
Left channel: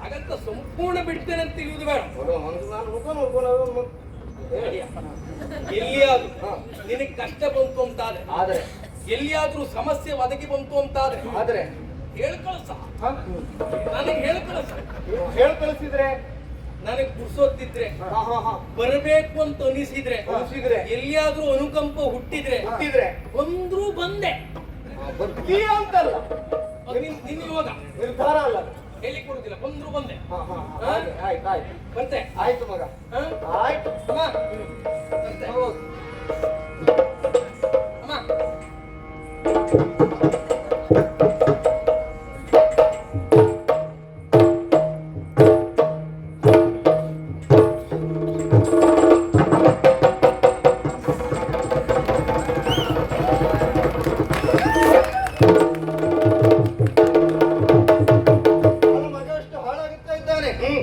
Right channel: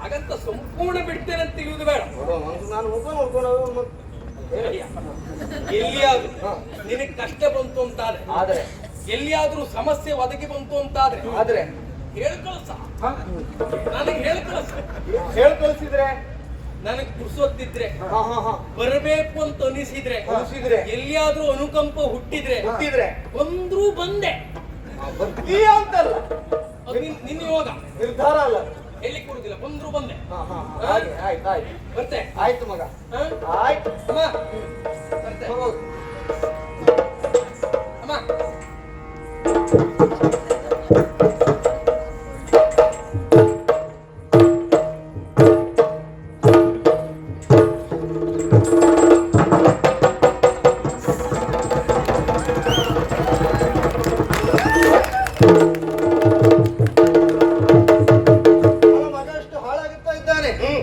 ಹಾಗಂತ ಸಂಪೂರ್ಣ ಬಿಡ್ತೇನೆ ಅಂತ ತಿಳಿಯುವುದು ಬೇಡ. ಎಲ್ಲಿಯಾದ್ರೂ ನಿನಗೆ ಕಷ್ಟ ಬಂತು ಅಂತಾದ್ರೆ, ಎಲ್ಲಿಯಾದ್ರೂ ಸಮಸ್ಯೆ ಒದಗಿ ಬಂತು ಅಂತಾದ್ರೆ ಹೇಳ್ಕಳಸ, ನನಗೆ ಹೇಳ್ಕಳಿಸಿದ್ರೆ, ನನಗೆ ಕುಡ್ಸೋದಿದ್ರೆ, ಬರಬೇಕು ಅಂತ ಅನಿಸಿದ್ರೆ, ಎಲ್ಲಿಯಾದ್ರೂ ಅನುಕಂಪ ಹುಟ್ಟಿದ್ರೆ ಬಂದ್ರೂ ಬಂದೆ ಬರ್ತೀಯ ಅಂತಲ್ಲ, ನಿನ್ನ ಯೋಗ ನಿರ್ಧಾರ ಅಲ್ಲ, ಹೇಳಿ ಕೊಡುದಿಲ್ಲ, ಬಂದ್ರು ಬಂದೆ. ಬರ್ತೆ. ಆಯ್ತು ಮಗ, ಆಯ್ತು. ಅಮ್ಮ ಬರ್ತೆ. ಅಮ್ಮ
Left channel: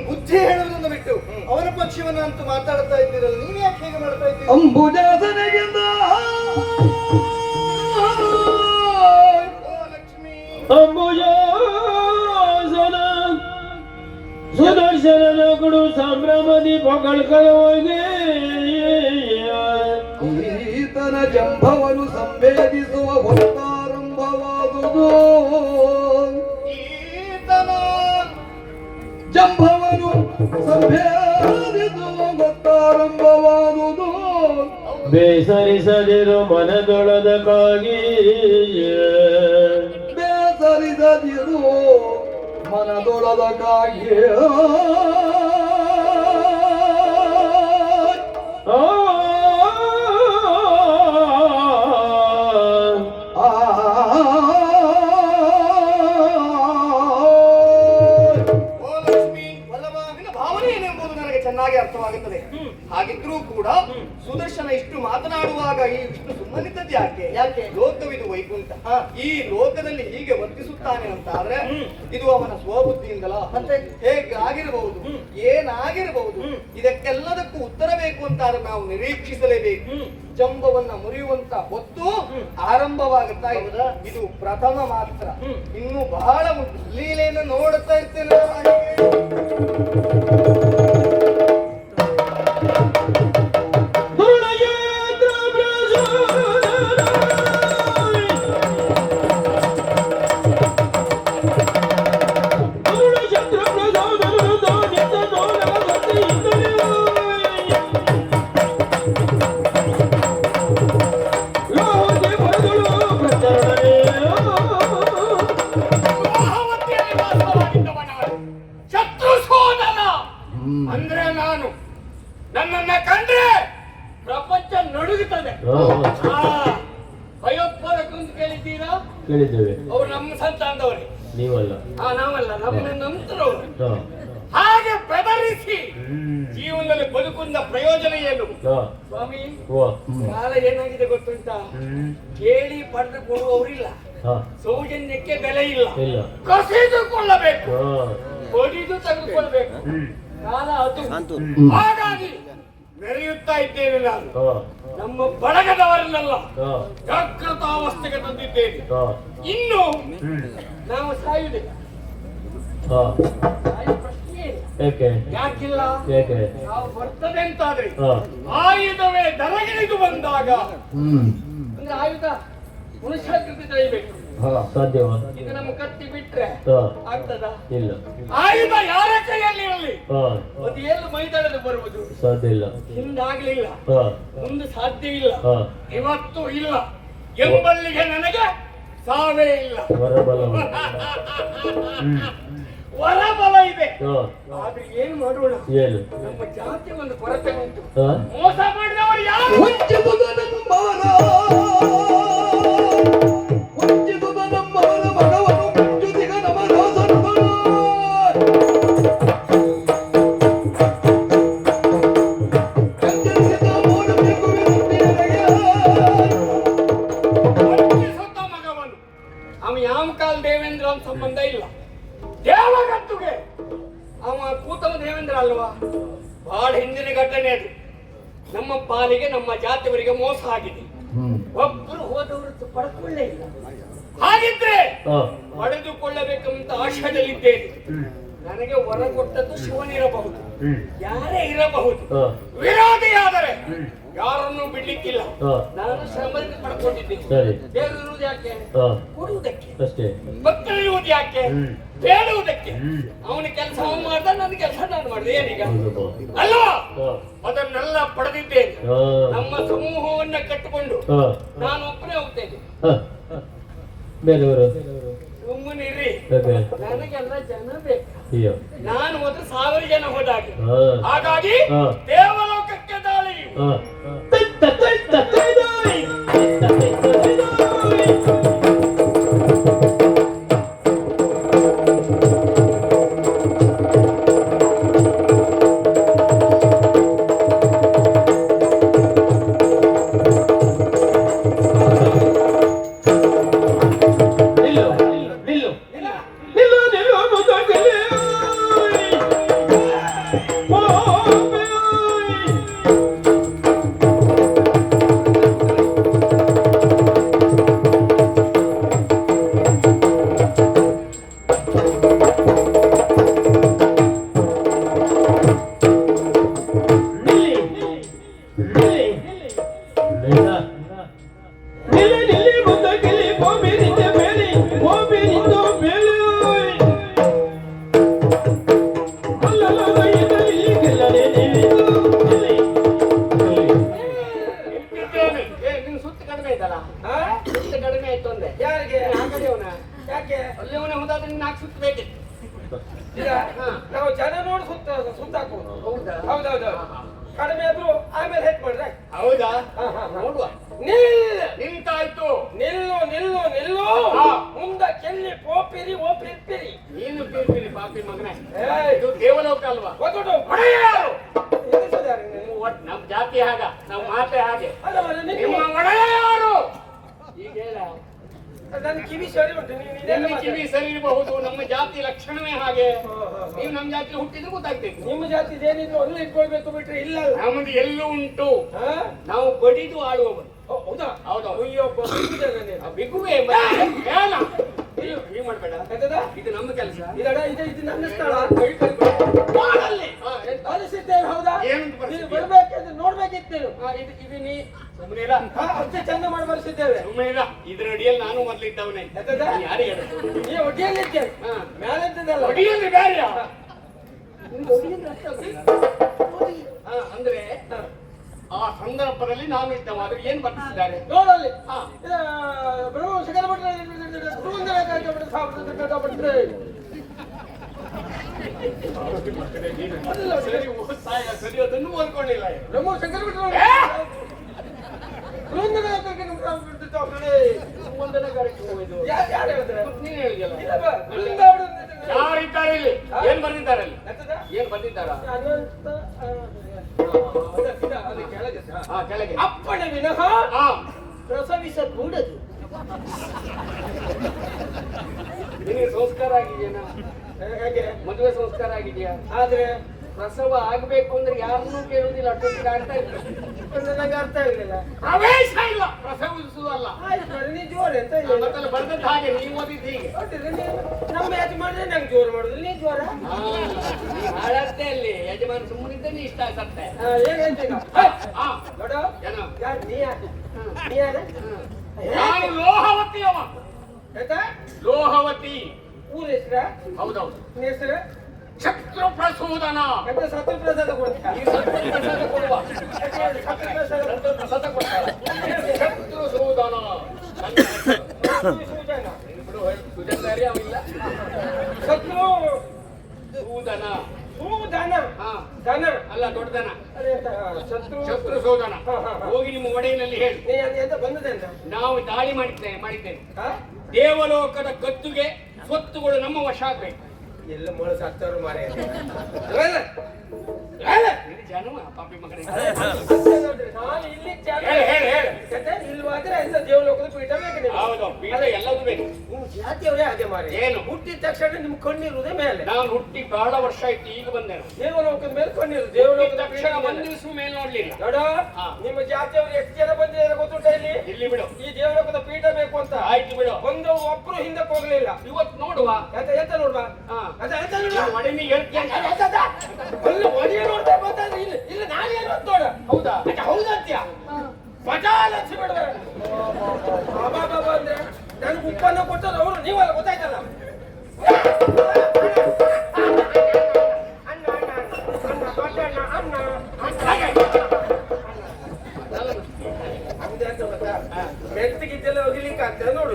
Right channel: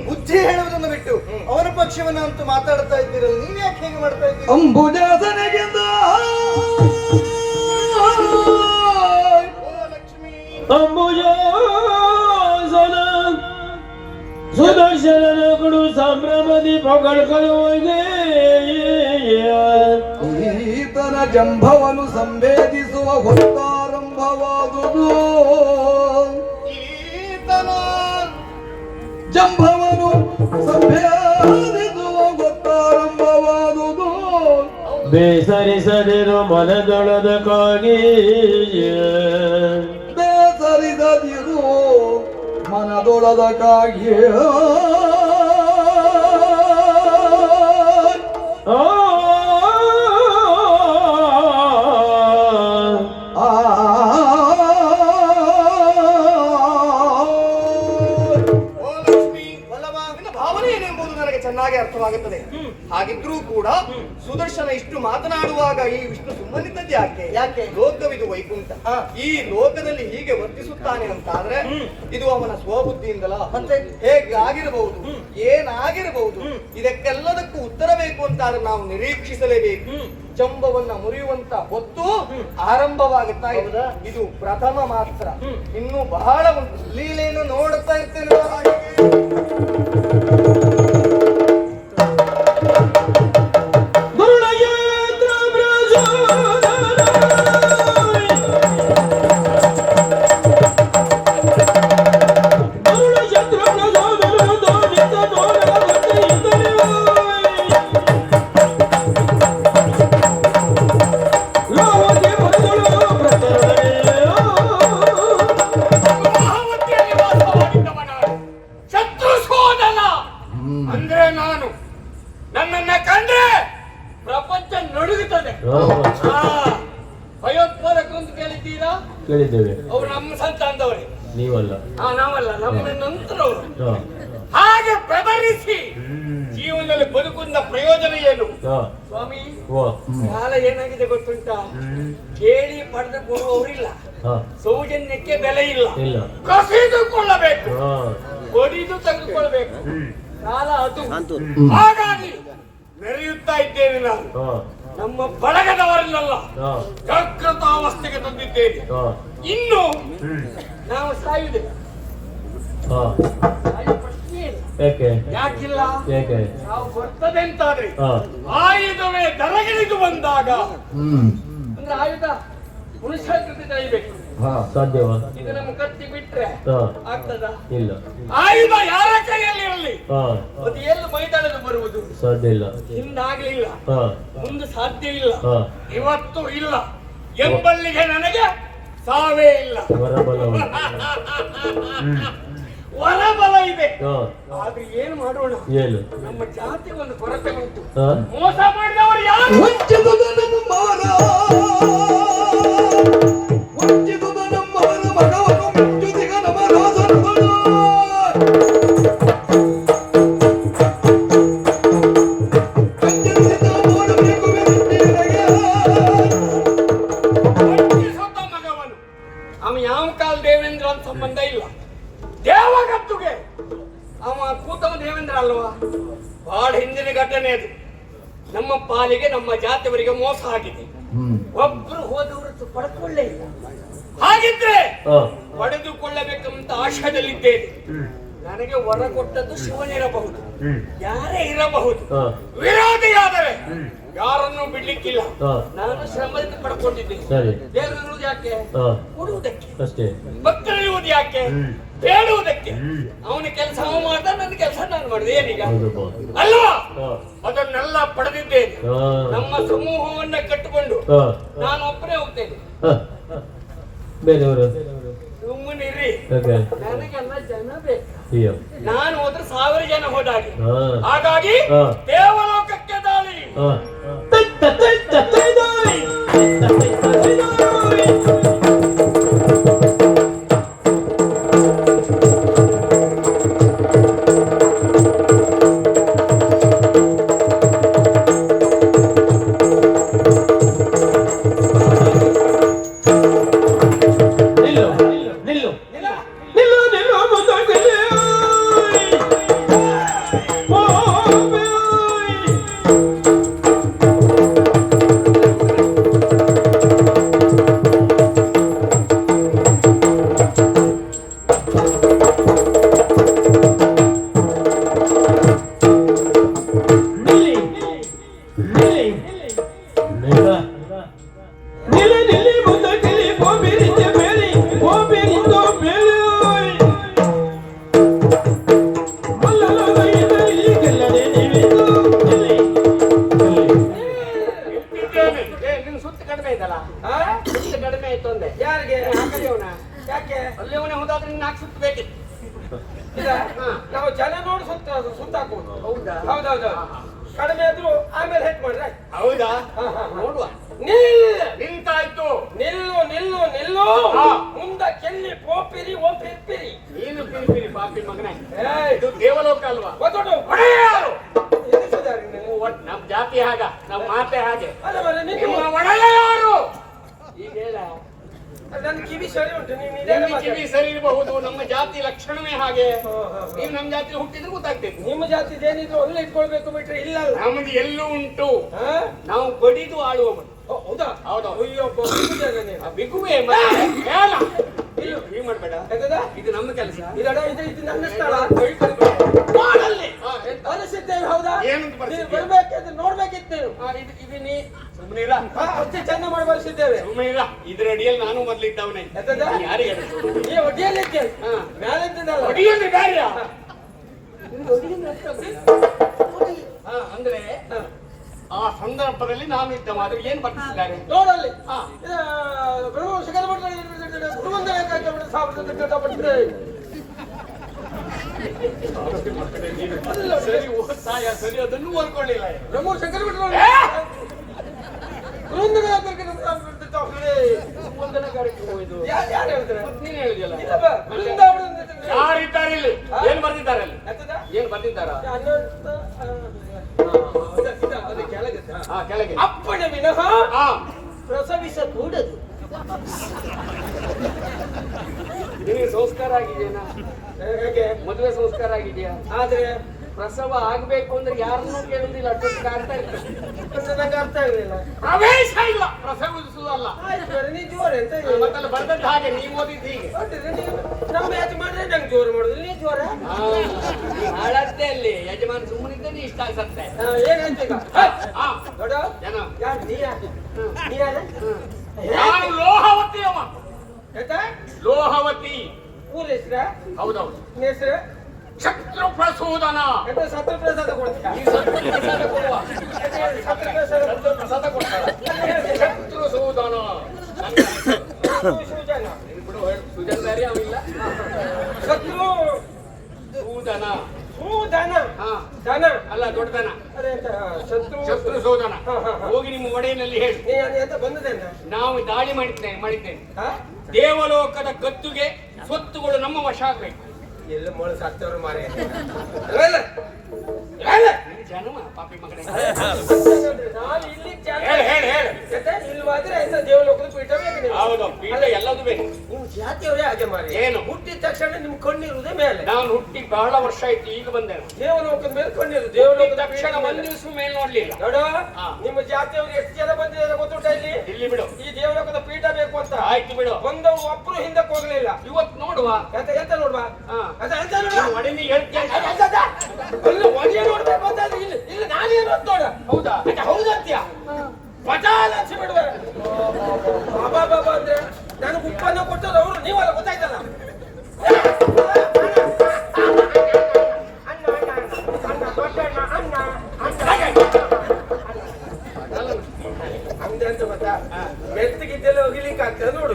ಬುದ್ಧಿ ಹೇಳುವುದನ್ನು ಬಿಟ್ಟು ಅವನ ಪಕ್ಷವನ್ನ ಅಂತೂ ಮಾತಾಡ್ತಾ ಇದ್ದೀರಲ್ಲ, ನೀವ್ ಯಾಕೆ ಹೀಗೆ ಮಾಡ್ತಾ ಇದ್ದೀರಿ? ಅಂಬುಜಾಸನಗಿಂದ ಲಕ್ಷ್ಮೀ ಅಂಬುಜಾಸನ ಸುದರ್ಶನ ಗುಡು ಸಂಭ್ರಮದಿ ಪೊಗಳ್ಕೊಳ್ಳುವಾಗೆ ಈತನ ಜಂಭವನ್ನು ಸಂವೇದಿಸುವ ಹೊತ್ತಾರಂಭವಾದುದು. ಈತನ ಜಂಭವನು ಸಂವೇದಿಸುವ ಹೊತ್ತಾರಂಭವಾದುದು. ಬೇಸರಿಸದಿರು ಮನದೊಳದಕ್ಕಾಗಿ, ಬೇಸರಿಸದಿರು ಮನದೊಳದಕ್ಕಾಗಿ. ಚೆನ್ನಾಗಿ ಅರ್ಥವಾಗುತ್ತದೆ. ಹಾಗಿದ್ರೂ ಕೂಡ ಸುದರ್ಶನ ಇಷ್ಟು ಮಾತನಾಡುವಾಗ ಈ ವಿಷ್ಣು ಸುಮ್ಮನಿದ್ದದ್ದು ಯಾಕೆ? ಲೋಕವಿದು ವೈಕುಂಠ, ಈ ಲೋಕದಲ್ಲಿ ಹೀಗೆ ವರ್ತಿಸುತ್ತಾನೆ ಅಂತಾದ್ರೆ ಇದು ಅವನ ಸ್ವಬುದ್ಧಿಯಿಂದಲ. ಹೇಗೆ ಆಗಿರಬಹುದು, ಏನಾಗಿರಬಹುದು, ಇದಕ್ಕೆಲ್ಲದಕ್ಕೂ ಉತ್ತರ ಬೇಕು ಅಂತಾದ್ರೆ ನಾವು ನಿರೀಕ್ಷಿಸಲೇಬೇಕು. ಜಂಬವನ್ನ ಮುರಿಯುವಂತ ಹೊತ್ತು ಆರಂಭವಾಗುತ್ತಾ ಇದೆ. ಇದು ಪ್ರಥಮ ಮಾತ್ರ, ಇನ್ನೂ ಬಹಳ ಉಂಟು. ಲೀಲೆಯನ್ನು ನೋಡುತ್ತಾ ಇರ್ತೇನೆ. ಅಂದ್ರೆ ನಾನು ನನ್ನನ್ನ ಕಂಡ್ರೆ ಪ್ರಪಂಚ ನಡುಗುತ್ತದೆ. ಭಯೋತ್ಪಾದಕ ಅಂತ ಕೇಳಿದ್ದೀರಾ? ಕೇಳಿದ್ದೇವೆ. ಅವ್ರು ನಮ್ಮ ಸಂತಾನದವರೇ, ನೀವಲ್ಲ. ನಾವಲ್ಲ, ನಮ್ಮ ನಂತರವರು. ಹಾಗೆ ಬೆದರ ಆರಿಸಿ ಜೀವನದಲ್ಲಿ ಬದುಕುವ ಪ್ರಯೋಜನ ಏನು? ಸ್ವಾಮಿ, ಕಾಲ ಏನಾಗಿದೆ ಗೊತ್ತುಂಟ? ಕೇಳಿ ಪಡೆದು ಕೊಡುವವರಿಲ್ಲ, ಸೌಜನ್ಯಕ್ಕೆ ಬೆಲೆ ಇಲ್ಲ, ಕಸಿದುಕೊಳ್ಳಬೇಕು, ಹೊಡಿದು ತೆಗೆದುಕೊಳ್ಬೇಕು. ಕಾಲ ಅದು. ಹಾಗಾಗಿ ಮೆರೆಯುತ್ತಾ ಇದ್ದೇನೆ ನಾನು. ನಮ್ಮ ಬಳಗದವರನ್ನೆಲ್ಲ ಜಾಗೃತಾವಸ್ಥೆಗೆ ತಂದಿದ್ದೇನೆ. ಇನ್ನು ನಾವು ಸಾಯುವುದಿಲ್ಲ. ಯಾಕಿಲ್ಲ? ನಾವು ಬರ್ತದೆ ಅಂತಾದ್ರೆ ಆಯುಧವೇ ದರಗಿಳಿದು ಬಂದಾಗ, ಅಂದ್ರೆ ಆಯುಧ ಮನುಷ್ಯ ಕೃತಿ ತೆಗಿಬೇಕು. ಇದು ನಮ್ಮ ಕತ್ತಿ ಬಿಟ್ರೆ ಆಗ್ತದ? ಇಲ್ಲ. ಆಯುಧ ಯಾರ ಕೈಯಲ್ಲಿರಲಿ ಅದು ಏನು ಮೈದಾಳದು ಬರುವುದು ಸಾಧ್ಯ ಇಲ್ಲ. ಹಿಂದಾಗ್ಲಿಲ್ಲ, ಮುಂದೆ ಸಾಧ್ಯ ಇಲ್ಲ, ಇವತ್ತು ಇಲ್ಲ ಎಂಬಲ್ಲಿಗೆ ನನಗೆ ಸಾವೇ ಇಲ್ಲ. ಹೊರಬಲ ಇದೆ. ಆದ್ರೆ ಏನು ಮಾಡೋಣ? ನಮ್ಮ ಜಾತಿ ಒಂದು ಕೊರತೆ ಉಂಟು. ಮೋಸ ಮಾಡಿದವರು ಯಾರು? ಮಗವನು ಅವ ಯಾವ ಕಾಲ ದೇವೇಂದ್ರ ಅಂತ ಸಂಬಂಧ ಇಲ್ಲ. ದೇವಗತ್ತುಗೆ ಅವ ಕೂತವ ದೇವೇಂದ್ರ ಅಲ್ವಾ? ಬಹಳ ಹಿಂದಿನ ಘಟನೆ ಅದು. ನಮ್ಮ ಪಾಲಿಗೆ ನಮ್ಮ ಜಾತಿಯವರಿಗೆ ಮೋಸ ಆಗಿದೆ. ಒಬ್ರು ಹೋದವರು ಪಡೆದುಕೊಳ್ಳೇ ಇಲ್ಲ. ಹಾಗಿದ್ರೆ ಪಡೆದುಕೊಳ್ಳಬೇಕಂತ ಆಶಯದಲ್ಲಿದ್ದೇನೆ. ನನಗೆ ವರ ಕೊಟ್ಟದ್ದು ಶಿವನಿರಬಹುದು, ಯಾರೇ ಇರಬಹುದು. ವಿರೋಧಿಯಾದರೆ ಯಾರನ್ನು ಬಿಡ್ಲಿಕ್ಕಿಲ್ಲ. ನಾನು ಶ್ರಮದಿಂದ ಪಡ್ಕೊಂಡಿದ್ದೇನೆ. ದೇವರಿರುವುದು ಯಾಕೆ? ಕೊಡುವುದಕ್ಕೆ. ಭಕ್ತರಿರುವುದು ಯಾಕೆ? ಬೇಡುವುದಕ್ಕೆ. ಅವನ ಕೆಲಸ ಅವ ಮಾಡ್ದ, ನನ್ನ ಕೆಲಸ ನಾನು ಮಾಡಿದೆ. ಏನೀಗ ಅಲ್ವಾ? ಅದನ್ನೆಲ್ಲ ಪಡೆದಿದ್ದೇನೆ. ನಮ್ಮ ಸಮೂಹವನ್ನ ಕಟ್ಟಿಕೊಂಡು ನಾನು ಒಬ್ಬನೇ ಹೋಗ್ತೇನೆ. ಸುಮ್ಮನಿರಿ, ನನಗೆಲ್ಲ ಜನ ಬೇಕು. ನಾನು ಹೋದ್ರೆ 1000 ಜನ ಹೋದಾಗೆ. ಹಾಗಾಗಿ ದೇವಲೋಕಕ್ಕೆ ದಾಳಿ. ನಾವು ಜನ ನೋಡಿ ಸುತ್ತಾಕುವುದು. ಹೌದೌದು. ಕಡಿಮೆ ಆದ್ರೂ ಆಮೇಲೆ ಹೆಟ್ ಮಾಡ್ರೆ. ಹೌದಾ? ನೋಡುವ. ನಿಂತಾಯ್ತು. ನಿಲ್ಲು ನಿಲ್ಲು ನಿಲ್ಲು. ಮುಂದ ಕೆಲ್ಲಿ ಪೋಪಿರಿ ಓ ಪಿರ್ಪಿರಿ. ನೀನು ಪಿರ್ಪಿರಿ ಪಾಪಿ ಮಗನೇ. ಇದು ದೇವಲೋಕ ಅಲ್ವಾ? ಗೊತ್ತುಂಟು. ನಮ್ ಜಾತಿ ಹಾಗ, ನಮ್ ಮಾತೆ ಹಾಗೆ. ನಿಮ್ಮ ಒಡೆಯ ಯಾರು? ಈಗ ಹೇಳ. ನನ್ನ ಕಿವಿ ಸರಿ ಉಂಟು. ನಿಮ್ಮ ಕಿವಿ ಸರಿ ಇರಬಹುದು, ನಮ್ಮ ಜಾತಿ ಲಕ್ಷಣವೇ ಹಾಗೆ. ನೀವು ನಮ್ಮ ಜಾತಿ ಹುಟ್ಟಿದ್ರೆ ಗೊತ್ತಾಗ್ತೈತೆ. ನಿಮ್ಮ ಜಾತಿ ಏನಿದ್ರು ಅಲ್ಲ ಇಟ್ಕೊಳ್ಬೇಕು ಬಿಟ್ರೆ ಇಲ್ಲ. ನಮ್ದು ಎಲ್ಲೂ ಉಂಟು. ನಾವು ಬಡಿದು ಆಳುವವರು. ಹೌದಾ? ಹೌದಾ? ಬಿಗುವೆ ಮಾಡ್ಬೇಡ. ಇದು ನಮ್ಮ ಕೆಲಸ. ಇದು ನನ್ನ ಸ್ಥಳ. ಹೌದಾ? ಬರ್ಬೇಕಿದ್ರೆ ನೋಡ್ಬೇಕಿತ್ತು. ಇದು ನೀ ಚಂದ ಮಾಡಿ ಬರೆಸಿದ್ದೇವೆ. ಇದ್ರ ಅಡಿಯಲ್ಲಿ ನಾನು ಮೊದಲಿದ್ದವನೇ. ಒಡಿಯಲ್ಲಿದ್ದೆ ಅಂದ್ರೆ ಆ ಸಂದರ್ಭದಲ್ಲಿ ನಾವು ಇದ್ದವ. ಆದ್ರೆ ಏನ್ ಬರ್ತಿದ್ದಾರೆ ನೋಡಲ್ಲಿ. ಸರಿ, ಅದನ್ನು ಓದ್ಕೊಳ್ಳಿಲ್ಲ. ನಮ್ಮೂರು ಶಂಕರ ಯಾರು ಬರೀತಾರೆ ಇಲ್ಲಿ ಏನ್ ಬರ್ದಿದ್ದಾರೆ ಅಲ್ಲಿ ಎಂತದ? ಏನ್ ಬರ್ದಿದ್ದಾರ ಅನಂತ ಅದು ಕೆಳಗೆ ಕೆಳಗೆ ಅಪ್ಪಣ ವಿನಃ ಹಾ ಪ್ರಸವಿಸಕೂಡದು. ನಿನಗೆ ಸಂಸ್ಕಾರ ಆಗಿದೆಯಾ? ಹೇಗೆ ಮದುವೆ ಸಂಸ್ಕಾರ ಆಗಿದೆಯಾ? ಆದ್ರೆ ಪ್ರಸವ ಆಗ್ಬೇಕು ಅಂದ್ರೆ ಯಾರನ್ನೂ ಕೇಳುವುದಿಲ್ಲ, ಅಷ್ಟೊತ್ತಿಗೆ ಆಗ್ತಾ ಇರ್ತದೆ. ನನಗೆ ಅರ್ಥ ಆಗಲಿಲ್ಲ. ಪ್ರವೇಶ ಇಲ್ಲ, ಪ್ರಸವಿಸುವುದಲ್ಲ. ಆಯ್ತು ಬರೀ ನೀ ಜೋರ್ ಅಂತ ಮತ್ತಲ್ಲ ಬರ್ದಂತ ಹಾಗೆ ನೀವು ಓದಿದ್ದು ಹೀಗೆ. ಒಟ್ಟಿದ್ರೆ ನೀವು ನಮ್ಮ ಯಜಮಾನ್ರೆ ನಂಗೆ ಜೋರ್ ಮಾಡುದಿಲ್ಲ, ನೀ ಜೋರ ಹಾಳಾಡ್ತೆ ಅಲ್ಲಿ ಯಜಮಾನ್ ಸುಮ್ಮನಿದ್ದೇನೆ ಇಷ್ಟ ಆಗ್ತದೆ. ಏನಾಯ್ತು ಈಗ? ಹಾ ನೋಡ ಜನ ಯಾರು ನೀ ಯಾರು? ನೀ ಯಾರ? ನಾನು ಲೋಹವತಿ ಅವ. ಆಯ್ತಾ? ಲೋಹವತಿ ಊರ ಹೆಸ್ರ? ಹೌದೌದು. ನಿನ್ನ ಹೆಸರು? ಶತ್ರು ಪ್ರಸೂದನ. ಎಂತ ಸತ್ರ ಪ್ರಸಾದ ಕೊಡ್ತೀಯ? ಈ ಶತ್ರು ಪ್ರಸಾದ ಕೊಡುವ. ಸತ್ರ ಪ್ರಸಾದ ಶತ್ರು ಪ್ರಸಾದ ಕೊಡ್ತಾರೆ. ಶತ್ರು ಸೂದನ. ಸೂಜನ. ಬಿಡು ಸುಜನ್ ಬೇರೆ ಅವಿಲ್ಲ. ಶತ್ರು ಸೂದನ. ಸೂದನ. ಹಾ ದನ ಅಲ್ಲ ದೊಡ್ಡದನ. ಅಲ್ಲ ಎಂತ? ಶತ್ರು ಶತ್ರು ಸೂದನ. ಹಾ, ಹಾ, ಹಾ. ಹೋಗಿ ನಿಮ್ಮ ಒಡೆಯನಲ್ಲಿ ಹೇಳು, ನೀ ಅದು ಎಂತ ಬಂದದೆ ಅಂತ? ನಾವು ದಾಳಿ ಮಾಡಿದ್ದೇನೆ. ಹಾ? ದೇವಲೋಕದ ಗದ್ದುಗೆ ಸ್ವತ್ತುಗಳು ನಮ್ಮ ವಶ ಆಗ್ಬೇಕು. ಎಲ್ಲ ಮೊಳ ಸತ್ತವರು ಮಾರಿ ಜನ್ಮ ಪಾಪಿ ಮಗನೇ. ನಾನು ಇಲ್ಲಿ ಹೇಳು. ಇಲ್ವಾದ್ರೆ ಎಂತ ದೇವಲೋಕದ ಪೀಠ ಬೇಕು ನಿಮ್ಗೆ. ಹೌದು, ಪೀಠ ಎಲ್ಲದೂ ಬೇಕು. ನಿಮ್ ಜಾತಿಯವರೇ ಹಾಗೆ ಮಾರಿ. ಏನು? ಹುಟ್ಟಿದ ತಕ್ಷಣ ನಿಮ್ ಕಣ್ಣಿರುವುದೇ ಮೇಲೆ. ನಾನು ಹುಟ್ಟಿ ಬಹಳ ವರ್ಷ ಆಯ್ತು, ಈಗ ಬಂದೆ. ದೇವಲೋಕದ ಮೇಲೆ ಕಣ್ಣಿರು. ಹುಟ್ಟಿದ ದೇವಲೋಕದ ತಕ್ಷಣ ಒಂದ್ ದಿವಸ ಮೇಲೆ ನೋಡ್ಲಿಲ್ಲ. ನೋಡ ಹಾ. ನಿಮ್ಮ ಜಾತಿಯವರು ಎಷ್ಟು ಜನ ಬಂದಿದ್ದಾರೆ ಗೊತ್ತುಂಟ ಇಲ್ಲಿ? ಇಲ್ಲಿ ಬಿಡು. ಈ ದೇವಲೋಕದ ಪೀಠ ಬೇಕು ಅಂತ ಆಯ್ತು ಬಿಡು. ಒಂದವು ಒಬ್ರು ಹಿಂದಕ್ಕೆ ಹೋಗ್ಲಿಲ್ಲ. ಇವತ್ತು ನೋಡುವ. ಎಂತ ನೋಡ್ವಾ? ಹಾ. ಎಂತ ನೋಡ್ವಾ? ಮಡಿನಿ ಹೇಳ್ತೇನೆ. ಅಲ್ಲ ಒಳ್ಳೆ ನೋಡ್ಬೇಕು ಅಂತ ಇಲ್ಲ ನಾನೇನು ಅಂತ ನೋಡ. ಹೌದಾ? ಹೌದಂತ್ಯ ಪಟಾಲ ಹಚ್ಚಿ ಬಿಡುವೆ. ಬಾಬಾ ಅಂದ್ರೆ ನನಗೆ ಉಪ್ಪನ್ನ ಕೊಟ್ಟದ್ದು ಅವರು, ನೀವಲ್ಲ ಗೊತ್ತಾಯ್ತಲ್ಲ. ಅಂದೆ ಅಂತ ಗೊತ್ತಾ? ಮೆತ್ತಗಿದ್ದೆಲ್ಲ ಹೋಗ್ಲಿಕ್ಕೆ ಆಗ್ತದೆ ನೋಡು.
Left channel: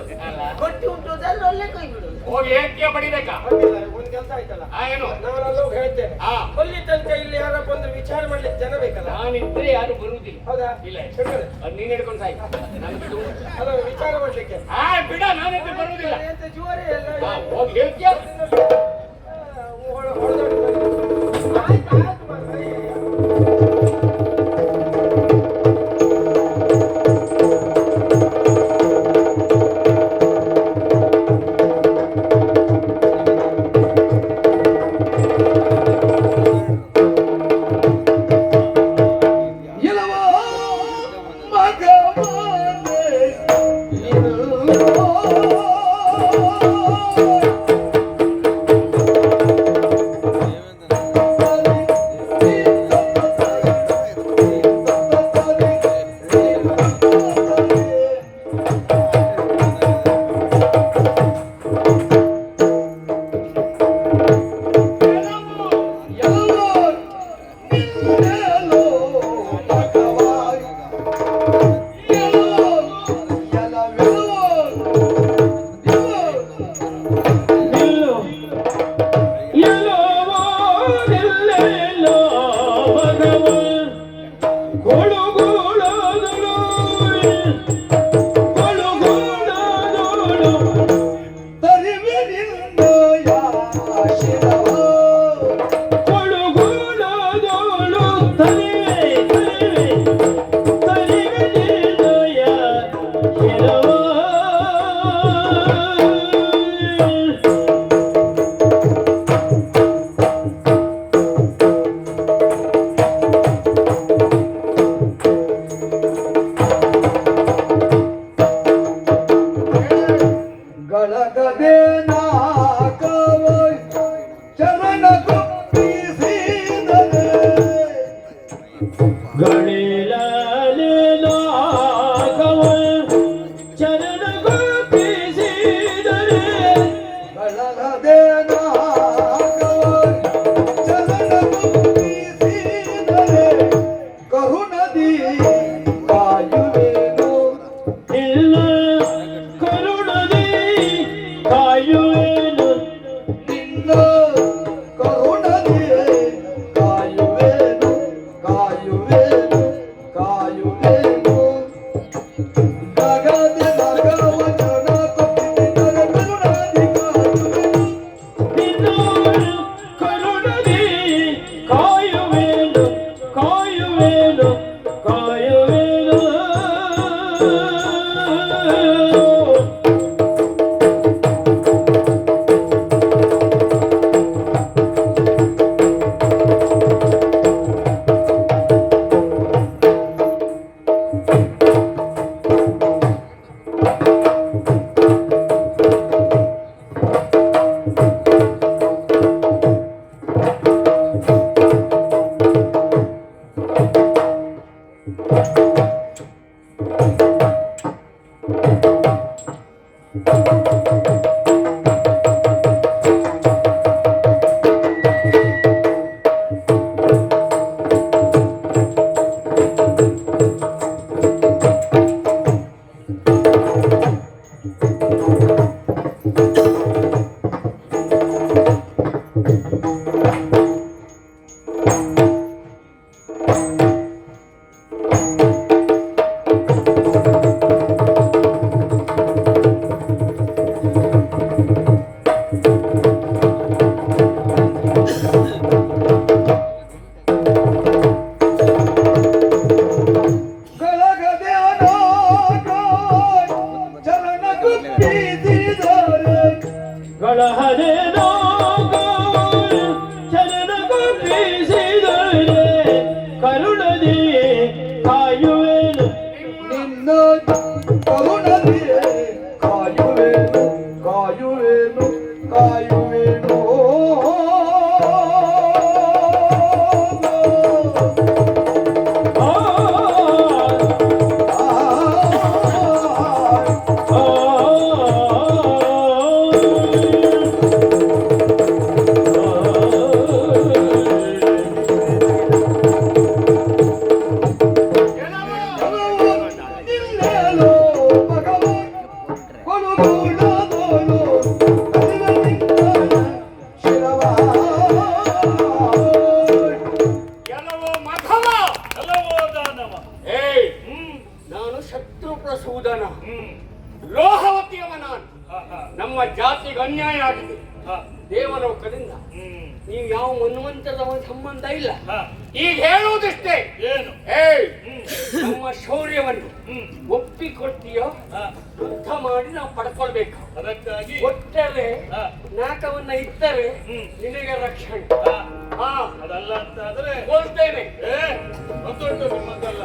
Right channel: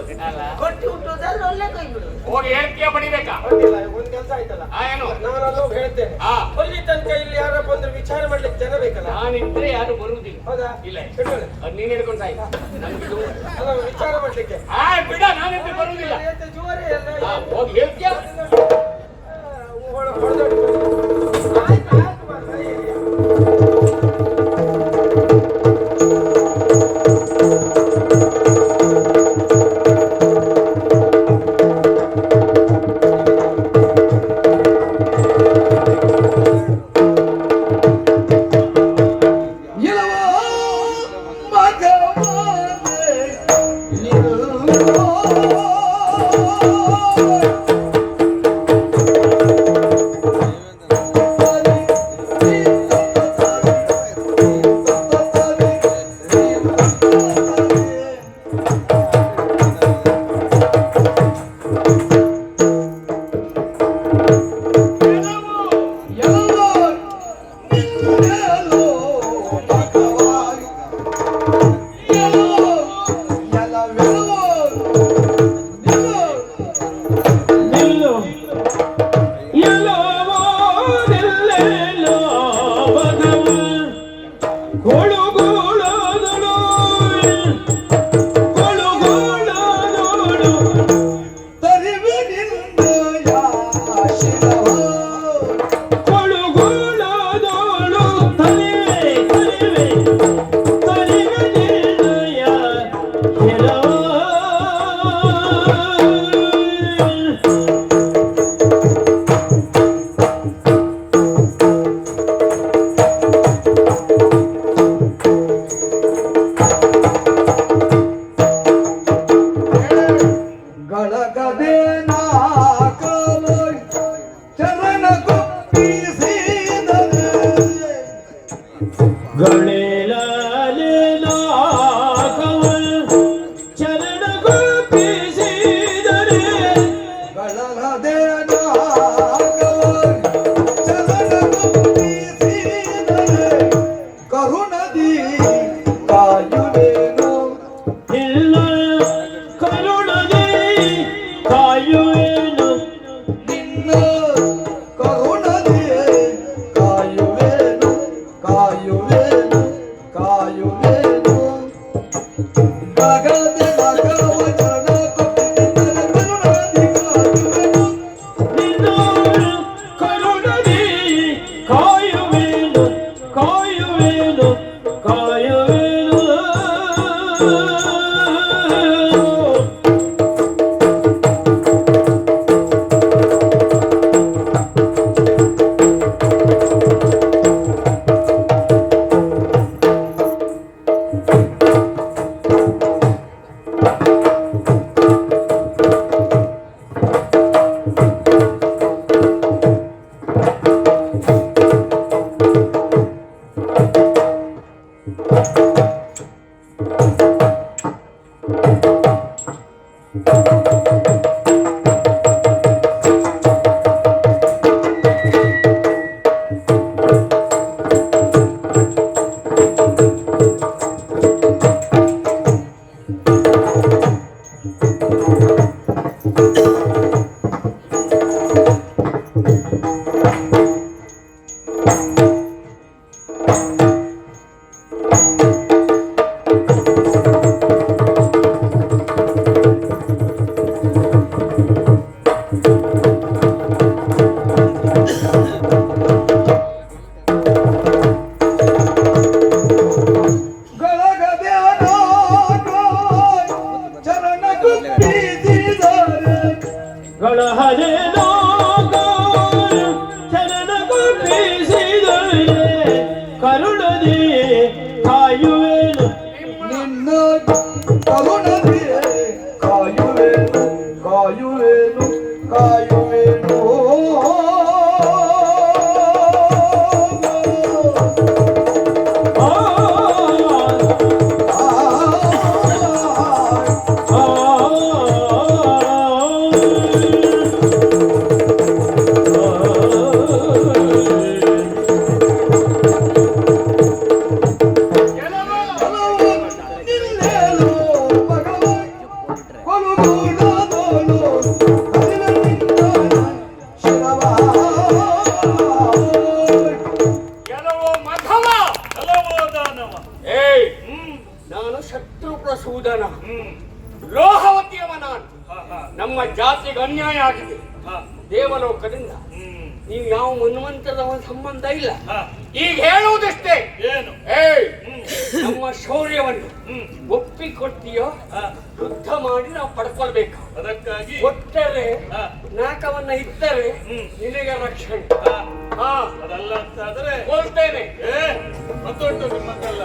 ಕೊಟ್ಟು ಉಂಟು ಅಂದ್ರೆ ಒಳ್ಳೆ ಕೈ ಬಿಡು. ಹೋಗಿ ಹೇಳ್ತೀಯ ಬಡಿಬೇಕಾ? ಅಡ್ಡಿಲ್ಲ, ಒಂದ್ ಕೆಲಸ ಆಯ್ತಲ್ಲ. ಏನು? ನಾನೆಲ್ಲ ಹೋಗಿ ಹೇಳ್ತೇನೆ. ಹಾ. ಅಲ್ಲಿ ತನಕ ಇಲ್ಲಿ ಯಾರ ಬಂದ್ರೆ ವಿಚಾರ ಮಾಡ್ಲಿಕ್ಕೆ ಜನ ಬೇಕಲ್ಲ. ನಾನಿದ್ರೆ ಯಾರು ಬರುವುದಿಲ್ಲ. ಹೌದಾ? ಇಲ್ಲ ಹಿಡ್ಕೊಳ್ಳಿ. ಅದು ನೀನ್ ಹಿಡ್ಕೊಂಡು ಸಾಯಿ. ಅಲ್ಲ ವಿಚಾರ ಮಾಡ್ಲಿಕ್ಕೆ. ಬಿಡ, ನಾನಿದ್ರೆ ಬರುವುದಿಲ್ಲ. ಎಂತ ಜೋರೇ ಎಲ್ಲ. ಹಾ, ಹೋಗಿ ಹೇಳ್ತೀಯ. ಹೊಡೆದಾಡಿ No! ನಾನು ಶತ್ರುಪ್ರಸೂದನ, ಲೋಹವತಿಯವ ನಾನು. ನಮ್ಮ ಜಾತಿಗೆ ಅನ್ಯಾಯ ಆಗಿದೆ. ದೇವಲೋಕದಿಂದ ನೀವು ಯಾವ ಮನ್ವಂತರದವ ಸಂಬಂಧ ಇಲ್ಲ. ಈಗ ಹೇಳುವುದಷ್ಟೇ, ಏನು? ನಮ್ಮ ಶೌರ್ಯವನ್ನು ಒಪ್ಪಿಕೊಟ್ಟಿಯೋ ಯುದ್ಧ ಮಾಡಿ ನಾವು ಪಡ್ಕೊಳ್ಬೇಕು. ಅದಕ್ಕಾಗಿ ಕೊಟ್ಟರೆ ನಾಕವನ್ನ ಇಟ್ಟರೆ ನಿನಗೆ ರಕ್ಷಣೆ. ಅದಲ್ಲ ಅಂತ ಆದ್ರೆ ಕೊಡ್ತೇನೆ. ಗೊತ್ತುಂಟು ನಿಮ್ಮಕ್ಕೆಲ್ಲ.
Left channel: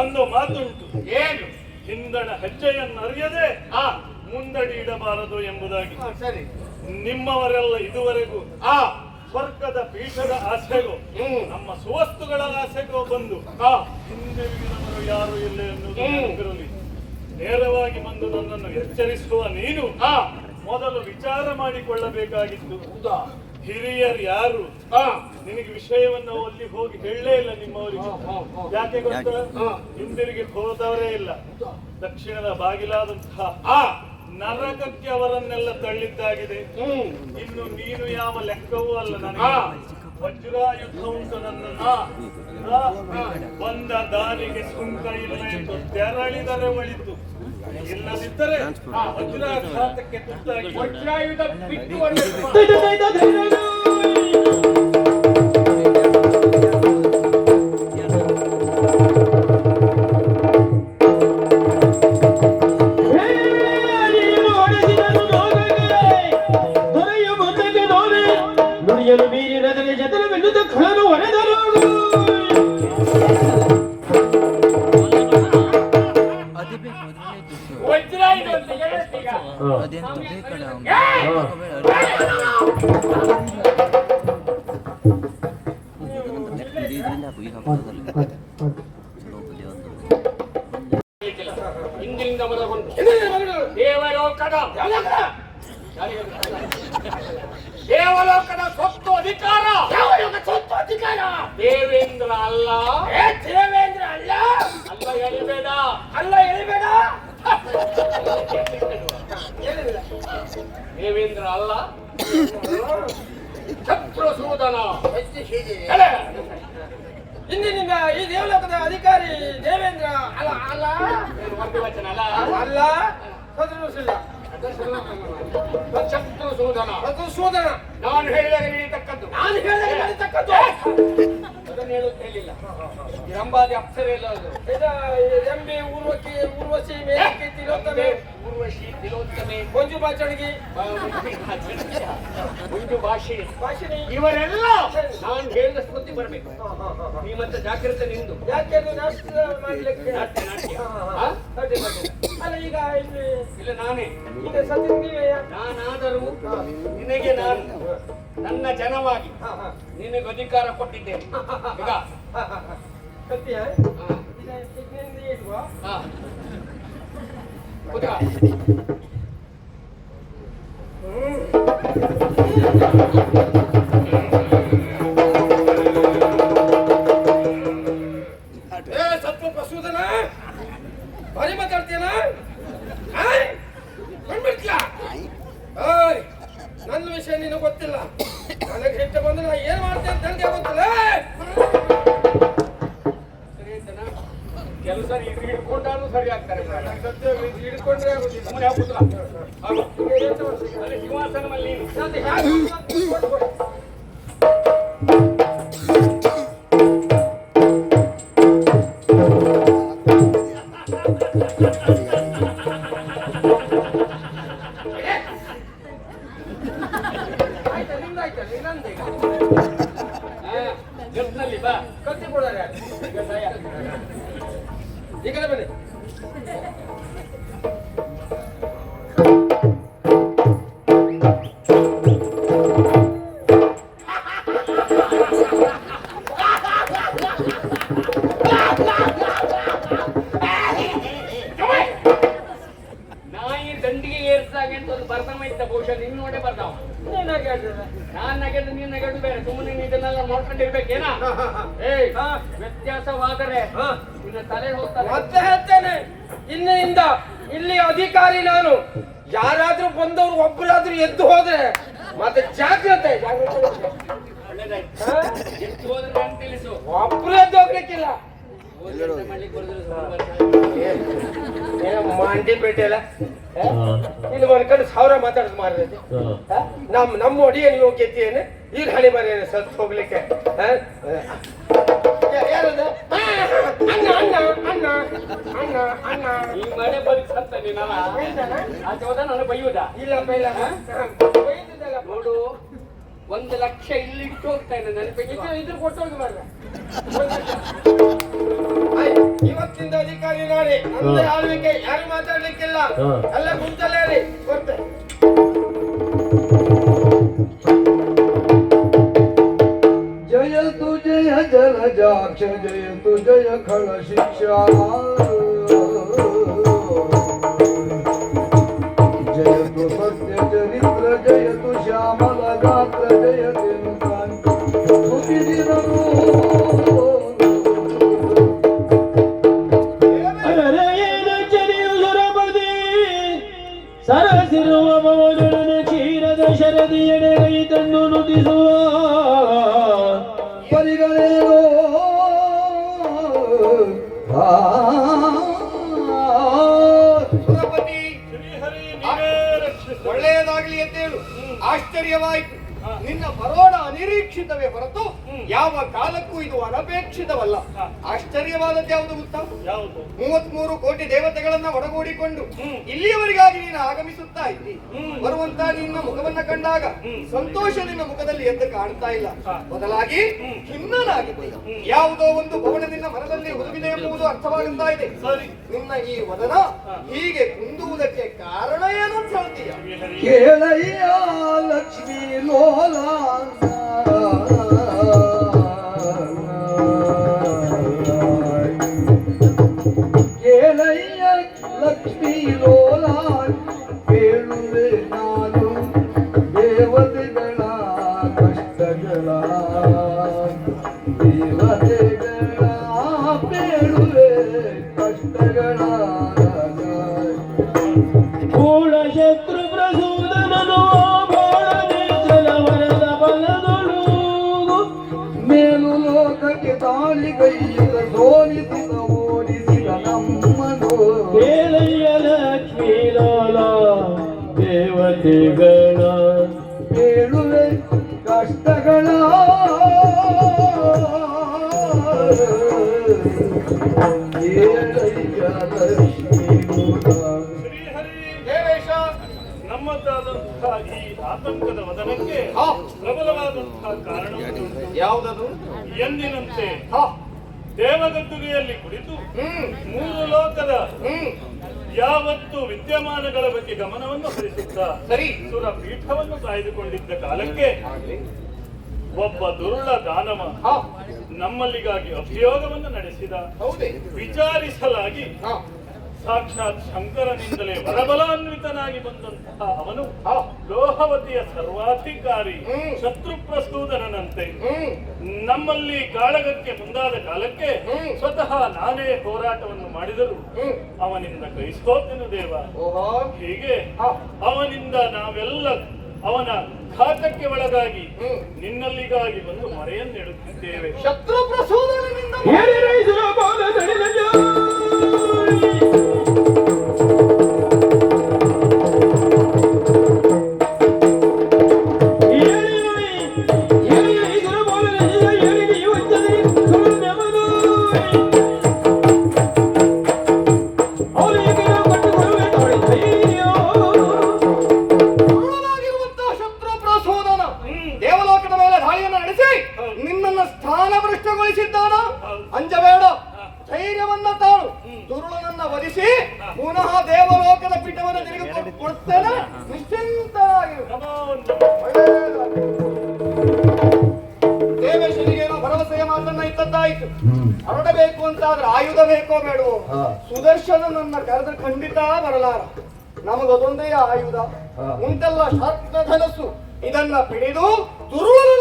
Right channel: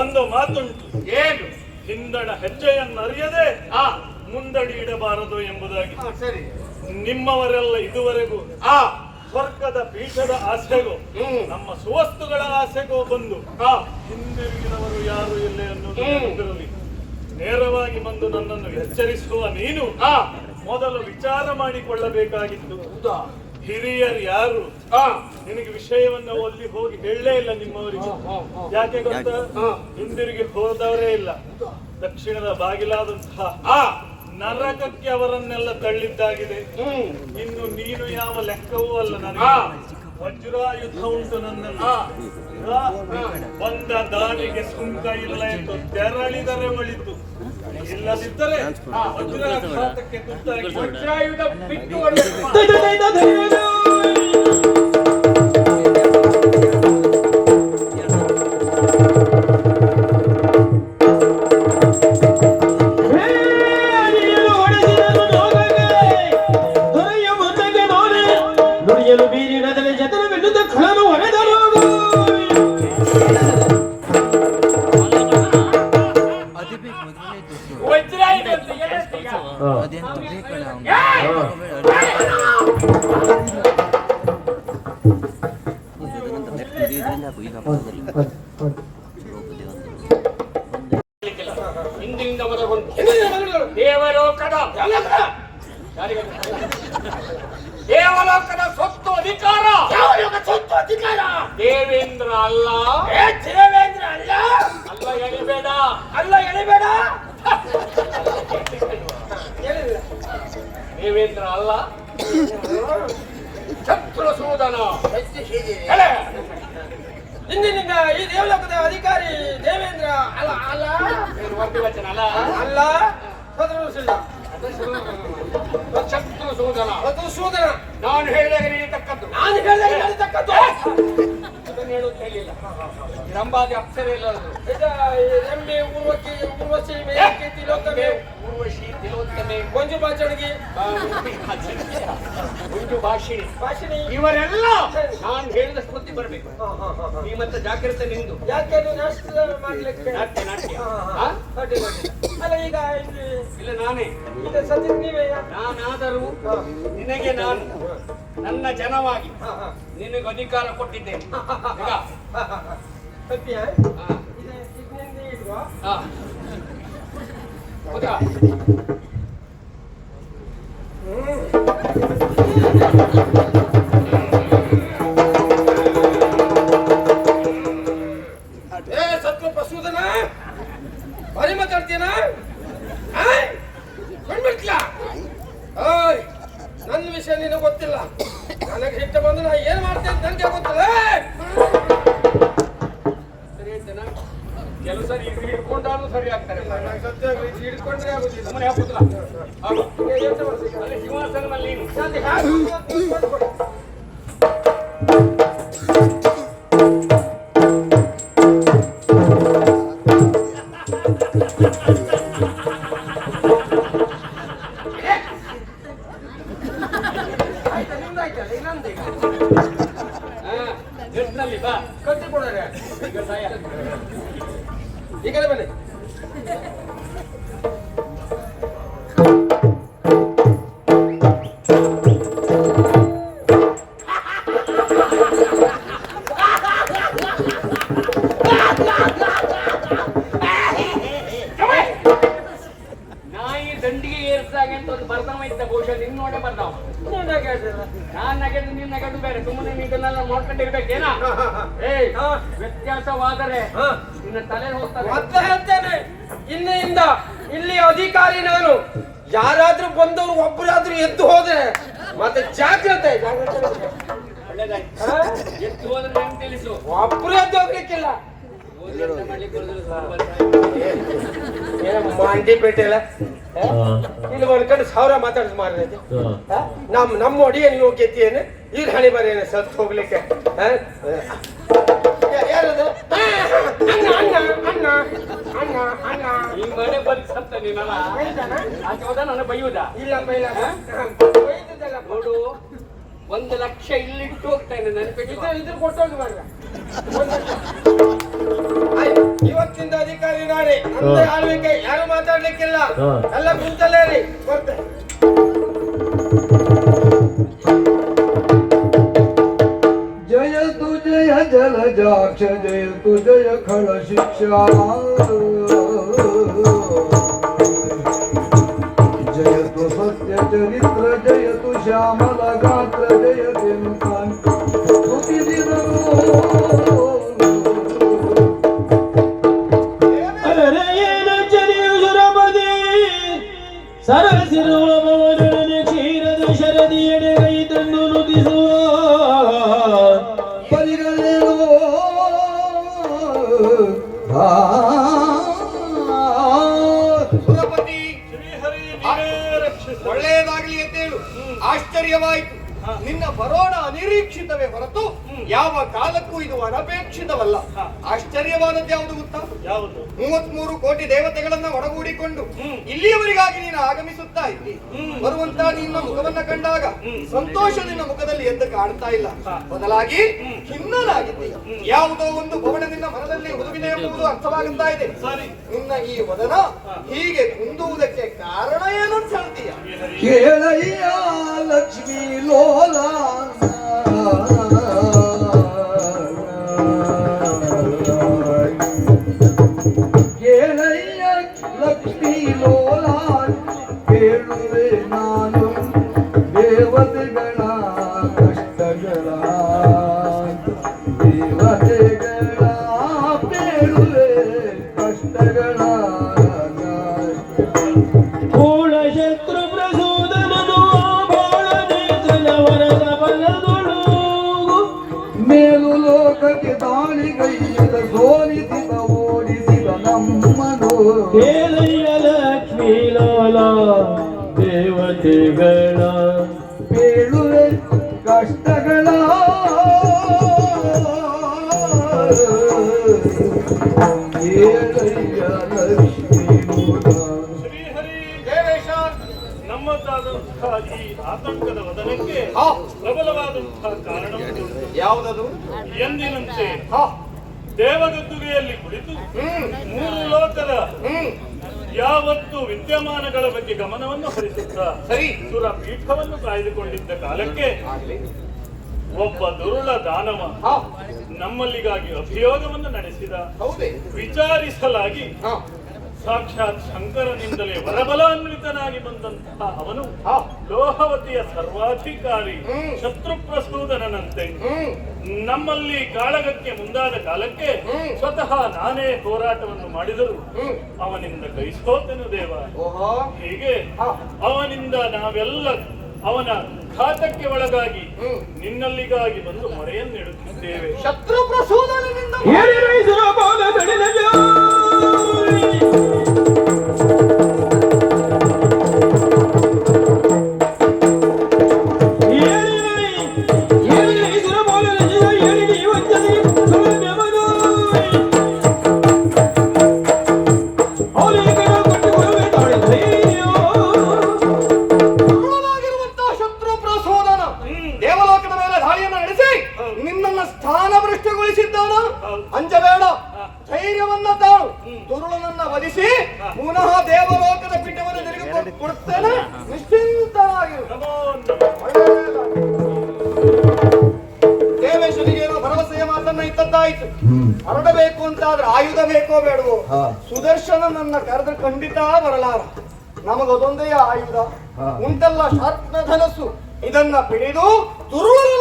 ಒಂದು ಮಾತುಂಟು. ಏನು? ಹಿಂದಣ ಹೆಜ್ಜೆಯನ್ನು ಅರಿಯದೆ ಮುಂದಡಿ ಇಡಬಾರದು ಎಂಬುದಾಗಿ. ಸರಿ. ನಿಮ್ಮವರೆಲ್ಲ ಇದುವರೆಗೂ ಸ್ವರ್ಗದ ಪೀಠದ ಆಸೆಗೂ ನಮ್ಮ ಸುವಸ್ತುಗಳ ಆಸೆಗೂ ಬಂದು ಹಿಂದಿರುಗಿದವರು ಯಾರು ಇಲ್ಲ ಎನ್ನುವುದು ನೆನಪಿರಲಿ. ನೇರವಾಗಿ ಬಂದು ನನ್ನನ್ನು ಎಚ್ಚರಿಸುವ ನೀನು ಮೊದಲು ವಿಚಾರ ಮಾಡಿಕೊಳ್ಳಬೇಕಾಗಿತ್ತು. ಹಿರಿಯರು ಯಾರು ನಿನಗೆ ವಿಷಯವನ್ನು ಅಲ್ಲಿ ಹೋಗಿ ಹೇಳಲೇ ಇಲ್ಲ ನಿಮ್ಮವರಿಗೆ. ಯಾಕೆ ಗೊತ್ತಾ? ಹಿಂದಿರುಗಿ ಹೋದವರೇ ಇಲ್ಲ. ದಕ್ಷಿಣದ ಬಾಗಿಲಾದಂತಹ ನರಕಕ್ಕೆ ಅವರನ್ನೆಲ್ಲ ತಳ್ಳಿದ್ದಾಗಿದೆ. ಇನ್ನು ನೀನು ಯಾವ ಲೆಕ್ಕವೂ ಅಲ್ಲ. ನನಗೆ ವಜ್ರಾಯುಧ ಉಂಟು ನನ್ನಲ್ಲಿ. ಬಂದ ದಾನಿಗೆ ಸುಂಕ ಇಲ್ಲ ಎಂದು ತೆರಳಿದರೆ ಒಳಿತು, ಇಲ್ಲದಿದ್ದರೆ ವಜ್ರಾಘಾತಕ್ಕೆ ತುತ್ತಾಗಿ ವಜ್ರಾಯುಧ ಬಿಟ್ಟು ಹಿಂದಿನಿಂದ ಮೊದಲು ದೇವಲೋಕದ ಸ್ವತ್ತು ಅಧಿಕಾರ ದೇವೇಂದ್ರ ಅಲ್ಲ. ದೇವೇಂದ್ರ ಅಲ್ಲ. ಅಲ್ಲ ಎಳಿಬೇಡ, ಅಲ್ಲ ಎಳಿಬೇಡ. ದೇವೇಂದ್ರ ಅಲ್ಲ, ಶತ್ರುಸೂದನ. ಇಂದಿನಿಂದ ಈ ದೇವಲೋಕದ ಅಧಿಕಾರಿ ದೇವೇಂದ್ರ ಅಲ್ಲ. ಅಲ್ಲ ವರ್ಗವಚನ ಅಲ್ಲ. ಅಲ್ಲ, ಶತ್ರುಸಿಲ್ಲ. ಶತ್ರುಸೂದನ ಮಧುಸೂದನ ನಾನು ಹೇಳಿದಾಗ ನಡೀತಕ್ಕದ್ದು ನಾನು ಹೇಳಿದಾಗ ನಡೀತಕ್ಕದ್ದು ಇದನ್ನು ಹೇಳುತ್ತ ಹೇಳಿಲ್ಲ ರಂಭಾದಿ ಅಪ್ಸರೆ ಎಲ್ಲಾದ್ರು ಎಮ್ಮೆ ಊರ್ವಶಿ ಮೇಲಕ್ಕೆ ತಿಲೋತ್ತಮೆ ಊರ್ವಶಿ ತಿಲೋತ್ತಮೆ ಮಂಜು ಬಾಚಣಿಗೆ ಮುಂಜು ಭಾಷಿಣಿ ಭಾಷಿಣಿ ಇವರೆಲ್ಲ ನಾನು ಹೇಳಿದ ಸ್ಮೃತಿ ಬರ್ಬೇಕು ಶ್ರೀಮಂತ ಜಾಗ್ರತೆ ನಿಂದು ಯಾಕೆ ಅದು ನಾಷ್ಟ ಮಾಡ್ಲಿಕ್ಕೆ ನಾಟ್ಯ ನಾಟ್ಯ ಹಾ? ಅಡ್ಡಿಲ್ಲ, ಅಡ್ಡಿಲ್ಲ. ಅಲ್ಲ ಈಗ ಇಲ್ಲಿ ಇಲ್ಲ ನಾನೇ ಈಗ ಸದ್ಯಕ್ಕೆ ನೀವೇ ನಾನಾದರೂ ನಿನಗೆ ನಾನು ನನ್ನ ಜನವಾಗಿ ನಿನಗೆ ಅಧಿಕಾರ ಕೊಟ್ಟಿದ್ದೇನೆ ಈಗ ಸತ್ಯ ಹಾ. ಇದನ್ನ ಇಡುವ ಹಾ. ಕೂತ್ಕೋ. ಸತ್ವ ಪ್ರಸೂದನ ಬರೀ ಮಾತಾಡ್ತೀಯನ ಬಂದ್ಬಿಡ್ತೀಯ ನನ್ನ ವಿಷಯ ನಿನಗೆ ಗೊತ್ತಿಲ್ಲ ನನಗೆ ಸಿಟ್ಟು ಬಂದು ನಾ ಏನ್ ಮಾಡ್ತೇನೆ ಅಂತ ನನಗೆ ಗೊತ್ತಿಲ್ಲ ಸರಿ ಆಯ್ತೇನಾ? ಕೆಲವು ಸರಿ ಹಿಡ್ಕೊಂಡಾದ್ರೂ ಸರಿ ಆಗ್ತಾರೆ ಹಿಡ್ಕೊಂಡ್ರೆ ಆಗುದಿಲ್ಲ ಸುಮ್ಮನೆ ಕೂತ್ಕೋ. ಹಾಗು. ಅಲ್ಲಿ ಸಿಂಹಾಸನ ಮೇಲೆ ನೀನು ಅದು ಹ್ಯಾಕ್ ಕೂತ್ಕೊಂಡು ಆಯ್ತಾ ನಿಮ್ದಾಯ್ತಲ್ಲ ಇನ್ನೊಂದು ಎಷ್ಟಲ್ಲಿ ಬಾ ಕತ್ತಿ ಕೊಡೋರೆ ಈಗ ಸಹಾಯ ಈ ಕಡೆ ಬನ್ನಿ ನಾಯಿ ದಂಡಿಗೆ ಏರ್ಸಾಗ ಅಂತ ಒಂದು ಬರ್ದವ ಇದ್ದ ಬಹುಶಃ ನಿನ್ ನೋಡೇ ಬರ್ದವ ಏನಾಗಿ ಹೇಳ್ತಿಲ್ಲ ನಾನ್ ನಗೆದು ನೀನ್ ನಗದು ಬೇರೆ ಸುಮ್ಮನೆ ಇದನ್ನೆಲ್ಲ ನೋಡ್ಕೊಂಡಿರ್ಬೇಕೇನಾ ಏಯ್ ವ್ಯತ್ಯಾಸವಾದರೆ ನಿನ್ನ ತಲೆ ಹೋಗ್ತದೆ ಮತ್ತೆ ಹೇಳ್ತೇನೆ ಇನ್ನೆಯಿಂದ ಇಲ್ಲಿ ಅಧಿಕಾರಿ ನಾನು ಯಾರಾದ್ರೂ ಬಂದವರು ಒಬ್ಬರಾದ್ರೂ ಎದ್ದು ಹೋದ್ರೆ ಮತ್ತೆ ಜಾಗ್ರತೆ ಒಳ್ಳೇದಾಯ್ತು ಎಷ್ಟು ಹೋದ್ರೆ ನಂಗೆ ತಿಳಿಸು ಒಬ್ರು ಎದ್ದು ಹೋಗ್ಲಿಕ್ಕಿಲ್ಲ ಓದಿಯಂತ ಮಾಡ್ಲಿಕ್ಕೆ ಬರುದಿಲ್ಲ ಮಂಡಿ ಪೇಟೆಲ್ಲ ಇಲ್ಲಿ ಮಾಡ್ಕೊಂಡು ಸಾವಿರ ಮಾತಾಡಿಸ್ ಮಾರೈತಿ ನಮ್ಮ ಒಡಿಯಲ್ಲಿ ಹೋಗಿದ್ದೇನೆ ಈಗ ಹಣಿ ಮರಿ ಸತ್ತು ಹೋಗ್ಲಿಕ್ಕೆ ಯಾರದು ಅಣ್ಣ ಅಣ್ಣ ಅಣ್ಣ ಅಣ್ಣ ಅಣ್ಣ ಈ ಮನೆ ಬರೀ ಸತ್ತ ನೀನಲ್ಲ ಆಚೆ ಹೋದ ನಾನು ಬೈಯುವುದಾ ಇಲ್ಲ ಬೈಲ ನೋಡು 1 ಲಕ್ಷ ಇಲ್ಲಿಟ್ಟು ಹೋಗ್ತಾನೆ ನೆನಪಿಟ್ಟು ಇದ್ರ ಕೊಟ್ಟೋಗಿ ಮಾರ್ರೆ ಇವತ್ತಿಂದ ಅಧಿಕಾರಿ ನಾನೇ ನಂದೇ ಆಳ್ವಿಕೆ ಯಾರು ಮಾತಾಡ್ಲಿಕ್ಕಿಲ್ಲ ಎಲ್ಲ ಕುಂತಲ್ಲೇ ರೀ ಬರ್ತೆ ಜಯತು ಜಯ ಜಲಜಾಕ್ಷ ಜಯತು ಜಯ ಖಳ ಶಿಕ್ಷಾ ಜಯತು ಸತ್ಯ ಚರಿತ್ರ ಜಯತು ಶ್ಯಾಮಲ ಗಾತ್ರ ಜಯತೆ ಸರಸಿರುವ ಮವನೊಡನೆ ಕ್ಷೀರದ ಶರದಿಯಡೆ ಕೈ ತಂದು ನುಡಿಸುವ ಪರಿಗಣೆಯೋ ಸುರಪತಿ ಶ್ರೀಹರಿ ನೀನೇ ರಕ್ಷಿಸು. ಒಳ್ಳೆಯದಾಗ್ಲಿ ಅಂತೇಳು ಆಶ್ಚರ್ಯವಾಯಿತು ನಿನ್ನ ಬರೋಣ ಅನಿರೀಕ್ಷಿತವೇ ಹೊರತು ಯಾವ ಕಾಲಕ್ಕೂ ಇದು ಅನಪೇಕ್ಷಿತವಲ್ಲ ಆಶ್ಚರ್ಯವಾದದ್ದು ಯಾವುದು ಗೊತ್ತಾ ಯಾವುದು 33 ಕೋಟಿ ದೇವತೆಗಳನ್ನ ಒಡಗೂಡಿಕೊಂಡು ಇಲ್ಲಿಯವರೆಗಾಗಿ ನೀನು ಆಗಮಿಸುತ್ತಾ ಇದ್ದಿ ಬರುವಂತ ನಿನ್ನ ಮುಖವನ್ನ ಕಂಡಾಗ ಸಂತೋಷ ನಿನ್ನ ಮುಖದಲ್ಲಿ ಎದ್ದು ಕಾಣ್ತಾ ಇಲ್ಲ ಬದಲಾಗಿ ಖಿನ್ನನಾಗಿದ್ದಿ ಯಾವುದೋ ಒಂದು ಭವನ ನಿನ್ನ ಮನದಲ್ಲಿ ಹುದುಗಿದೆ ಎಂಬುದು ಅರ್ಥವಾಗುತ್ತಾ ಇದೆ ಸರಿ ನಿನ್ನ ಈ ವದನ ಹೀಗೆ ಕುಂದುವುದಕ್ಕೆ ಕಾರಣ ಏನು ಅಂತ ಹೇಳ್ತೀಯ ಕೇಳಯ್ಯ ಲಕ್ಷ್ಮೀ ಲೋಲ ಕೇಳಯ್ಯ ಲಕ್ಷ್ಮೀ ಲೋಲ ಕೇಳುವೆ ನಾನು ದೇವತೆಗಳ ಕಷ್ಟಗಳ ದೇವತೆಗಳ ಕೇಳುವೆ ಕಷ್ಟಗಳ ಕೂಳ ಶತ್ರು ಪ್ರಸೂದನನು ಬಾಳ ನೇತ್ರನ ವರದ ಪ್ರಚೋದನಕ್ಕೆ ಪ್ರಬಲವಾದಂತಹ ಕಾರಣವುಂಟು. ಯಾವುದದು? ಎಂದಿನಂತೆ ದೇವಗದ್ದುಗೆಯಲ್ಲಿ ಕುಳಿತು ಮೂರು ಲೋಕದ ಯಾವತ್ತು ವಿದ್ಯಮಾನಗಳ ಬಗ್ಗೆ ಗಮನವನ್ನು ಹರಿಸುತ್ತಾ ಸುರ ಪೀಠವನ್ನು ಕಾಯ್ದುಕೊಂಡಿದ್ದ ಕಾಲಕ್ಕೆ ಒಬ್ಬ ದುರುಳ ದಾನವ ನಮ್ಮಲ್ಲಿಗಾಗಿ ಅಭಿಯೋಗವನ್ನು ನಡೆಸಿದ. ವಿಚಾರಿಸಲಾಗಿ ಸಾಕ್ಷಾತ್ ಶಂಕರನಿಂದಲೇ ವರಬಲಾನ್ವಿತನಾಗಿ ಬಂದಂತಹ ಅವನು ಲೋಹವತಿಯ ಸರ್ವಾಧಿಕಾರಿ ಶತ್ರುಪ್ರಸೂದನಂತೆ ನಮ್ಮಲ್ಲಿ ಕಾಳಗಕ್ಕೆ ಮುಂದಾದ ಕಾಲಕ್ಕೆ ಸ್ವತಃ ನಾನೇ ಹೋರಾಟವನ್ನು ಮಾಡಿದರು ಅವನಿಂದ ಕೈಸೋತೆನು ದೇವ. ಹೀಗೆ ಅವನಿಂದ ನಾವೆಲ್ಲ ಅವನ ಘಾತಕ್ಕೆ ಒಳಗಾಗಿ ನಿನ್ನಲ್ಲಿಗಾಗಿ ಬಂದು ಮೊರೆಯನ್ನಿಡುತ್ತಿದ್ದೇವೆ. ಶತ್ರು ಪ್ರಸೂದನನಿಂದ ದೇವಲೋಕದ ಮೇಲೆ ದಾಳಿಯನ್ನು ನಡೆಸಿ ನಿನ್ನನ್ನು ಸ್ಥಾನಭ್ರಷ್ಟಗೊಳಿಸಿದ್ದಾನ. ಅಂಜಬೇಡ, ಧೈರ್ಯವನ್ನ ತಾಳು. ದುರುಳನನ್ನ ವಧಿಸಿ ಪುನಃ ದೇವಲೋಕದ ಪೀಠವನ್ನು ತಿರುಗಿ ಕೊಡುತ್ತೇನೆ. ನಿಶ್ಚಿಂತರಾಗಿರು. ದೇವೇಶ್ವರಿಗೇನೋ ಭರವಸೆಯ ಮಾತನ್ನ ಇತ್ತದ್ದಾಯ್ತು. ಹೊರಡಬೇಕು ಅಂತಾದ್ರೆ ಆಯುಧ ಬೇಕೋ ಬೇಡವೋ? ಸುದರ್ಶನನನ್ನ ಕರೆದ್ರೆ ಖಂಡಿತ ಬರಲಾರ. ನಮಗದೊಂದೇ ಆಯುಧ ಉಂಟಲ್ಲ, ಶಾರ್ಪ್ನ ಧನಸ್ಸು. ಇದನ್ನ ಪಿಡಿದು ದುರುಳನ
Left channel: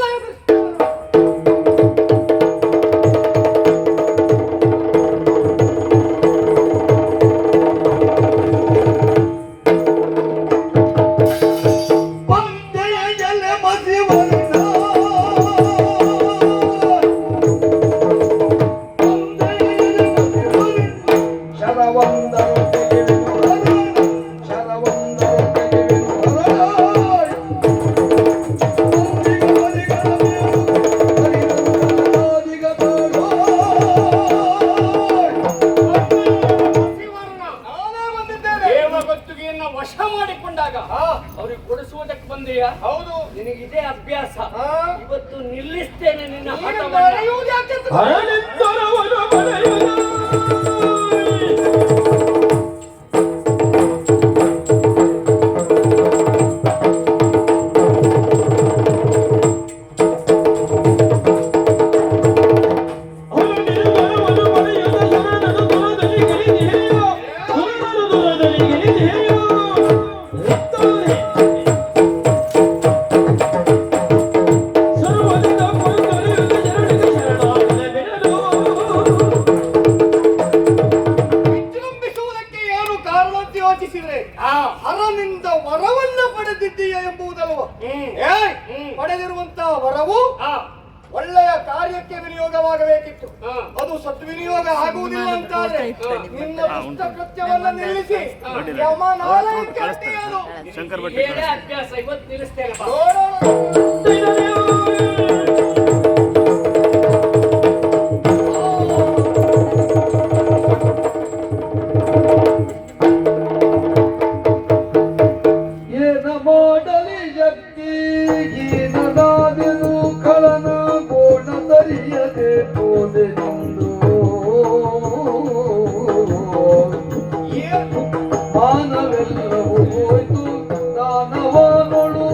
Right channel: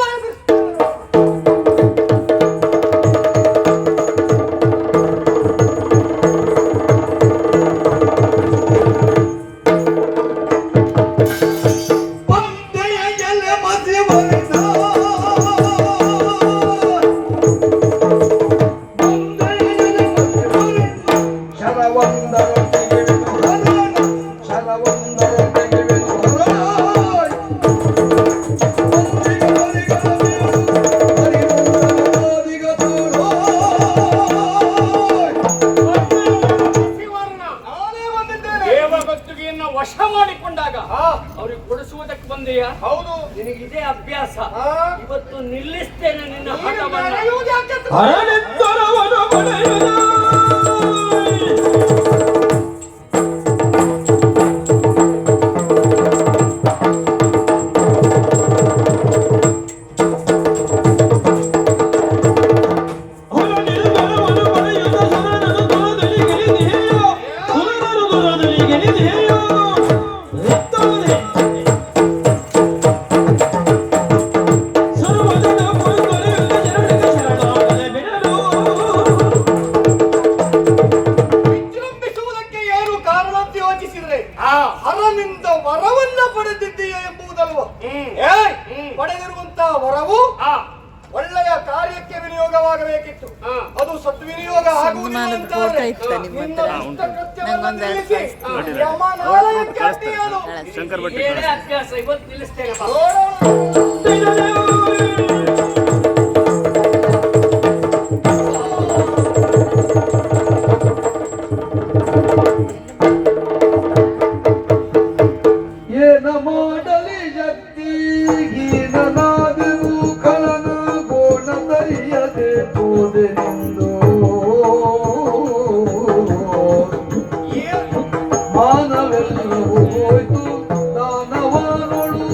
ವಶ ಮಾಡಿಕೊಂಡಾಗ ಅವ್ರಿಗೆ ಕೊಡಿಸುವುದಕ್ಕೆ ಬಂದೆಯಾ? ಹೌದು. ನಿನಗಿದೆ ಅಭ್ಯಾಸ. ಇವತ್ತು ನಿಲ್ಲಿಸ್ತೇನೆ ನಿನ್ನ ಹಠವನ್ನು. ಹರನಿಂದ ವರವನ್ನ ಪಡೆದಿದ್ದೀಯ ಎಂಬುದಲ್ವ? ಪಡೆದಿರುವಂತಹ ವರವು ಒಳ್ಳೆಯ ಕಾರ್ಯಕ್ಕೆ ವಿನಿಯೋಗವಾಗಬೇಕಿತ್ತು. ಅದು ಸದ್ವಿನಿಯೋಗ ಆಗುವುದಿಲ್ಲ ಅಂತಾದ್ರೆ ನಿನ್ನ ದುಷ್ಟಕೃತ್ಯವನ್ನ ನಿಲ್ಲಿಸಿ ಯಮನಾಲಯಕ್ಕೆ ಅಟ್ಟಿಯಲು ಏನೇ ಅಭ್ಯಾಸ ಇವತ್ತು ನಿಲ್ಲಿಸ್ತೇನೆ. ಏನ ಮಾಡಲಿ ಜಗ್ಗೀನನಾದೆನು ಕಳನ ಗೋಣ ತರಿಯದೆ ಹೋದೆನೆಂದು ಮಾನವೆಲ್ಲವೂ ಹೋಯ್ತು ದಾನವನೊಳು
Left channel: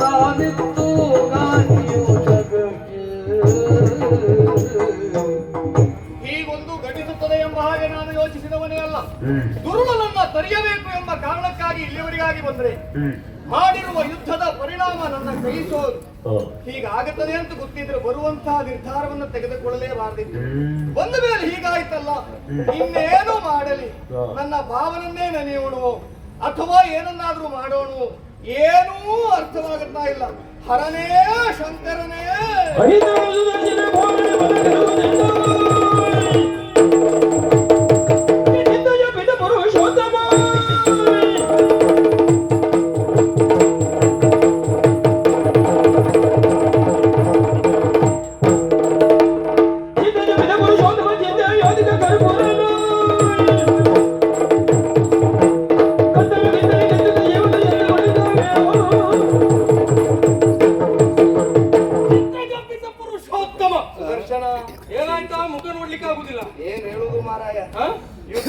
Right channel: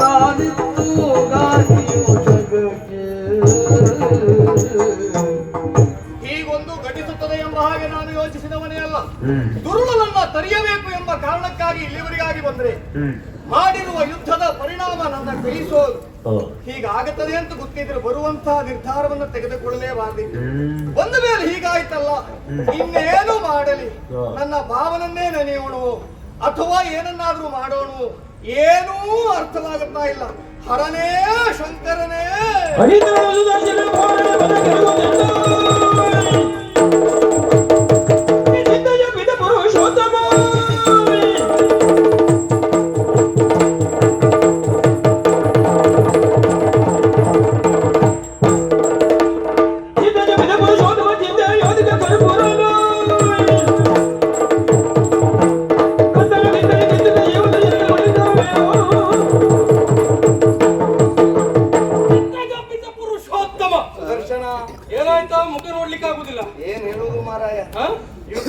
ತಾನಿತ್ತು ಗಾಡಿಯು ಜಗಕ್ಕೆ. ಹೀಗೊಂದು ಘಟಿಸುತ್ತದೆ ಎಂಬ ಹಾಗೆ ನಾನು ಯೋಚಿಸಿದವನೇ ಅಲ್ಲ. ದುರುಳನನ್ನ ತರಿಯಬೇಕು ಎಂಬ ಕಾರಣಕ್ಕಾಗಿ ಇಲ್ಲಿವರೆಗಾಗಿ ಬಂದ್ರೆ ಮಾಡಿರುವ ಯುದ್ಧದ ಪರಿಣಾಮ ನನ್ನ ಕೈಸೋದು. ಹೀಗಾಗುತ್ತದೆ ಅಂತ ಗೊತ್ತಿದ್ರೆ ಬರುವಂತಹ ನಿರ್ಧಾರವನ್ನು ತೆಗೆದುಕೊಳ್ಳಲೇಬಾರದಿತ್ತು. ಬಂದ ಮೇಲೆ ಹೀಗಾಯ್ತಲ್ಲ, ಇನ್ನೇನು ಮಾಡಲಿ? ನನ್ನ ಭಾವನನ್ನೇ ನೆನೆಯೋಣವೋ ಅಥವಾ ಏನನ್ನಾದ್ರೂ ಮಾಡೋಣವೋ ಏನೂ ಅರ್ಥವಾಗುತ್ತಾ ಇಲ್ಲ. ಹರನೇ ಶಂಕರನೇ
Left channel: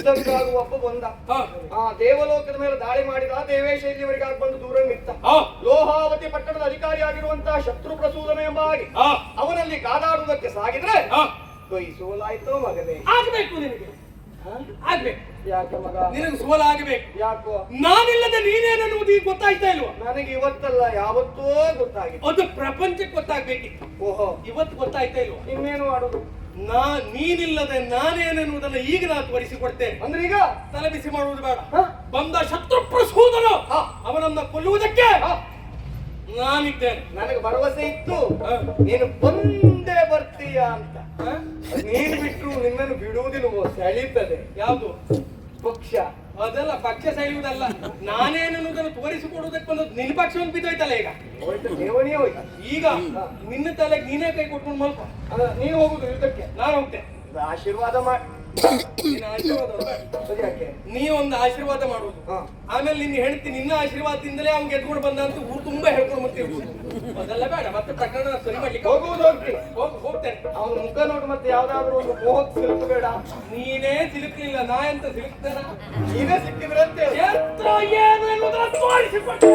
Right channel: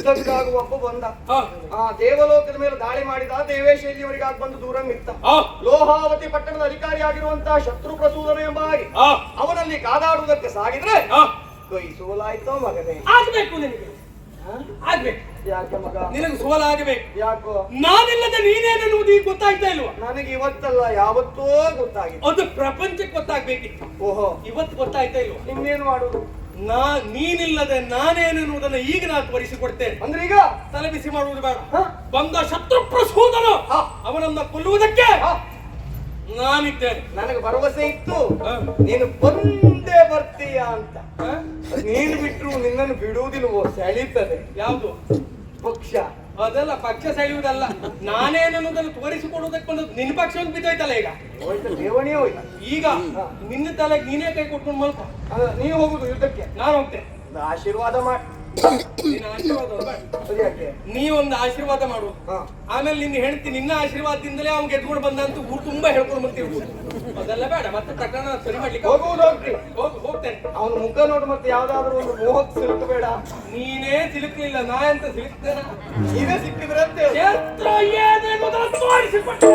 ಯುದ್ಧಕ್ಕಾಗುವ ಒಬ್ಬ ಬಂದ ಹಾ. ದೇವಲೋಕದ ಮೇಲೆ ದಾಳಿ ಮಾಡಿದ ದೇವೇಶ ಇಲ್ಲಿವರೆಗಾಗಿ ಬಂದು ದೂರ ಮಿತ್ತ ಹಾ. ಲೋಹಾವತಿ ಪಟ್ಟಣದ ಅಧಿಕಾರಿಯಾಗಿರುವಂತಹ ಶತ್ರು ಪ್ರಸೂದನ ಎಂಬ ಹಾಗೆ ಹಾ. ಅವನಲ್ಲಿ ಕಾದಾಡುವುದಕ್ಕೆ ಸಾಗಿದ್ರೆ ಹಾ. ಕೈ ಸೋಲಾಯ್ತು ಮಗನೇ. ಆಗ್ಬೇಕು ನಿನಗೆ, ಆಗ್ಬೇಕು. ಯಾಕೆ ಮಗ? ನಿನಗೆ ಸೋಲಾಗಬೇಕು. ಯಾಕೋ? ನಾನಿಲ್ಲದೆ ನೀನೇನೆನ್ನುವುದು ಈಗ ಗೊತ್ತಾಯ್ತಾ ಇಲ್ವಾ? ನನಗೆ ಇವತ್ತಲ್ಲ ಯಾವತ್ತೋ ಗೊತ್ತಾಗಿದೆ. ಅದು ಪ್ರಪಂಚಕ್ಕೆ ಗೊತ್ತಾಗ್ಬೇಕಿತ್ತು. ಓಹೋ, ಇವತ್ತು ಗೊತ್ತಾಯ್ತಾ ಇಲ್ವಾ? ಇನ್ನೇನು ಮಾಡುದು? ನೀನಿಲ್ಲದೆ ನಾನೇನೆನ್ನುವುದನ್ನ ಈಗ ನಾನು ತೋರಿಸಿಕೊಡ್ತೇನೆ. ಅಂದ್ರೆ ಈಗ ತಲೆ ಬಿಸಿ ಮಾಡುವುದು ಬೇಡ. ಹ? ಬಂದ ಶತ್ರು ಪ್ರಸೂದನ ಹ. ಅವನನ್ನ ಕೊಲ್ಲುವುದಕ್ಕೆ ಹ. ನಾನಿದ್ದೇನೆ. ನನಗೆ ಭರವಸೆ ಇತ್ತು ಹ. ನೀನು ಬಂದೇ ಬರ್ತೀಯ ಅಂತ. ಹ? ನೀನು ಬಿಟ್ಟರು ನಿನ್ನನ್ನು ಬಿಡುವುದಿಲ್ವೋ? ಸೆಳೀತದೆ. ಯಾವುದು ಪಕ್ಷ ಅದೆಲ್ಲ ಪಕ್ಷ ಸೆಳೆಯುವುದಲ್ಲ, ನಾನೇನನ್ನುವುದನ್ನು ತೋರಿಸಿಕೊಡುವುದಕ್ಕೆ ಬಂದದ್ದು. ನಿನ್ನ ಪಕ್ಷ ಒಂದು ಬಿದ್ದೋಯ್ತಲ್ಲ ಈಗ. ಹೋಯ್ತು, ದೇವನೇ ಹೋಯ್ತು. ಈಗ ನಿನ್ನ ತಲೆಗೆ ನೀನೇ ಕೈ ಕೊಟ್ಕೊಂಡು ಮಲ್ಕ. ನೀವು ಹೋಗುದು ಯುದ್ಧಕ್ಕೆ? ನಾನು ಹೋಗ್ತೇನೆ. ಒಂದು ಆಶೀರ್ವಾದ ಮಾಡಿ. ನಿನ್ನ ಆಶೀರ್ವಾದ ಅಲ್ಲ ಬೇಡ. ಅದು ಯಾಕೆ? ನೀ ಒಂದು ಆಶೀರ್ವಾದ ಮಾಡುವುದು, ಹ. ಆಮೇಲೆ ನಿನ್ನ ಹೆಂಡತಿ ನಿನ್ನ ಆಶೀರ್ವಾದದಿಂದಲೇ ಅವ್ನು ಗೆದ್ಕೊಂಡು ಬಂದ ಅಂತ ಊರು ತುಂಬಾ ಹೇಳ್ಕೊಂಡು ಬರ್ತೀವಿ. ಅದೆಲ್ಲ ಬೇಡ, ಮತ್ತೆ ಪ್ರಕರಣ ಸರಿ ಮಾಡ್ಲಿಕ್ಕೆ ಹೋಗುವುದು ಹೋಗ್ತಿ. ಹೋಗ್ತೇನೆ. ಅವನ ಮುಖ ನೋಡಿ ಮತ್ತೆ ಯಾವ್ದಾದ್ರು ಒಂದು ಮೋಹಕ್ಕೆ ಸಿಲುಕಬೇಡ. ನೀನೇ ಸಿಲುಕಲಿಲ್ಲ, ನಾ ಎಂತ ಸಿಲುಕ್ತೇನ? ನೀವೇ ಸಿಕ್ಕಿದ್ರಂತೆ. ಎತ್ರ ಏನು ಎನ್ನುವುದನ್ನು ತೋರಿಸಿಕೊಟ್ಟೆ.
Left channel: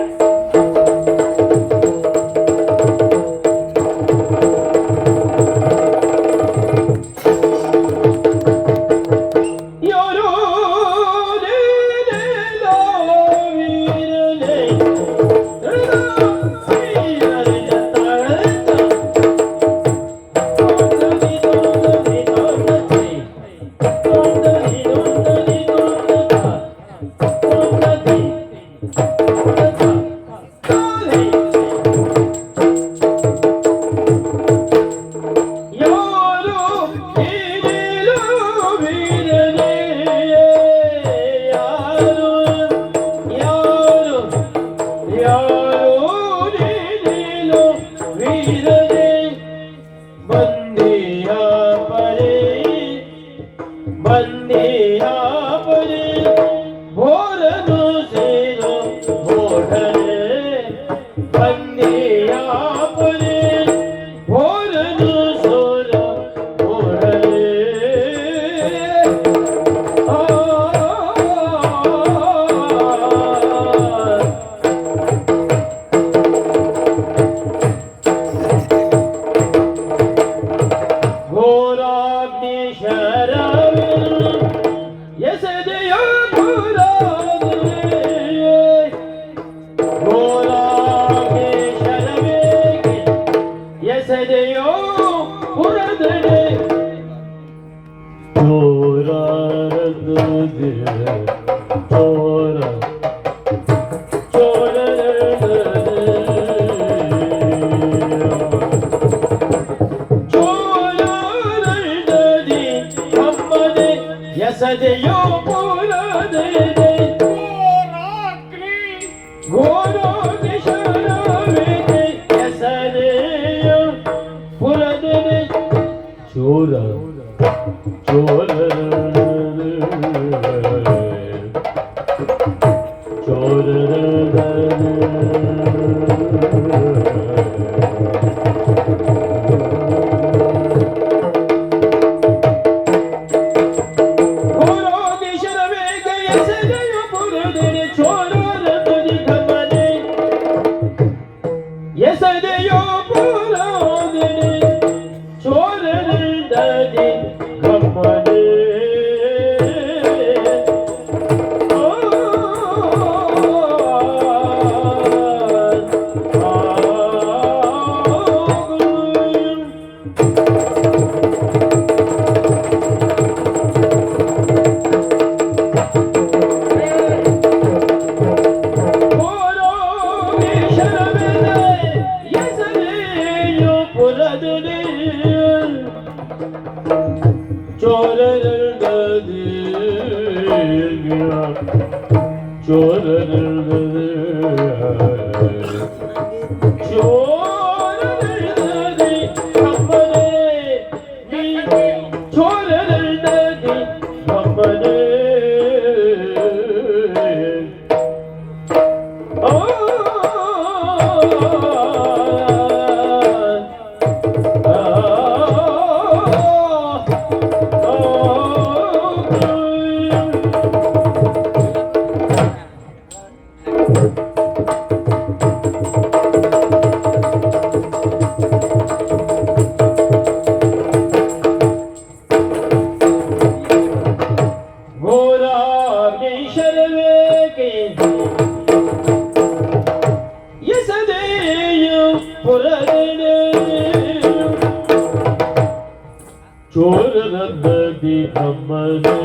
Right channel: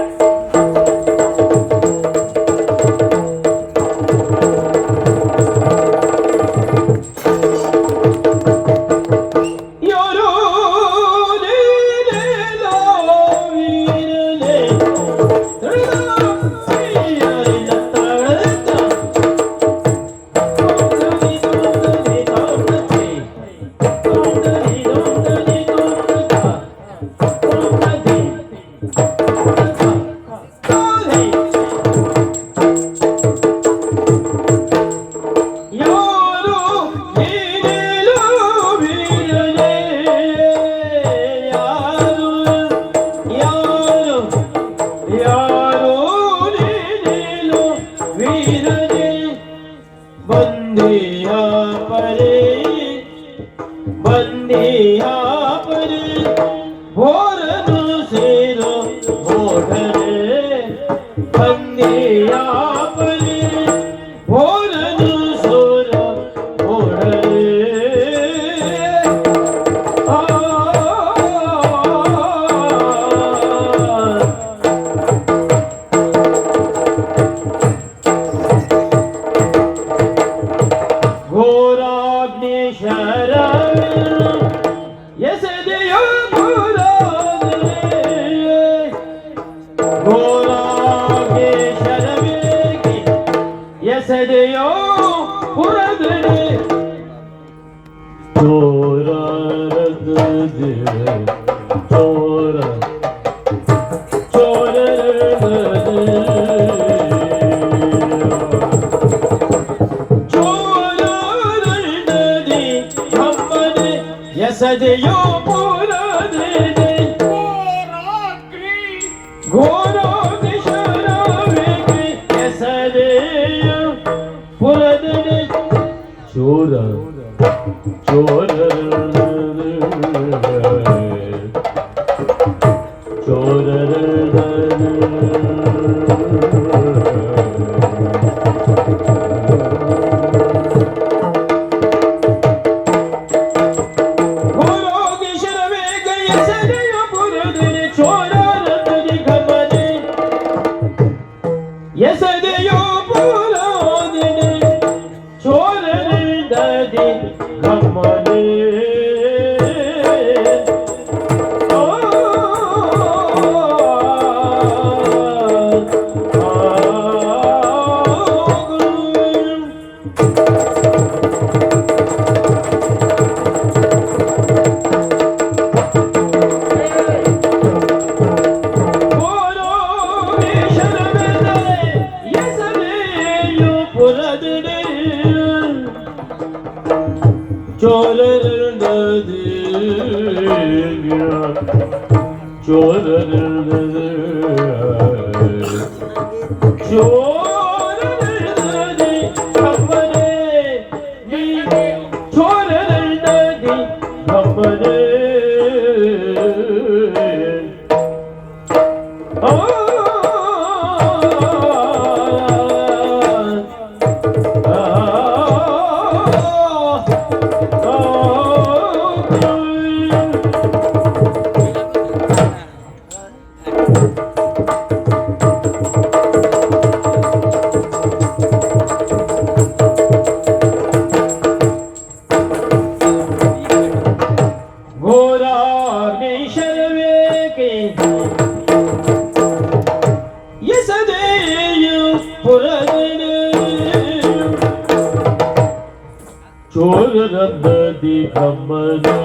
ಚೋರರಬ್ಬದಿ ಕಮ್ಮನೆ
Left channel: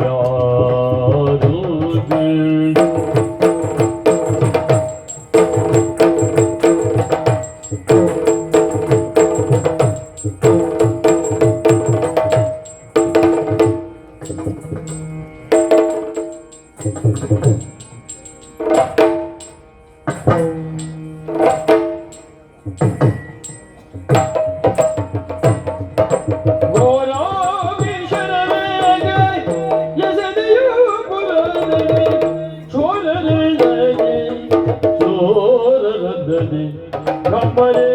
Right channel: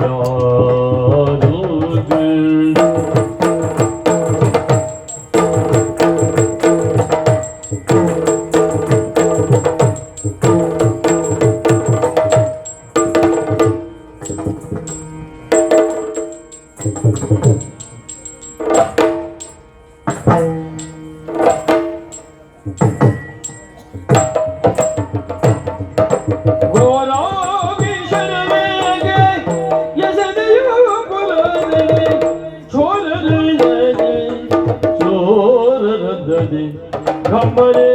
ಯಾರು ಚೋರರದ್ದದೆ ಕಮ್ಮನೆ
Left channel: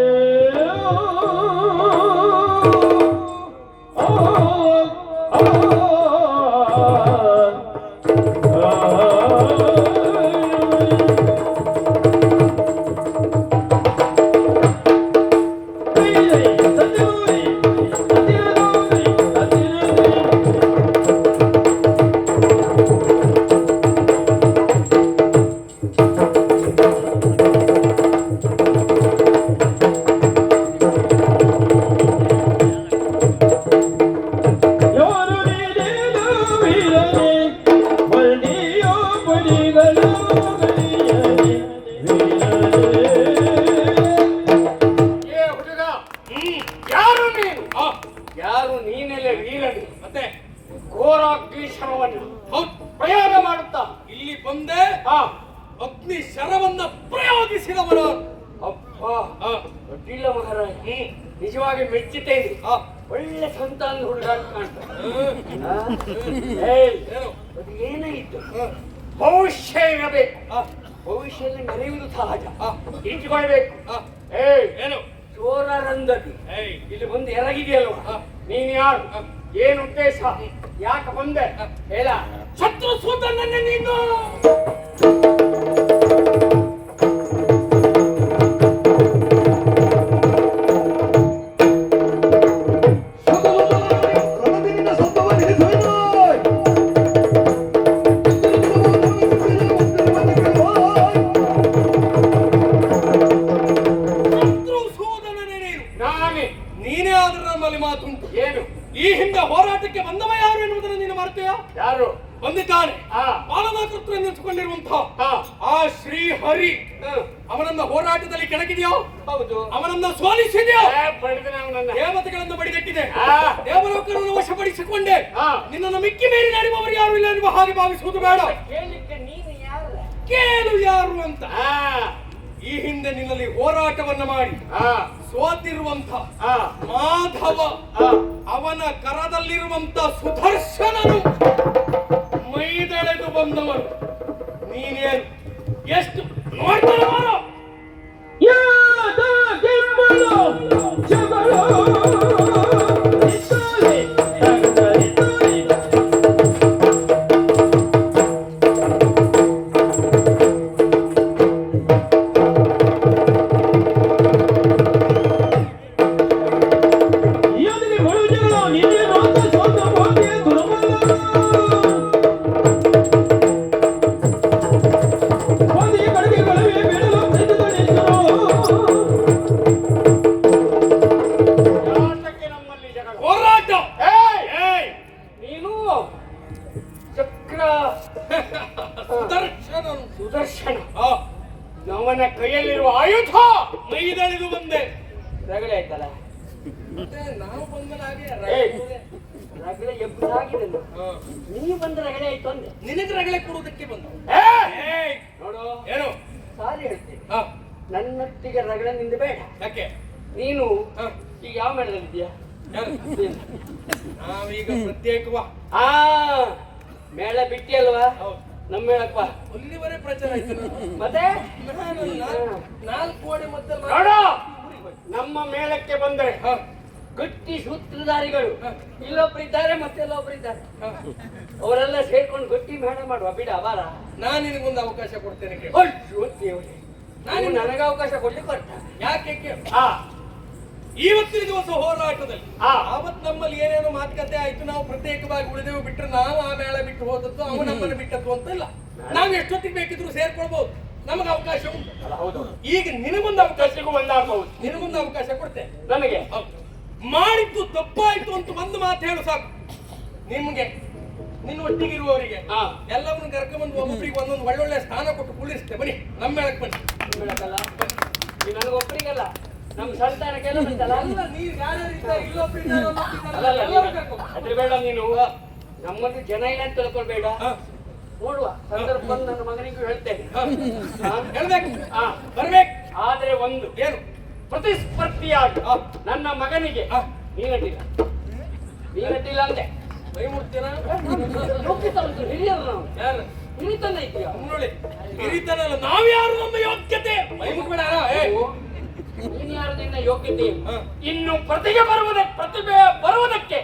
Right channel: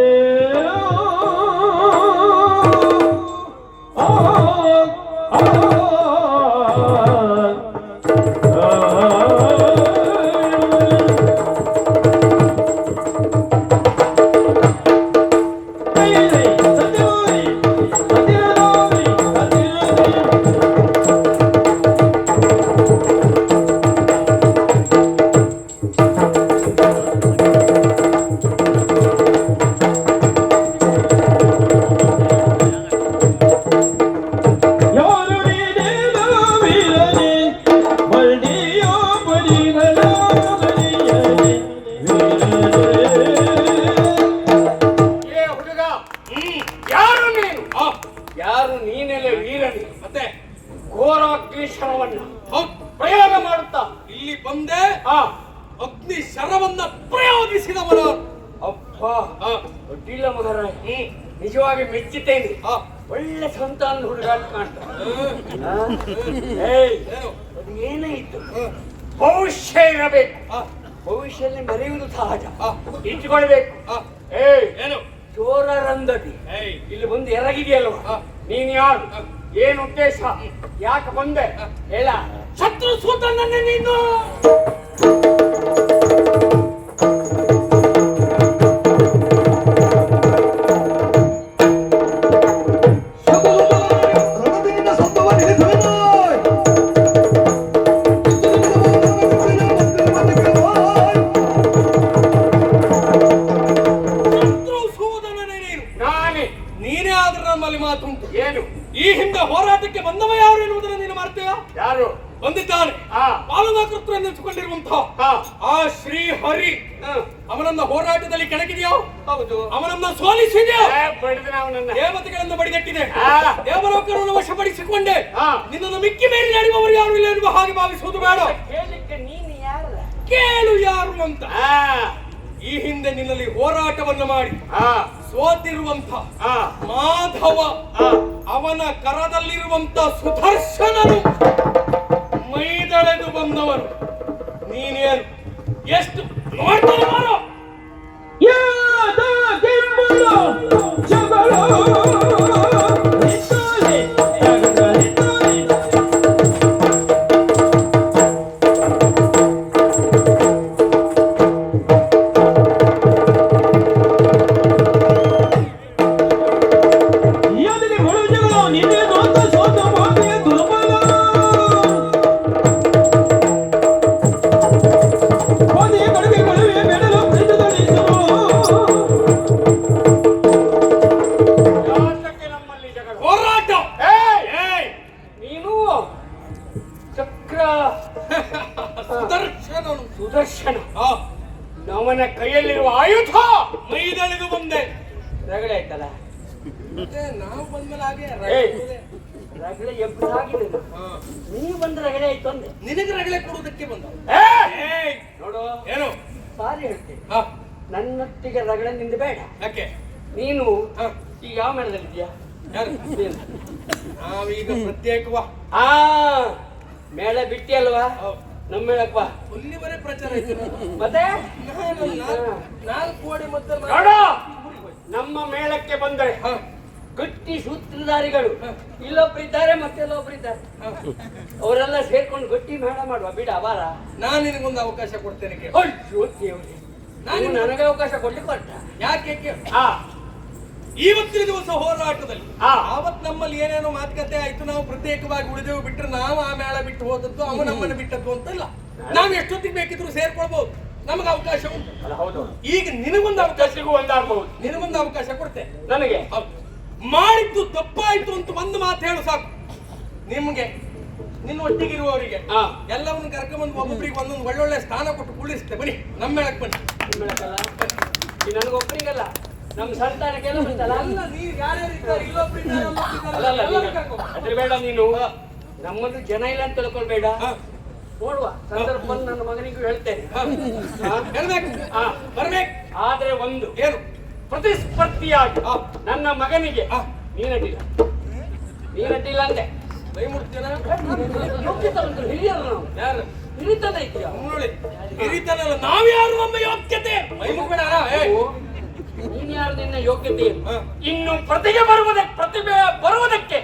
ಯಾರು ನೀನೆಲ್ಲ ವೀರನಿ ಮತ್ತೆ ಘೋರಾಗ್ನಿ ಶರವನ್ನ ಪ್ರಯೋಗ ಮಾಡುತ್ತಾ ಇಲ್ಲಿ ಬಂದೆ ಅಗ್ನಿ ಶರವನ್ನ ಪ್ರಯೋಗಿಸಿದವನ ಅಪ್ಪ ಒಡ್ಡಿಲ್ಲ ಮಗರ ನಿಜವಾಗಿ ಮೆಚ್ಚುತ್ತೇನೆ ಒಳ್ಳೆ ಸಂತಾನ ಹುಡುಗ ಅದು ಏನೇ ಇತ್ತು ಭವಿಷ್ಯ ಇರಬೇಕು ಭವಿಷ್ಯದಲ್ಲಿ ಮೆರೆಯುವುದು ಸಹಜ ಇಟ್ಟುಕೊಳ್ಬೇಕು ಏನು ಚೋರರಂದದಿ ಇಲ್ಲಿ ಬಂದು ಎರಗಿದೆಯಲ್ವ ನೀನ್ ಯಾರು ಏನು ಉದ್ದೇಶ ಯಾಕೆ ಬಂದೆ ಹೇಳ ಶತ್ರು ಸೂತನನ್ನ ನೀನು ಈ ಹಿಂದೆ ಹೋರಾಟಕ್ಕೆ ಬಂದವ ಯಾರು ಎನ್ನುವುದನ್ನು ನೀನು ಮಾಡ್ತೀಯ? ಯಾರು ಬಂದಿದ್ದಾನೆ ಪಾಲನಾಕೃತ್ವ ಎನ್ನಿಸಿಕೊಂಡಿರುವಂತಹ ಆ ಶ್ರೀ ಹರಿ ಅವನನ್ನ ಹೋರಾಟದಲ್ಲಿ ಕೆಣಕಿದೆಯೋ? ಹೌದು. ಅವನನ್ನ ಸೋಲಿಸಿದೆಯೋ? ದೇವತೆಗಳನ್ನು ಬಡಿಗಟ್ಟಿದೆ ದೇವಲೋಕರನ್ನು ವಶಪಡಿಸಿಕೊಂಡೆ ನಿನ್ನನ್ನು ಮಿಕ್ಕಿ ಮೇಲೆ ನಡೆಯುವವರು ಯಾರು ಇಲ್ಲ ಎನ್ನುವ ಹಾಗೆ ಭಾವಿಸುವುದು ಬೇಡ. ಕೇಳು ಯಾರು ಅಂತ. ಈ ಹಿಂದೆ ನಿನ್ನಲ್ಲಿ ಹೋರಾಟವನ್ನು ಮಾಡಿ ಸೋತಿರುವಂತ ಮಾಧವ ಅವನ ಕರದಲ್ಲಿರುವಂತ ಸುದರ್ಶನನು ಮೈದಳೆದು ಬಂದವರು ನೀನೇನು ಎಷ್ಟು ನೋಡ್ತಾನೆ ಮಾರೋ ಸುದರ್ಶನ ನಮ್ಮನ ಕೈಯಲ್ಲಿರುವ ಆಯುಧ ಮೈದಳೆದು ಬಂದೆ. ರಗಳೆ ಆಯ್ತಲ್ಲ ನಾವು ಬಂದ್ಮೇಲೆ ಹಾಗೆ ರಗಳೆ ಎಬ್ಬಸಾಗಿದೆ. ನೀವು ಬಂದ ರಗಳೆ ಆಯ್ತು ಅಂದೆ. ನಿನಗೆ ರಗಳೆ ಕೊಡುವುದಕ್ಕೆ ಬಂದ ನೋಡು ಏನು ಸಾರಿ ಹೇಳ್ತೀನಿ. ನನ್ನೊಟ್ಟಿಗೆ ರಗಳೆ ನಿಂದ ಬೇಡ. ಯಾಕೆ ನೀನು ಈಗ ಯಾವ ಮೇಳದಲ್ಲಿದ್ಯಾ? ನಾವೀಗ ಪ್ರತ್ಯೇಕವಾ ಮೇಳ ಬಿಟ್ಟಿ ಅಲ್ವಾ? ನಮ್ಮ ಮೇಳಕ್ಕ ಇಲ್ಲಿವರೆಗೆ ಪ್ರಚಾರ ಆಯ್ತು. ಮತ್ತೆ ನಾನು ಕೋಡಿ ಮತ್ತೆ ನಮ್ಮ ಮೇಳಕ್ಕೆ ಬಂದರೆ ಗಟ್ಟಿ ಸೂತ್ರಧಾರಿಗಳು ಇಲ್ಲೊಬ್ಬರಿದ್ದಾರೆ ಮತ್ತೆಲ್ಲೊಬ್ಬರಿದ್ದಾರೆ. ಅವರೆಲ್ಲ ಸೇರ್ಕೊಂಡು ಗಟ್ಟಿ ಮೇಳ ಮಾಡುವ ಬಿಡ ಅವಾರ. ನಾನು ನಿನಗೊಂದು ಅವಕಾಶ ಕೊಡ್ತೇನೆ. ನಾನು ನನಗೆ ಅವಕಾಶ ಕೊಡ್ಲಿಕ್ಕೆ ಕೊಟ್ಟ. ಯಾಕೆ ಇವತ್ತಿನ ದಿವಸ ಹೋರಾಟದಲ್ಲಿ ಆವತ್ ನಮ್ಮಲ್ಲಿ ಏನೇನೋ ಮಾತುಕತೆ ಆಯ್ತು. ನಾವು ಪ್ರತ್ಯೇಕವಾಗಿ ಉಳಿದೆವು ಬಿಟ್ಟರೆ ನಾವು ಆ ಮೇಳ ಬಿಟ್ಟು ಹೋದದ್ದು ಅವು ನಮ್ಮನ್ನು ಬಿಟ್ಟದ್ದು ಅಂತ ಇಲ್ಲ. ನಾವು ಎಷ್ಟೊತ್ತಿಗೆ ಬೇಕಿದ್ರು ಸೇರ್ಕೊಳ್ಬಹುದು. ನಮಗೆ ಅವಕಾಶ ಉಂಟು. ಈಗ ನಿನಗೊಂದು ಅವಕಾಶ ನಿನಗೊಂದು ಅವಕಾಶ ಕೊಡ್ತೇನೆ. ನನಗೆ ಮಾಡಿದ್ದು ತಪ್ಪಾಯ್ತು ಅಂತ ಒಂದು ಮಾತು ಹೇಳು ಸಾಕು. ನಿಮ್ಗೆ ನಿನ್ನ ಒಟ್ಟಿಗಿರುವವರಿಗೆ ಎಲ್ಲವನ್ನೂ ಕರ್ಕೊಂಡ್ಬಂದು ಒಬ್ಬೊಬ್ಬರಿಗೆ ಒಂದೊಂದು ಒಳ್ಳೊಳ್ಳೆ ಸ್ಥಾನ ಕೊಟ್ಟು ಕುಳಿಸ್ತೇ. ಬನ್ನಿ ನಮ್ಮ ಮೇಳಕ್ಕೆ ಬನ್ನಿ. ನನಗೊಬ್ಬರಿಗಲ್ಲ, ನಮ್ಮ ಸಂತಾನಕ್ಕೆಲ್ಲ ಅದ್ರ ಬೇಡ. ನೀನು ನಮ್ಮದು ಜನ ಇಲ್ಲ ಅಂತ ತಿಳ್ಕೊಳ್ಬೇಡ. ನೋಡುವ ಸಂದರ್ಭ ಬಂದು ನನ್ನ ಮಗನಿಗೂ ಹೇಳ್ತೇನೆ. ಹೇಳ್ಬೇಕು, ಬರ್ಬೇಕು. ಆದ್ರೆ ಒಂದು ಏನು ಪ್ರತಿಸ್ಪರ್ಧಿಯಾಗಿ ನನ್ನ ಮಗನಿಗೆ ನೀನಡ್ಡಿಲ್ಲ ಅಂದೆ. ಬೈ ಮುಡ್ತೀನ ಹಿರಿಯರು ನಾವು. ಯಾರು ಹಿರಿತನ ಇದೆಯಾ? ನೋಡಿ, ಹಿರಿತನ ಅಲ್ಲ, ನಾವ್ಯಾರು, ನಮ್ಮ ಯೋಗ್ಯತೆ. ಬೈ ಮುಟ್ಬೇಡ. ನೀನ್ ಯಾರು, ನಿನ್ನ ಯೋಗ್ಯತೆ. ಇನ್ನು ಪ್ರತಿಭೆ ಬರುವುದಕ್ಕೆ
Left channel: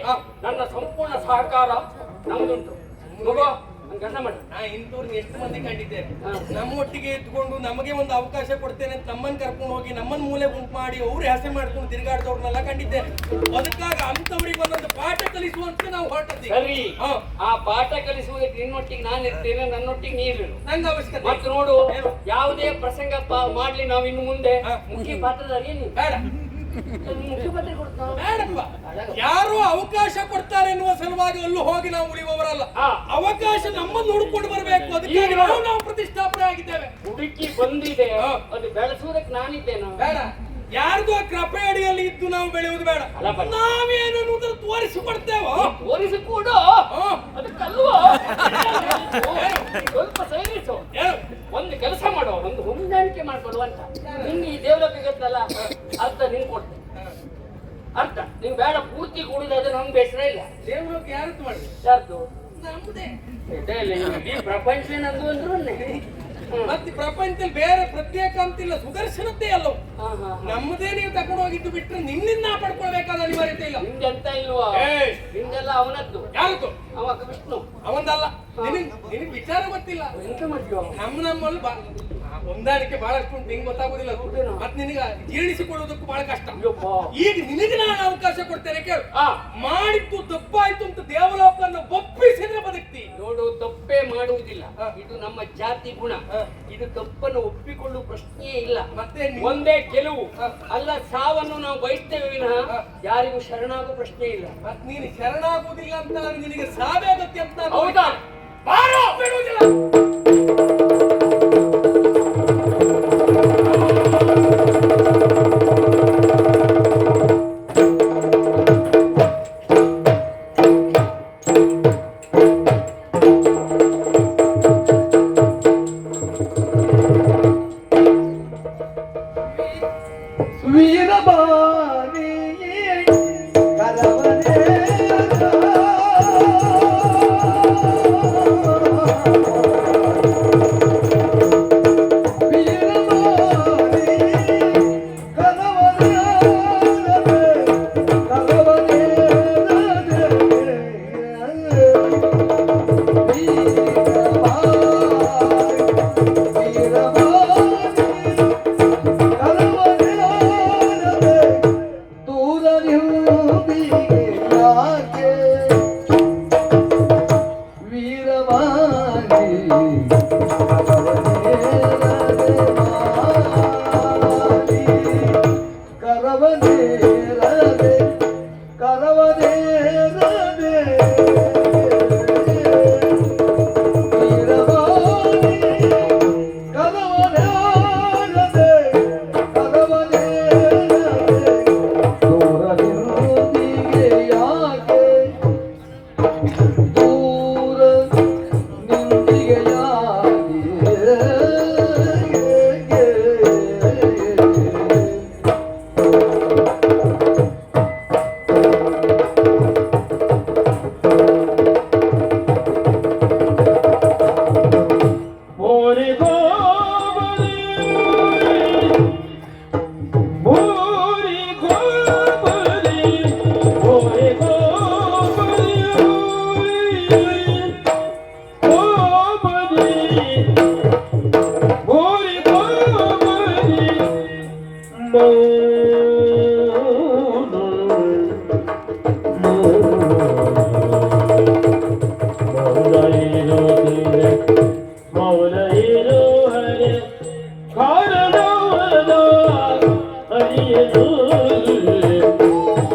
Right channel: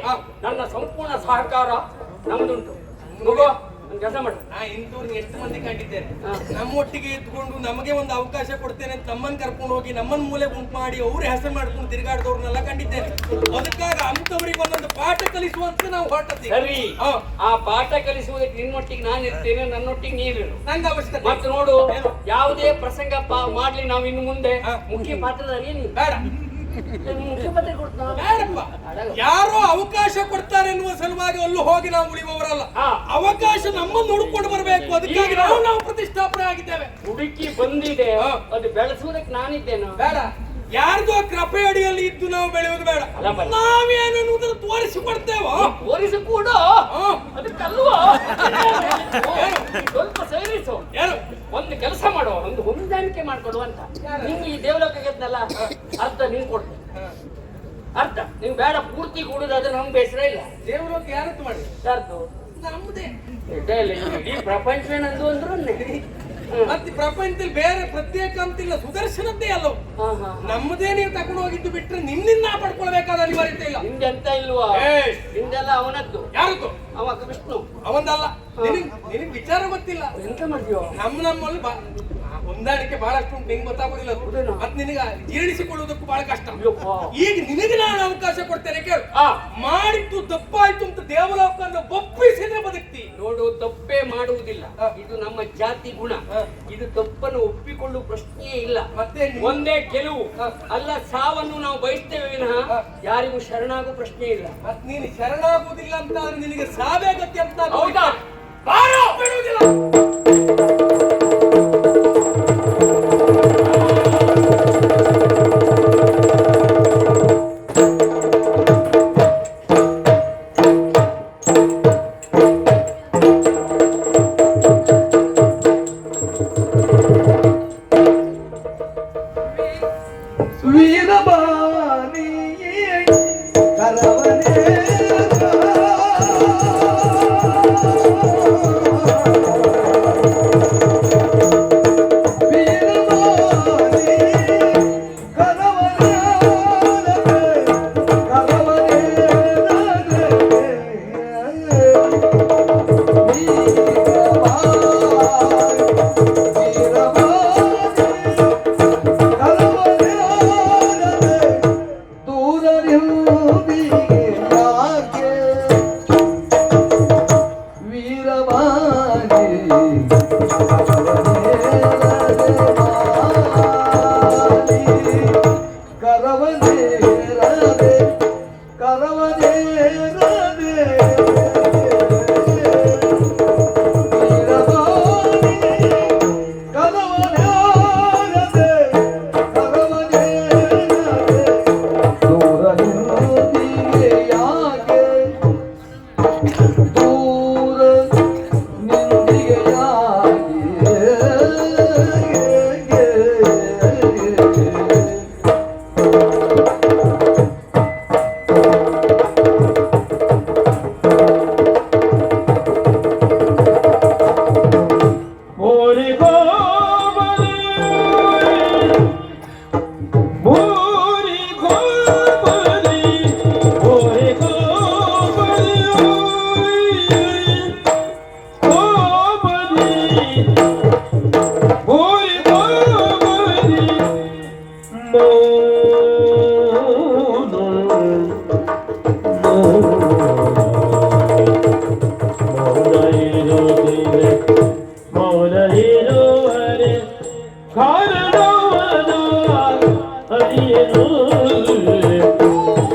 ನನ್ನ ಸಂಪೂರ್ಣ ಸಹಕಾರ ನಮ್ದುಂಟು. ಮಗು ಕೆಲಸ ಮಾಡಿ. ಇಂಥವ್ರನ್ನ ಎಷ್ಟು ಮಂದಿ ಕಂಡಿದ್ದೇನೆ. ನಮ್ಮೊಟ್ಟಿಗೆ ಇದ್ಕೊಂಡು ನಮಗೆ ಒಂದು ಅವಕಾಶ ಕೊಡ್ತೇನೆ ಅಂತ ನಮ್ಮನ್ನ ಕರ್ಕೊಂಡು ಹೋಗಿ ನಮ್ಮನ್ನ ಮೂಲೆ ಗುಂಪು ಮಾಡಿ ಅವ್ರ ಹೆಸರು ಮಾಡ್ಕೊಂಡು ತಿರುಗಾಡ್ದವ್ರನ್ನೆಲ್ಲ ಕಂಡಿದ್ದೇನೆ. ಅದಕ್ಕಾಗಿ ಅಂತವ್ರಿಗೆ ಒಂದೊಂದು ಪಾಠ ಕಲಿಸುವಂತ ನಾವು ಹೊರಟಿದ್ದೀವಿ. ಸರಿ, ಆ ಪಾಠ ಕಲಿಸುವುದಕ್ಕೆ ನಿನ್ನೊಟ್ಟಿಗೆ ನಾನು ಇರ್ತೇನೆ, ನನ್ನೊಟ್ಟಿಗೆ ನೀರು. ನಂಗೆ ಅವಶ್ಯಕತೆ. ಮತ್ತೆ ನೋಡು, ಯಾವುದೇ ಪ್ರಸಂಗ ಮಾಡ್ಲಿ ನಾವು ಇನ್ನು ಮುಂದೆ ಮುಖ್ಯ ಪಾತ್ರಧಾರಿ ನೀನು. ಬೇಡ, ಮುಖ್ಯಮಂತ್ರಿ ಕೊಡ್ತಾನ. ಬೇಡಪ್ಪ. ಯಾರೋ ಅವಕಾಶ ಕೊಡ್ತಾರೆ ಎನ್ನುವ ಸಲುವಾಗಿ ಅಲ್ಲೂ ಹೋಗಿ ನಾವು ಉಳಿಯುವವರಲ್ಲ. ಅವಕಾಶ ನಮ್ಮನ್ನು ನೋಡ್ಕೊಂಡು ಬರಬೇಕು. ಅದಕ್ಕಾಗಿ ನಾವು ಪ್ರತಿಷ್ಠಾಪನೆ ಆಗಿದ್ದೇವೆ. ಹುಡುಕಿ ಬಂದಿದೆ, ಅದು ಬೆಳೆಸುವುದಕ್ಕೆ ನಾನಿದ್ದೇನೆ. ಬೇಡ, ಯಾರ್ದೋ ಕೃಪೆ ಅಡಿಯಲ್ಲಿ ಇದ್ದು ನಾವು ಬೆಳೆಯುವುದು ಬೇಡ. ನಾವೇನೇನು ತೋರಿಸಿಕೊಡ್ತೇವೋ ತೋರಿಸಿಕೊಡ. ಅದಕ್ಕಲ್ವ ಸ್ವಲ್ಪ ಸೇರಿಸು. ಒಂದು ಕೆಲಸ ಮಾಡುವ, ಒಂದು ಹೊಂದಾಣಿಕೆ ಮಾಡ್ಕೊಡುವ ಅಂತ. ನಿಂಗೆ ಈ ದೇವಲೋಕ ಗೆದ್ದಲ್ಲ, ಅರ್ಥ ನಿಂಗೆ ಕೊಡ್ತೇನೆ. ಅರ್ಥ ನೀವು ಬೇಡ, ಪೂರ್ತಿ ಕೂಡುದಾದ್ರೆ ನಮ್ಗೆ ಬೇಸರ ಇಲ್ಲ. ದೇವಲೋಕ ಯಾರತ್ತು ಮಾಡಿ ಯಾರ್ದು? ನಮ್ಮದೇ. ಇಡೀ ಪ್ರಪಂಚ ನಂದು ಅಂದ್ರು ಮತ್ತೆ ಪ್ರಪಂಚದಲ್ಲಿ ಬೇರೆ ಪ್ರತ್ಯೇಕ ಅಂತಿಲ್ಲ, ಸುದರ್ಶನದ್ದೇ ಅಲ್ಲವು. ನಮ್ಮದೇ ನೀವು ತಗೊಂಡು ಹೋಗಿದ್ದು ಬಿಟ್ರೆ ನಿನ್ನಿಂದ ಪಡ್ಕೊಳ್ಬೇಕಾದ ಅನಿವಾರ್ಯತೆ ಇಲ್ಲ. ನಿಂದೆಂತ ಇಲ್ವಾ? ನಿಂದೆಲ್ಲ ಅವನದ್ದು. ಯಾರದ್ದು? ಅವ ವಿಷ್ಣು. ಅವನಲ್ಲ. ನಿನಗ್ ವಿಚಾರ ಗೊತ್ತಿಲ್ಲ. ಎಂತ ಮಾಡ್ತೀವ? ನಮ್ಮಲ್ಲಿ ಹೊಂದಾಣಿಕೆ ಬಹಳಷ್ಟು ಉಂಟು, ನಿಂಗೆ ಗೊತ್ತಾಗೋದಿಲ್ಲ. ಮತ್ತೆ ನಿನಗೆ ಜೀರ್ಣಿಸಿಕೊಳ್ಳುವುದಕ್ಕೂ ಬಹಳ ಕಷ್ಟ. ಈಗ ನಿನಗೆ ನಾನು ಅವಕಾಶ ಕೊಡ್ತೇನೆ, ಕೇಳು. ಮಾಡಿದ್ದು ತಪ್ಪಾಯ್ತು ಅಂತ ದೇವಲೋಕವನ್ನು ಒಪ್ಪಿಸಿದ್ರೆ ಬದುಕ್ತಿ. ನೋಡು, ತಪ್ಪೇ ಮಾಡುವುದಿಲ್ಲ, ಇದು ನಮ್ಮ ಜಾತಿ ಗುಣ. ಇದು ತಪ್ಪನ್ನು ಒಪ್ಪಿಕೊಳ್ಳುವ ಪ್ರಶ್ನೆಯೇ ಇಲ್ಲ. ಮತ್ತೆ ಒಂದೇ ಗೆಲುವು ಅಲ್ಲ, ಸಾವನ್ನು ನಾವು ಬಯಸ್ತೇವೆ ವಿನಃ ಯಾರಿಗೂ ಶರಣಾಗುವ ಪ್ರಶ್ನೆ ಇಲ್ಲ. ಮತ್ತೆ ನೀನು ಶರಣಾಗುವುದಿಲ್ಲ ಅಂತ ನಿನಗೆ ಸಾವೇ ಗತಿ ಅಂತ. ಹೌದಾ? ಬಾರೋ, ಬಿಡುವುದಿಲ್ಲ.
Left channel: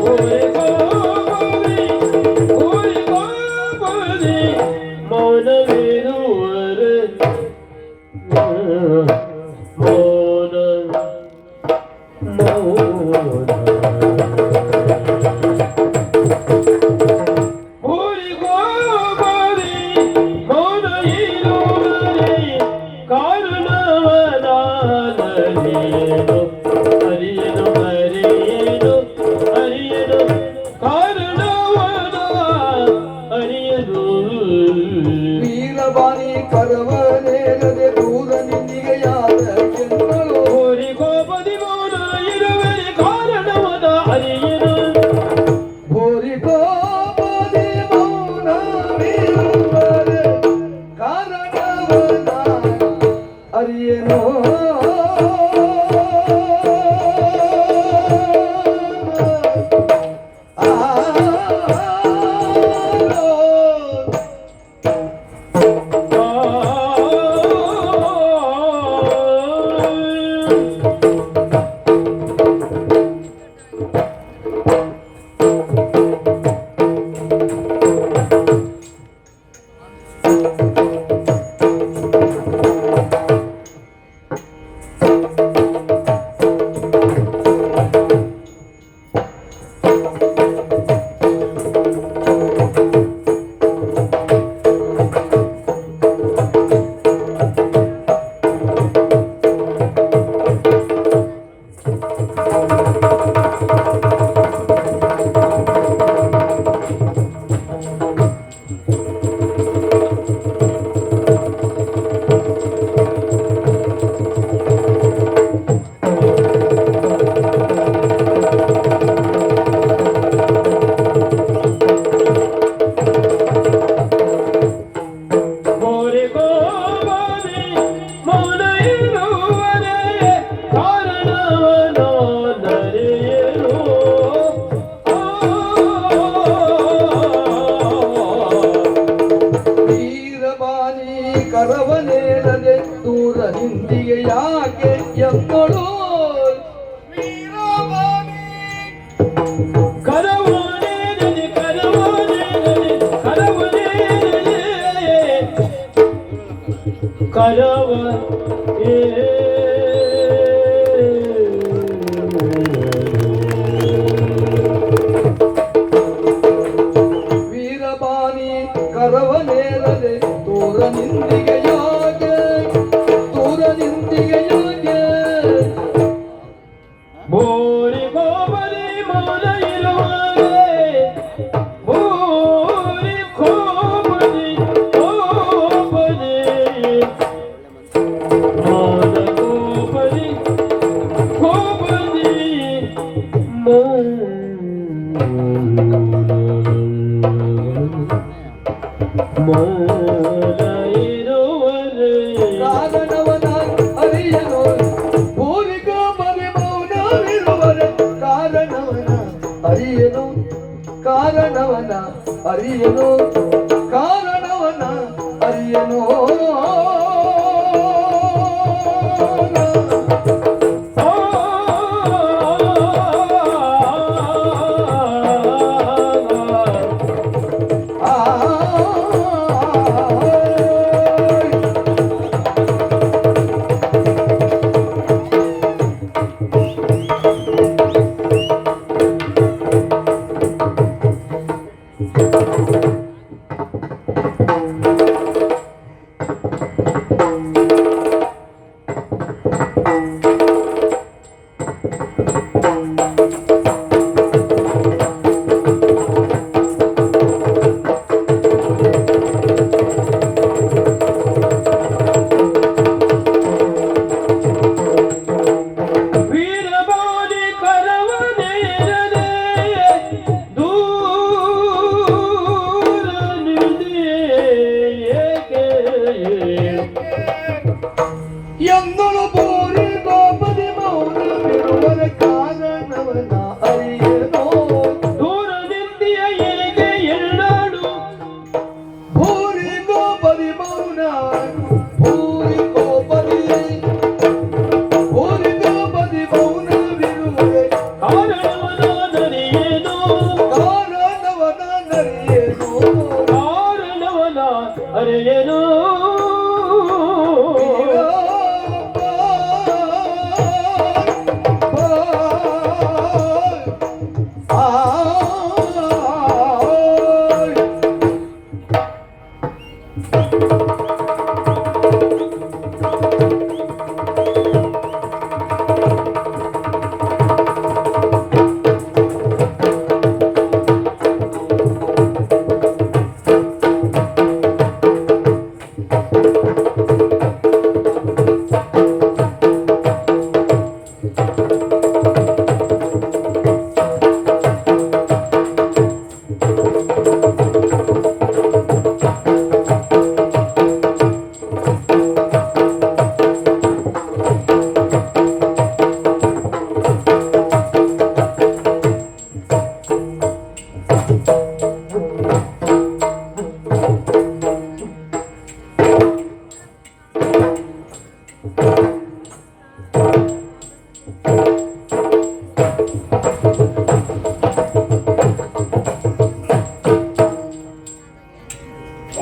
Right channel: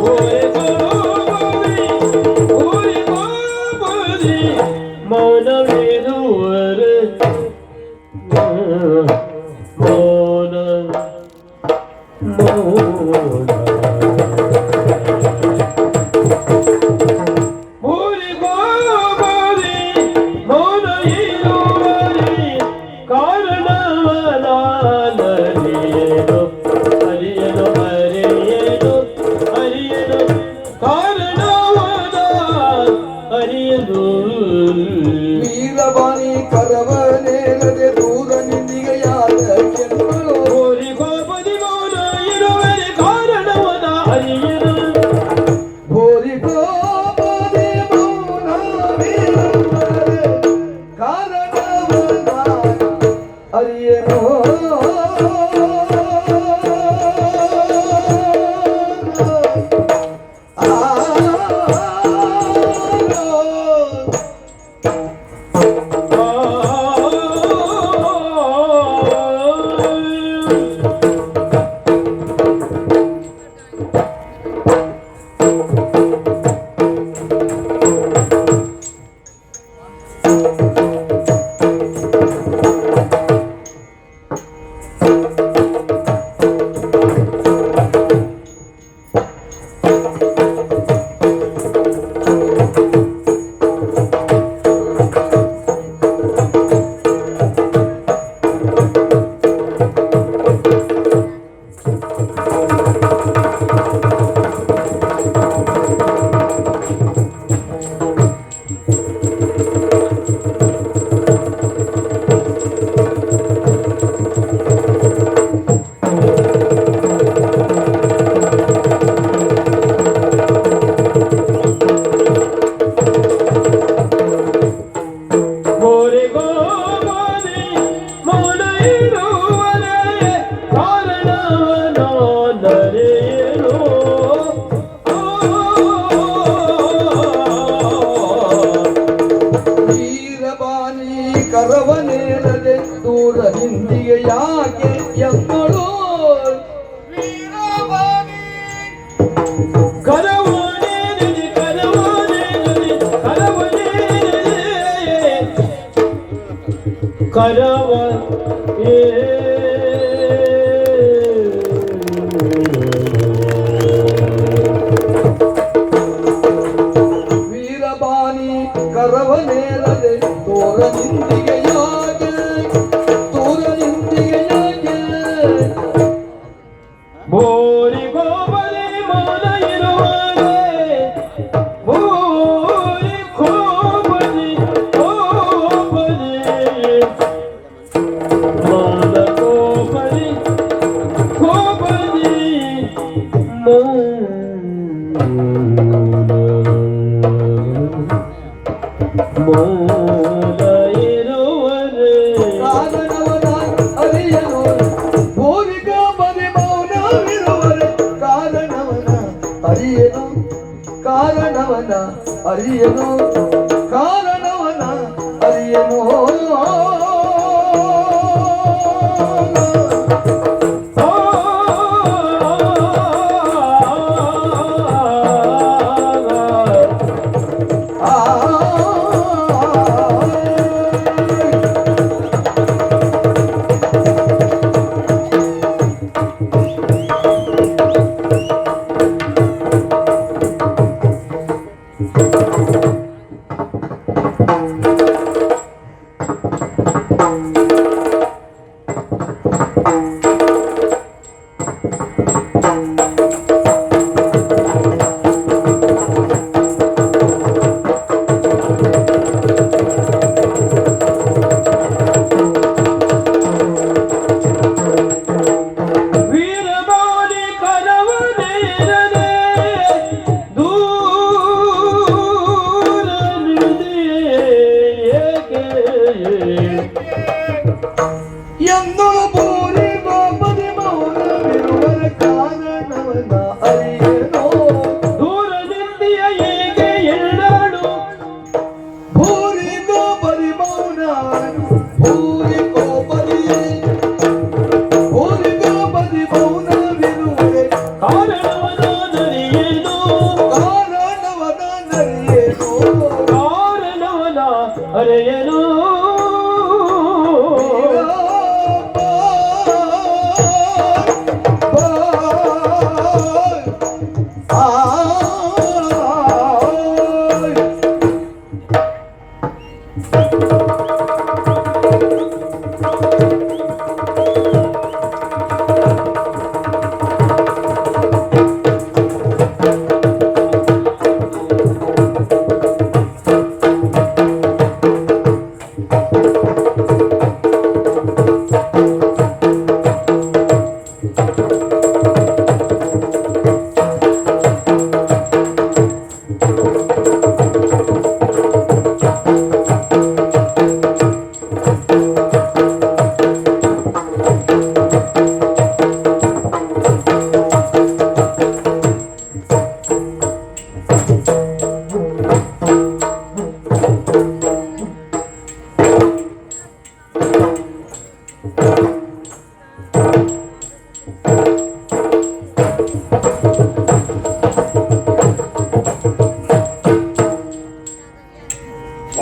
Hare ವೀರವಾಣಿ ಕರವನೇರದೆ ದೂರ ನಿಂದಿಗೆಯಾದ ಕೆಂಗಳು ಭೋರಿಗೋಪದಿ ಮೌನವಿರುವರೆ ಕಾರಣವನ ಅರಿಯನು ಕರವನೇರದೆ ದೂರ ಹಿಂದಿಗೆ ಯಾಕೆ ಎಮ್ಮಳು ವೀರಬಾನಿ ಕರವನೇರದೆ ದೂರ ನಿಂದಿಗೆಯಾಗೆ ದೂರ ನಿಂದಿಗೆಯಾಗೆ ಬೋರಿ ಗೋಬಲಿ ಮೌನ ಇರುವರೆ ಬೋರಿ ಕೋಬಲಿ ಕೋಬಲಿ ಮೌನ ಕೋಬಲಿ ಕೋಬಲಿ ಮೌನ ಇರುವರೆ ಕಾರಣವನ ಅರಿಯನು ಬೋರಿಗೋ ಬರಿ ಮೌನವಿರುವರೆ ಕಾರಣವನ ಅರಿಯನು ಕಾರಣವನ ಅರಿಯನು ಕಾರಣವನ ಅರಿಯನು ಎಂದಳು ಬೋರಿ ಗೋಪದಿ ಮೌನವಿರುವರೆ ಕಾರಣವನ ಅರಿಯನು ದೂರ ನಿಂದಿಯ ಹೇಗೆ ಎಳ್ಳಾಡು ಭೂರಿ ಗೋಪದಿ ಮೌನ ಭೂರಿ ಗೋಪದಿ ಮೌನವಿರುವರೆ ಕಾರಣವನ ನರಿಯೇನು ಕಾರಣವನ ನರಿಯೇನು ಕಾರಣವನ ಅರಿಯನು ಬಾ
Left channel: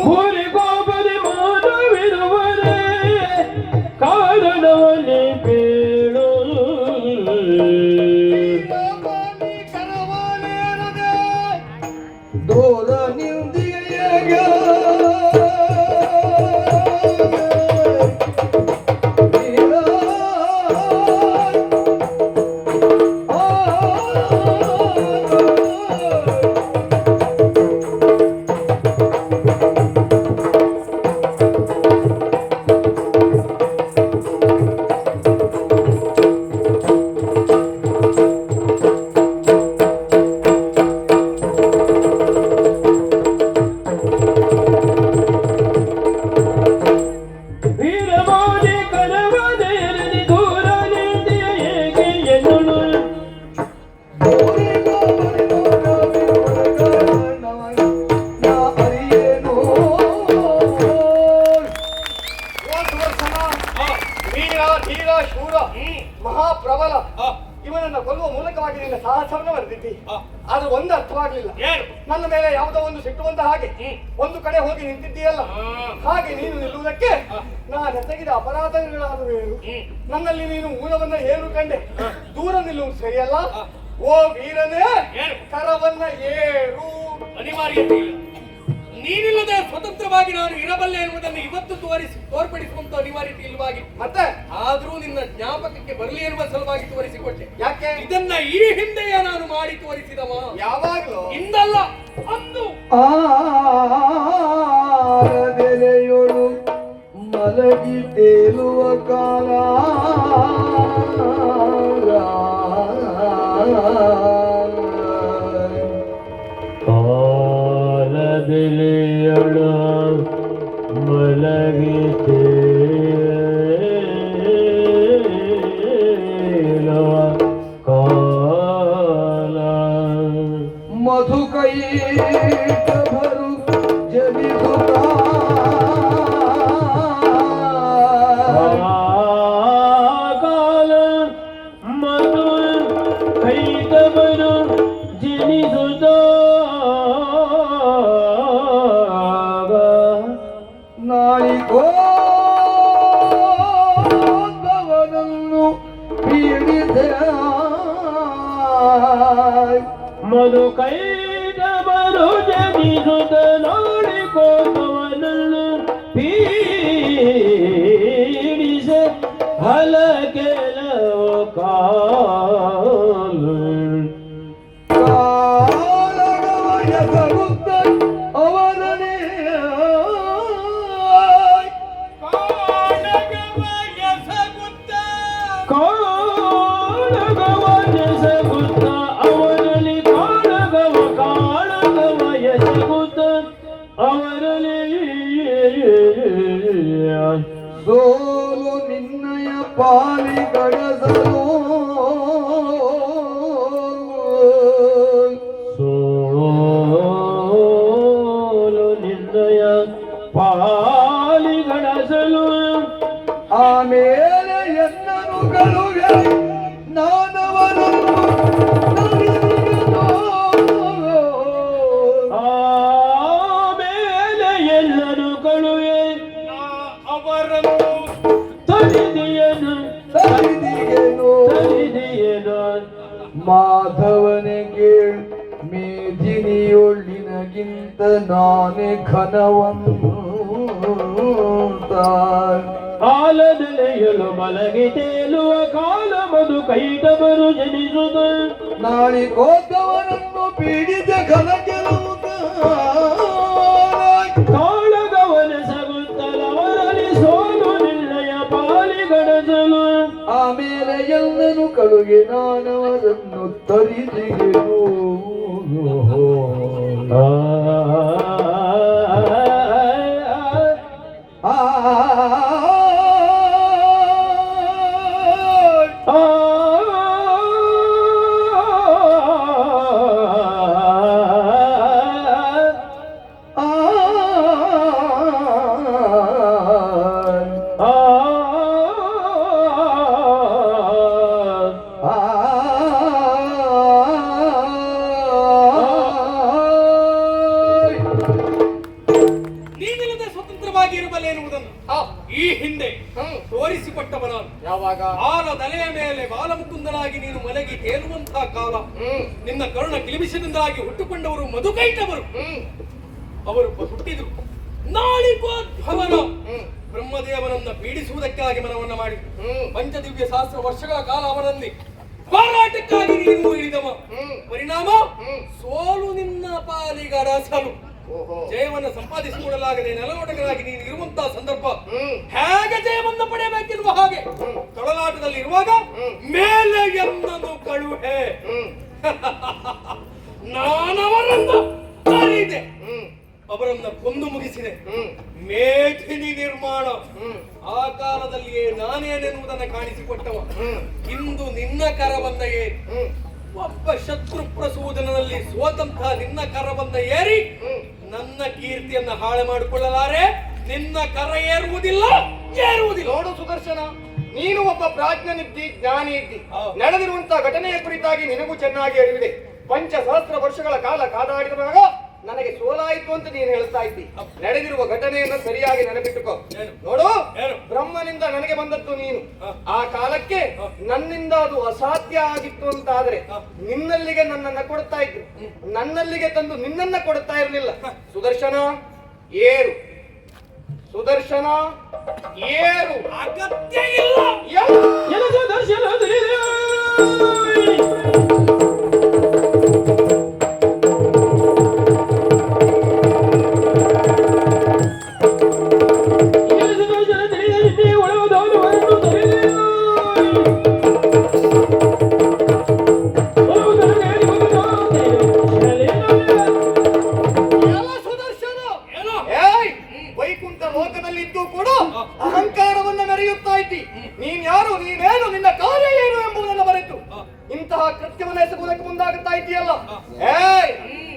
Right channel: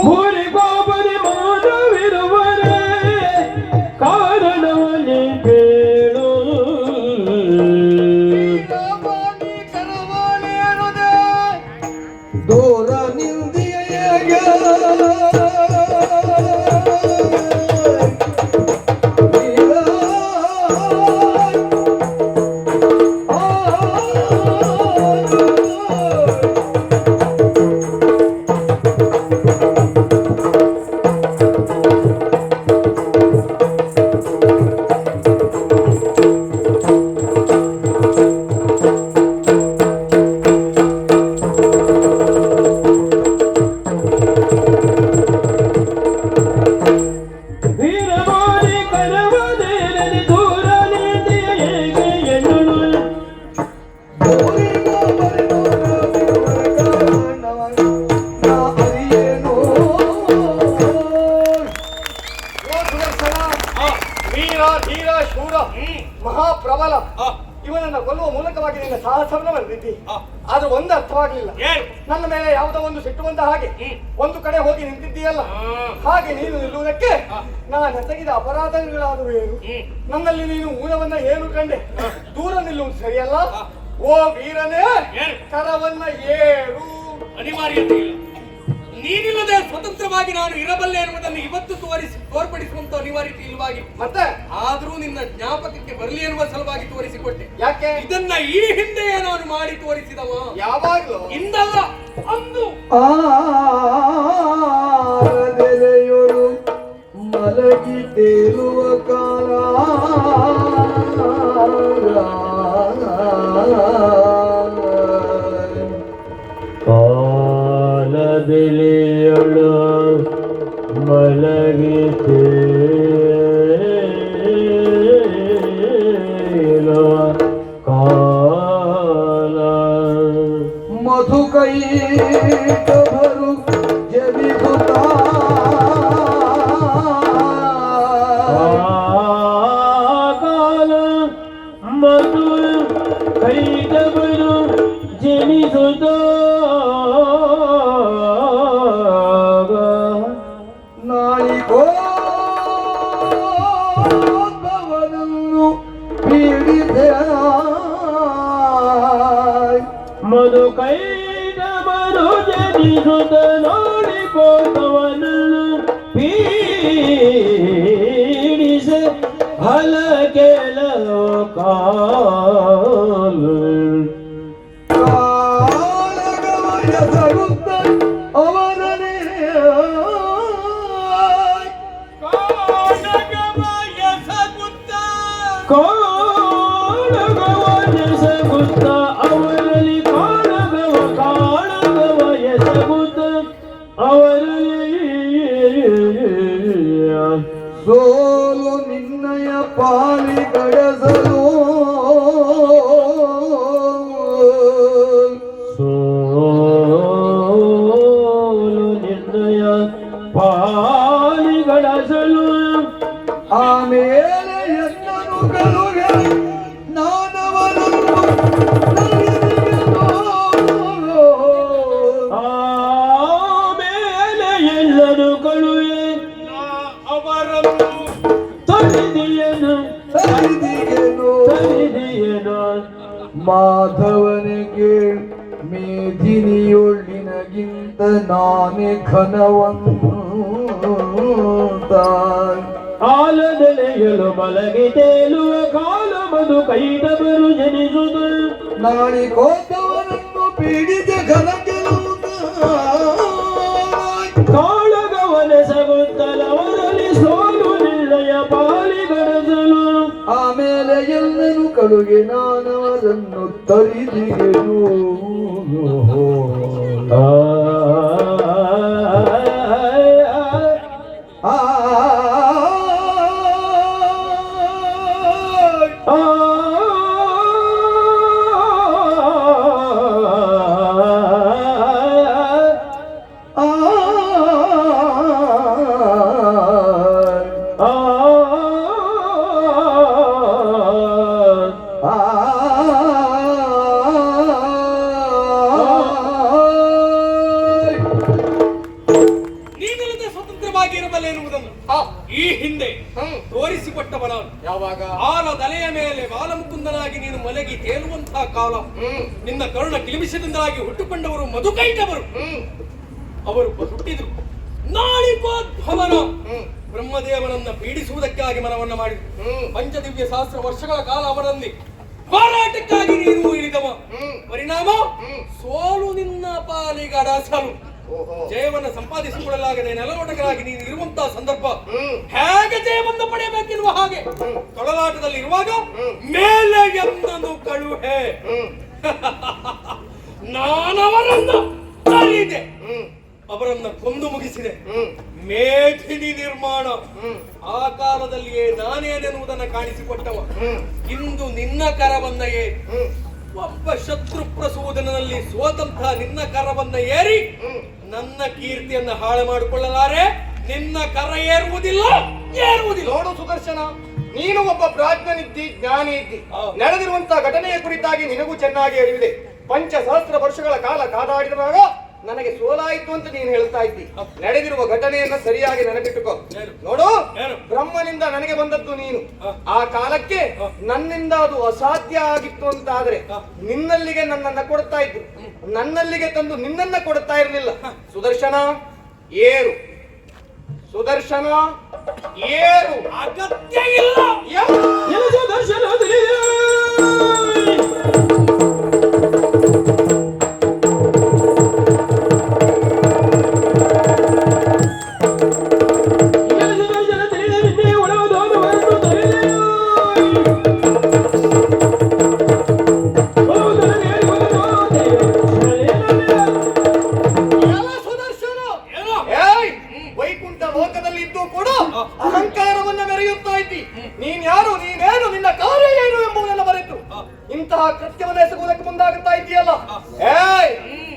ಊರಿಗೊಬ್ಬರಿ ಮಾನವಿರುವರೆ ಕಾರಣವನ್ನೇ ಬೇಳು ದೂರ ನಿಂದಿಗೆಯಾಗ ವೀರಮಾನಿ ಕರವದೇರನೆ ದೂರ ನಿಂದಿಗೆ ಹೇಗೆ ಎನ್ನುಳು ವೀರ ಧೀರ ಶೂರ ಮಹಾಪ್ರಬಲ ಇವನನ್ನ ಕೊಲ್ಲುವ ಮೂಲಕವಾಗಿ ನಿನ್ನ ಸಾಹಸವನ್ನು ಬರೆದಿದ್ದಿ ಆದ್ರೆ ಒಂದು ಅರ್ಥವಾಗ್ಲಿಲ್ಲ ನನ್ನ ಮೇಲೆ ಯಾವುದೋ ಒಂದು ಸಿಟ್ಟುವಂತ ಹಾಗೆ ಒಂದು ಕಡೆ ಹೋಗಿ ನಿಂತಿದ್ದೀಯಲ್ಲ ಹಾಗೆ ನೀನು ನಿಲ್ಲುವುದಕ್ಕೆ ನಾನು ಎಸಗಿದ ಅಪರಾಧಗಳಾದವೇನು ನನ್ನಲ್ಲಿ ನೀನು ಊನವನ್ನ ಏನು ಕಂಡೆ ದೂರ ನಿಲ್ಲುವುದು ಸರಿಯಲ್ಲ ಓ ವೀರನೇ ಕರವನ್ನ ಏರು ಅನಿವಾರ್ಯತೆ ಇಲ್ಲ. ನೀನಿಲ್ಲದೆ ಸ್ವತಂತ್ರವಾಗಿ ನಾನು ಇರಬಲ್ಲೆ ಎನ್ನುವುದನ್ನು ಇವತ್ತು ತೋರ್ಪಡಿಸುವಂತ ಅನಿವಾರ್ಯತೆ ಇಲ್ಲವಾಗಿ ಮತ್ತೆ ಆದ್ರೂ ನಿನ್ನ ಜ್ಞಾಪಕಕ್ಕೆ ಬರಲಿ ಎನ್ನುವ ಸಲುವಾಗಿ ತೋರಿಸಿಕೊಟ್ಟೆ. ಯಾಕೆ ಇದನ್ನ ಈ ಹಿಂದೆಯೇ ನಾನು ಮಾಡಿ ತೋರಿಸಿದವ ಯಾವಾಗ್ಲೂ ಇಂದಲ್ಲ ಅಂದು. ಆರದೆಲೆಯೊಳು ಮಲಗಿ ತೇಲುವ ಕಾಲ ಕಾಲದೆಲೆಯೊಳು ಮಲಗಿತೆ ಕಾಲ ಮಧುಕೈ ಕಭರು ಕಾಲ ಮಧು ಕೈದವರು ಜನಿಸುತ್ತ ನಾಳಿಗೋವನನ್ನು ಪೀಡಿತ ಮಧು ಕೈದವರು ಜನಿಸುತ್ತ ನೋಡಿಕೋತವನನ್ನು ಪೀಡಿಸ ಹಲ ಕೆಲವು ಕಾಲು ಕಾಲಗಮನ ಅವರನೇ ಕಾಳಗವ ಎಸಗುತ್ತ ಅವರಲ್ಲಿ ಕಾಳಗವ ಎಸಗುತ್ತ ಅವರಲ್ಲಿ ಸೋಲು ನಿನ್ನಯ ಪಾಲಿ ಗಡಸಲು ಸೋಲು ನಿರ್ಣಯ ಪಾಲಿಗಡಸಲು ಆಮೇಲೆ ಎನ್ನನು ಕಲುಗೆ ನಾನವನನ್ನು ಆಮೇಲೆ ಎಲ್ಲರೂ ಕಳುವೆ ಅವರನ್ನು ತಲಿದಿಯನು ತರಿದಿಗೆನು ಮಾಧವನಿಗೆ ಮೇದಿನಿಯೊಳ್ಳಿನಗಿಂತ ನಾನೇ ಘನವನ್ನು ಕಾಲದೆಲೆಯಲು ಮಲಗಿ ತೇಲುವ ಕಾಲ ಮಧು ಕೈದವರು ಜನಿಸುತ್ತ ನಾಳಿಕೋದ್ದವನನ್ನು ಪೀಡಿತ ಘನಕೆಲುವುದ ಕಾಳಗವನೆಸಗುತ್ತಲವರಲ್ಲಿ ಸೋಲು ನಿರ್ಣಯ ಪಾಲಿಗಡದಲು ಆಮೇಲೆ ಎಲ್ಲನು ಕಳುಗೆ ನಾನವರನ್ನು ತರಿದಿಗೆನು ನೀನಿಲ್ಲದೆ ಸ್ವತಂತ್ರವಾಗಿ ಇರಬಲ್ಲೆ ಎನ್ನುವುದನ್ನು ಈ ಹಿಂದೆ ತೋರಿಸಿಕೊಟ್ಟವ ನಾನು. ಯಾವಾಗ ಆನ ತಲೆಯ ಮೇಲೆ ಬಾಲಮುಕುಂದನಾಗಿ ನೀನು ಮಲಗಿ ತೇಲುವಂತಹ ಕಾಲ, ನಿನ್ನ ಕರುಣ ಕಿಲಿಮಿಸಿದಿಂದಾಗಿ ಹುಟ್ಟುಕೊಂಡವರು ಮಧುಕೈಟವರು. ಅವರು ಹುಟ್ಟಿದ್ರು ನಾಳಿಕೋದ್ಭವನ ಬ್ರಹ್ಮದೇವನನ್ನ ಪೀಡಿಸುವುದಕ್ಕಾಗಿ ಮನವನ್ನ ಮಾಡಿ ಪಂಚದಿವ್ಯ ಸಹಸ್ರ ವರ್ಷಗಳ ಕಾಲ ಅವರಲ್ಲಿ ಹೋರಾಟಕ್ಕಾಗಿ ನೀನು ಇಳಿದವ. ಪರಿಣಾಮ ಸೋಲು ನಿನ್ನ ಪಾಲಿಗರಸಲು. ಜಯವನ್ನು ಸಂಪಾದಿಸಿಕೊಳ್ಳಲಾಗದೆ ನೆಲವೊಡಗರಾಗಿ ನೀನು ಇರುವಂತಹ ಸಂದರ್ಭ ಹೇಗೆ ಜಯವನ್ನು ಪಡೆಯಬೇಕಿರುವ ಹಾಗೆ ತೊಳಲಾಟದಲ್ಲಿ ಇರುವಾಗ ಮೇಲೆ ಎಂದನು ಕಳುಹೆ ನಾನವರನ್ನು ಕರೀದೆ, ಅವರನ್ನ ಕೊಂದು ಮುಗಿಸಿದೆ. ಮೇಧಿನಿ ನಿರ್ಮಾಣ ಆ ಕಾಲದಲ್ಲಿಯೇ ನಾನೇನೆನ್ನುವುದನ್ನು ಕಾಣಿಸಿಕೊಟ್ಟವ. ಇಂದು ನಿನ್ನ ಕರವನ್ನ ಏರಿ ಒಬ್ಬ ಶತ್ರು ಪ್ರಸೂದನದಲ್ಲಿ ಸೋತಂತಹ ನಿನ್ನ ಕರವನ್ನ ಏರಿ ನನ್ನ ಕೀರ್ತಿಯನ್ನ ಹಾಳು ಮಾಡಿಕೊಳ್ಳಲಾರೆ. ನಿನ್ನ ಕರ ಏರುವುದಿಲ್ಲ. ನೋಡು ಸುದರ್ಶನ, ನೀನು ಒಬ್ಬ ಪ್ರಾಜ್ಞನಿದ್ದಿ, ಜ್ಞಾನಿ ಇದ್ದಿ. ನಡೆದಿರುವಂತಹ ಘಟನೆಯ ಕುರಿತಾಗಿ ನಿನಗೂ ಚೆನ್ನಾಗಿ ಅರಿವಿದೆ. 5,000 ವರ್ಷಗಳ ಕಾಲ ಕಾದಾಡಿದಾಗ ನನಗೆ ಸೋಲಾಯಿತು ಅಂತ ನೀನು ಹೇಳ್ತಾ ಇದ್ದಿ. ನಡೆದಿರುವ ಘಟನೆಯನ್ನ ಸರಿಯಾಗಿ ನೆನಪಿಟ್ಟುಕೋ. ನೋಡು, ಬ್ರಹ್ಮನಿಂದ ನನಗೆ ಬಂದದ್ದು ನೀನು. ಆ ಕಾಲಕ್ಕೆ ನನ್ನಿಂದ ಅದು ಅಸಾಧ್ಯ ಆಗಿತ್ತು ಅಂತಾದ್ರೆ ನಿನ್ನಲ್ಲಿಗೆ ನನ್ನನ್ನ ಕೊಡ್ತಾ ಇದ್ರು, ನನ್ನಲ್ಲಿಗೆ ತಂದು ನಿನ್ನನ್ನ ಕೊಡ್ತಾ ಇರಲಿಲ್ಲ. ಸುದರ್ಶನ ಏರು, ಸುದರ್ಶನ ಏರು. ಅಗತ್ಯ ಇಲ್ಲ. ವೈಕುಂಠ ಲೋಕದಲ್ಲಿದ್ದು ಕೂಡ ಅಹಂಕಾರವನ್ನ ಮೆರೆಯುತ್ತಾ ಇದ್ದಿ. ನೀನ್ ಯಾರು, ನೀನೇನು, ನಿನ್ನ ಕಾರ್ಯ ಏನು ಎಂಬುದನ್ನು ಮರೆತು ಇಂತಹ ಕೃತ್ಯವನ್ನು ಎಸಗುವುದಕ್ಕೆ ಮುಂದಾಗುತ್ತಾ ಇದ್ದೀಯಲ್ಲ.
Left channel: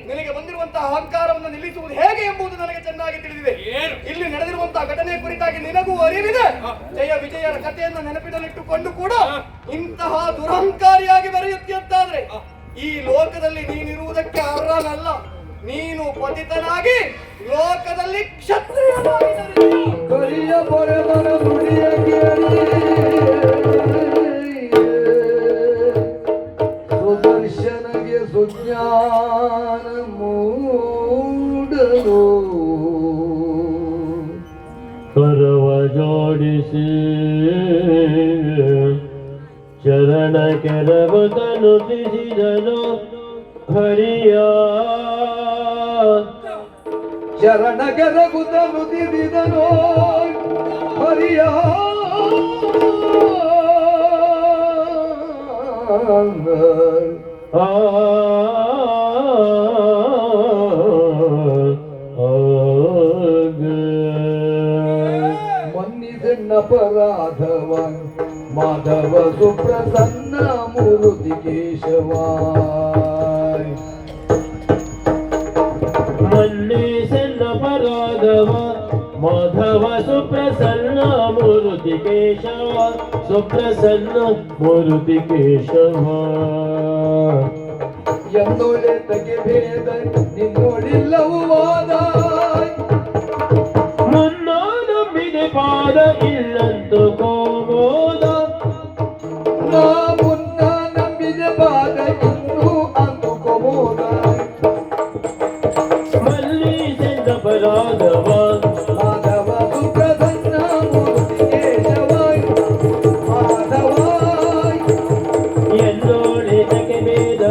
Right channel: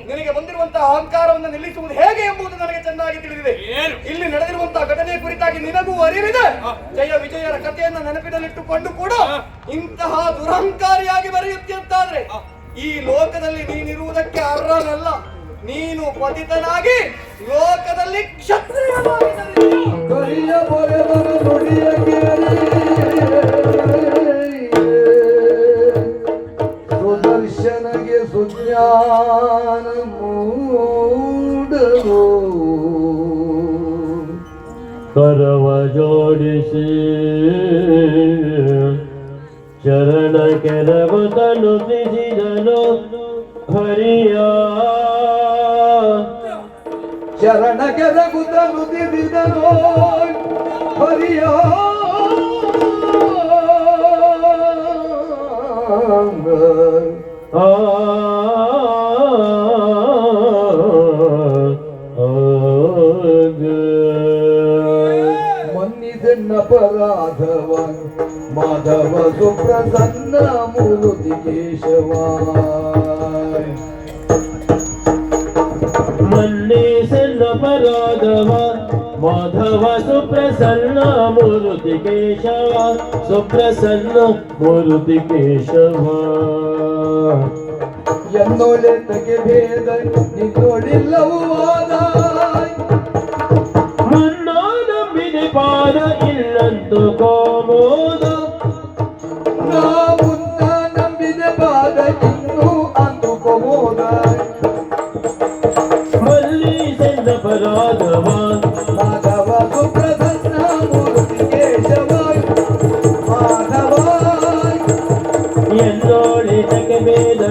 ನಿನಗೆ ಬಂದಿರುವಂತಹ ಅಹಂಕಾರವನ್ನು ನಿಲ್ಲಿಸುವುದು ಹೇಗೆ ಎಂಬುದು ನನಗೆ ಚೆನ್ನಾಗಿ ತಿಳಿದಿದೆ. ಇಲ್ಲಿ ನಡೆದಿರುವಂತಹ ಘಟನೆ ಕುರಿತಾಗಿ ನಿನಗೂ ಅರಿವಿದೆ. ಜಯ ವಿಜಯರ ಕಥೆಯನ್ನು ನೆನಪಿನಲ್ಲಿಟ್ಟುಕೊಂಡು ಕೂಡ ಇಂತಹ ದುರಹಂಕಾರಿಯಾಗಿ ಬರೆಯುತ್ತಿದ್ದಾದ್ರೆ ಈ ಲೋಕದಲ್ಲಿ ನೀನಿರುವುದಕ್ಕೆ ಅರ್ಹನಲ್ಲ. ನೀನು ಪತಿತನಾಗಿ ಲೋಕದಲ್ಲಿ ಕ್ಷತ್ರಿಯನಾಗಿ ಕರಿಯ ಬರೆದನ ನುಡಿಯ ಕೇಳಿ ಸುದರ್ಶನಗೆ ಸುಜ್ಞಾನ ಮೂಡಲು ಕರವ ಜೋಡಿಸಿ ಚರಣ ಕೆರವದನು ಬಿಸಿದನು ಹರಿಯ ಶರಣ ಕೆರಗುತ್ತನು ತಿರಿದನು ಹರಿಯ ಮನ್ನಿದೆನ್ನಪರಾಧವ ಮಾಧವ ಸುಪ್ರಸನ್ನ ಮೂರುತಿ ಕೇಶವ ಮನ್ನಿಸೆನ್ನಪರಾಧವ ಮಾಧವ ಸುಪ್ರಸನ್ನ ಮೂರುತಿ ಕೇಶವ ಸುಪ್ರಸನ್ನ ಮೂರುತಿ ಕೇಶವ എന്നോലെ തಗೆ ಭೇದ ನಿನ್ನೋಡಿಲ್ಲವೂ ವಾದ ಮುನ್ನಾನಂಬಿದೆ ಪಾದ ಇಲ್ಲಂತು ಕೋಮೋದ ನಾ ಮುನ್ನ ನಂಬಿದೆ ಪಾದ ಇನ್ನೂ ಅಂದು ಕೋಮೋದ ಮಲ್ಲಿಸೆಂದ ಪರಾಧವ ಮಾಧವ ಸುಪ್ರಸನ್ನ ಮೂರ್ತಿ ಕೇಶವ ಮಾಧವ ಎಂದೋಳೆ ತಗೆ ಭೇದ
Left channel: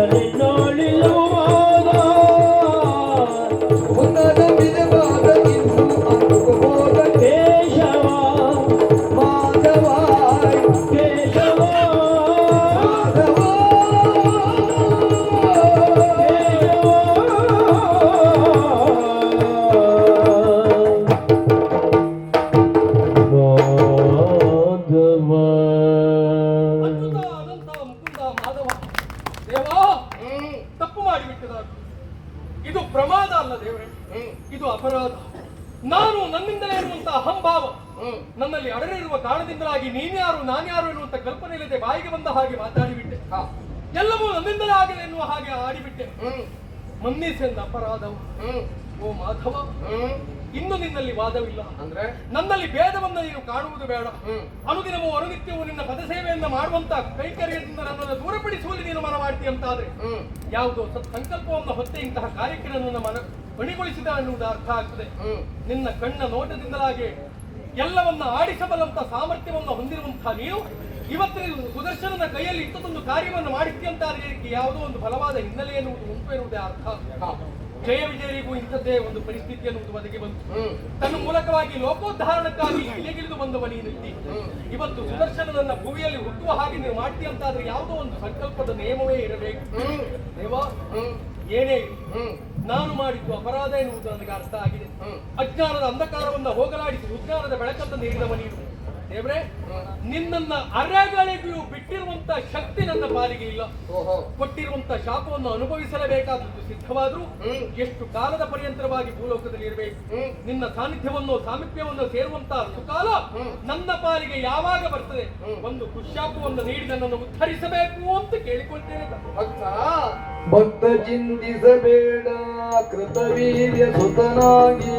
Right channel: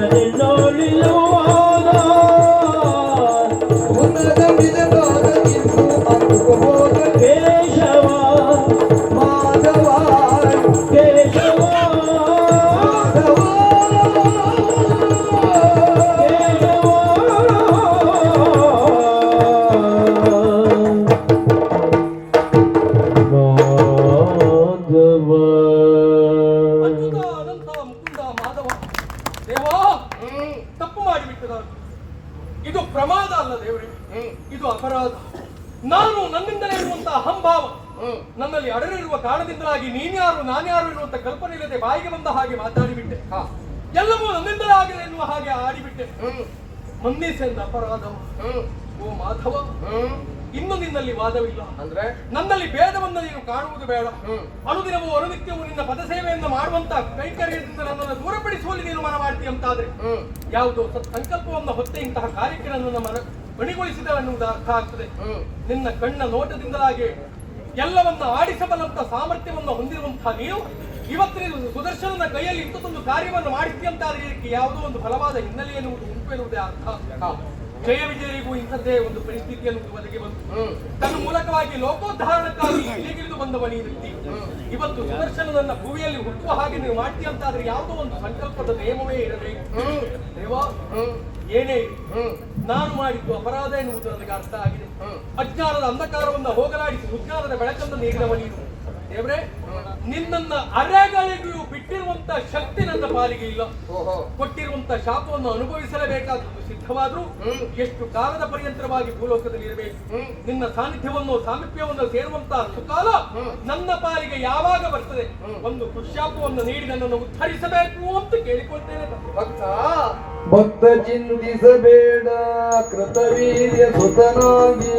ದೇವಾ ತಪ್ಪು ಮಾಡಿಬಿಟ್ಟೆ ನಾನು. ಇದು ಪ್ರಮಾದ ಅಲ್ಲ ದೇವರೇ, ಇದು ಅಪರಾಧ. ನಾನು ನನ್ನಿಂದ ಇರುವಂತಹ ಅಹಂಭಾವ ನನ್ನಲ್ಲಿ ಅಡರಿರುವ ಕಾರಣದಿಂದಲಾಗಿ ನೀನ್ಯಾರು ನಾನ್ಯಾರು ಎನ್ನುವಂತ ಕಲ್ಪನೆ ಇಲ್ಲದೆ ಬಾಯಿಗೆ ಬಂದ ಹಾಗೆ ಮಾತಾಡಿಬಿಟ್ಟೆ. ಎಲ್ಲವೂ ನನ್ನಿಂದಲೇ ಆಗಲಿ ಎನ್ನುವ ಹಾಗೆ ಆಡಿಬಿಟ್ಟೆ. ಮನ್ನಿಸೆಂದ ಅಪರಾಧವು. ಓ ಮಾಧವ, ಇನ್ನು ನಿನ್ನಲ್ಲಿ ವಾದವಿಲ್ಲ. ಅಂದ್ರೆ ನನ್ನಲ್ಲಿ ಭೇದವನ್ನು ನೀನು ಕಾಣುವುದು ಬೇಡ. ಅನುದಿನವೂ ಅನುನಿತ್ಯವೂ ನಿನ್ನ ಪದಸೇವೆಯನ್ನು ಮಾಡುವಂತ ಕೈಕರ್ಯದಿಂದ ನನ್ನನ್ನು ದೂರಪಡಿಸುವಲ್ಲಿ ನೀನು ಮನ ಮಾಡ್ತೀಯ ಅಂತಾದ್ರೆ ಯಾವುದೋ ಸಂಕಲ್ಪವನ್ನು ಹೊತ್ತೆ ಇಂತಹ ಕಾರ್ಯಕ್ಕೆ ನನ್ನನ್ನು ಮಣಿಗೊಳಿಸಿದ ಎನ್ನುವುದು ಅರ್ಥ ಆಗ್ತದೆ. ನಿನ್ನ ಕಣ್ಣ ನೋಟದಿಂದಲಾಗಿ ಎಲ್ಲವನ್ನ ಆಡಿಸಬಲ್ಲಂತ ಸಾಮರ್ಥ್ಯವನ್ನು ಹೊಂದಿರುವಂತಹ ನೀನು ಇವತ್ತಿನ ಸುದರ್ಶನನ ಕೈಯಲ್ಲಿ ಇಂಥದೊಂದು ಕಾರ್ಯವನ್ನು ಮಾಡಿದ್ಯಂತಾದ್ರೆ ಇದಕ್ಕೆ ಯಾವುದೋ ಒಂದು ಫಲವಾದ ಹಿನ್ನೆಲೆ ಎನ್ನುವುದು ಉಂಟು ಎನ್ನುವುದೇ ಅರ್ಥ. ಜಯ ವಿಜಯರಿಗೂ ಇಂಥದ್ದೇ ಒಂದು ಪರಿಸ್ಥಿತಿಯನ್ನು ಒದಗಿ ಬಂತು. ತನ್ನ ಮೂಲಕವಾಗಿ ಲೋಕೋದ್ಧಾರಣಕ್ಕಾಗಿ ಇಳಿಗಿಳಿದು ಬಂದವ ನೀನು ಇವತ್ತು ಸುದರ್ಶನನನ್ನ ಭೂಮಿಯಲ್ಲಿ ಹುಟ್ಟುವ ಹಾಗೆ ನೀವು ಮಾಡ್ತೀಯ ಅಂತಾದ್ರೆ ಯಾವುದೋ ಒಂದು ಸಂಕಲ್ಪದ ನಿಯಮವೇ ಇರಬೇಕು. ದೇವಾ, ಏನೇ ನಾನು ಮಾಡಿದ್ದು ಅಪರಾಧ ಎನ್ನುವುದು ನನಗೆ ಅರ್ಥ ಆಗಿದೆ. ಅಜ್ಞಾನದ ಅಂಧಕಾರವನ್ನು ಹೋಗಲಾಡಿಸಿ ಸುಜ್ಞಾನದ ಬೆಳಕನ್ನು ನೀಡಿದವ ನೀನು. ದೇವ್ರೆ, ನಿನ್ನನ್ನ ಅರೆಗಳಿಗೂ ಬಿಟ್ಟಿರುವಂತ ಶಕ್ತಿ ನನ್ನ ಪಾಲಿಗೆ ಇಲ್ಲ. ಕೊಟ್ಟಿರುವಂತ ಶಾಪವನ್ನು ಅನುಭವಿಸಲೇಬೇಕಾದದ್ದು ಸಿದ್ಧವಾದ್ರೂ ಎಷ್ಟು ಕಾಲದ ಪರ್ಯಂತರವಾಗಿ ಭೂಲೋಕದಲ್ಲಿ ಇರಬೇಕು. ನಿನ್ನ ಸಾನ್ನಿಧ್ಯವನ್ನು ಸಾಮೀಪ್ಯವನ್ನು ಸೇರುವಂತಹ ಸುಕಾಲ ನನ್ನ ಪಾಲಿಗೆ ಯಾವಾಗ ಬರ್ತದೆ? ಒಂದು ದುಶ್ಶಾಪವನ್ನು ನೀಡಿ ನನ್ನನ್ನು ಉದ್ಧರಿಸಬೇಕು ಅಂತ ಕೇಳಿಕೊಳ್ತೇನೆ. ಭಕ್ತ ಚಿಂತಿಸಬೇಡ ಕೃತವೀರ್ಯ ಸುತನಾಗಿ,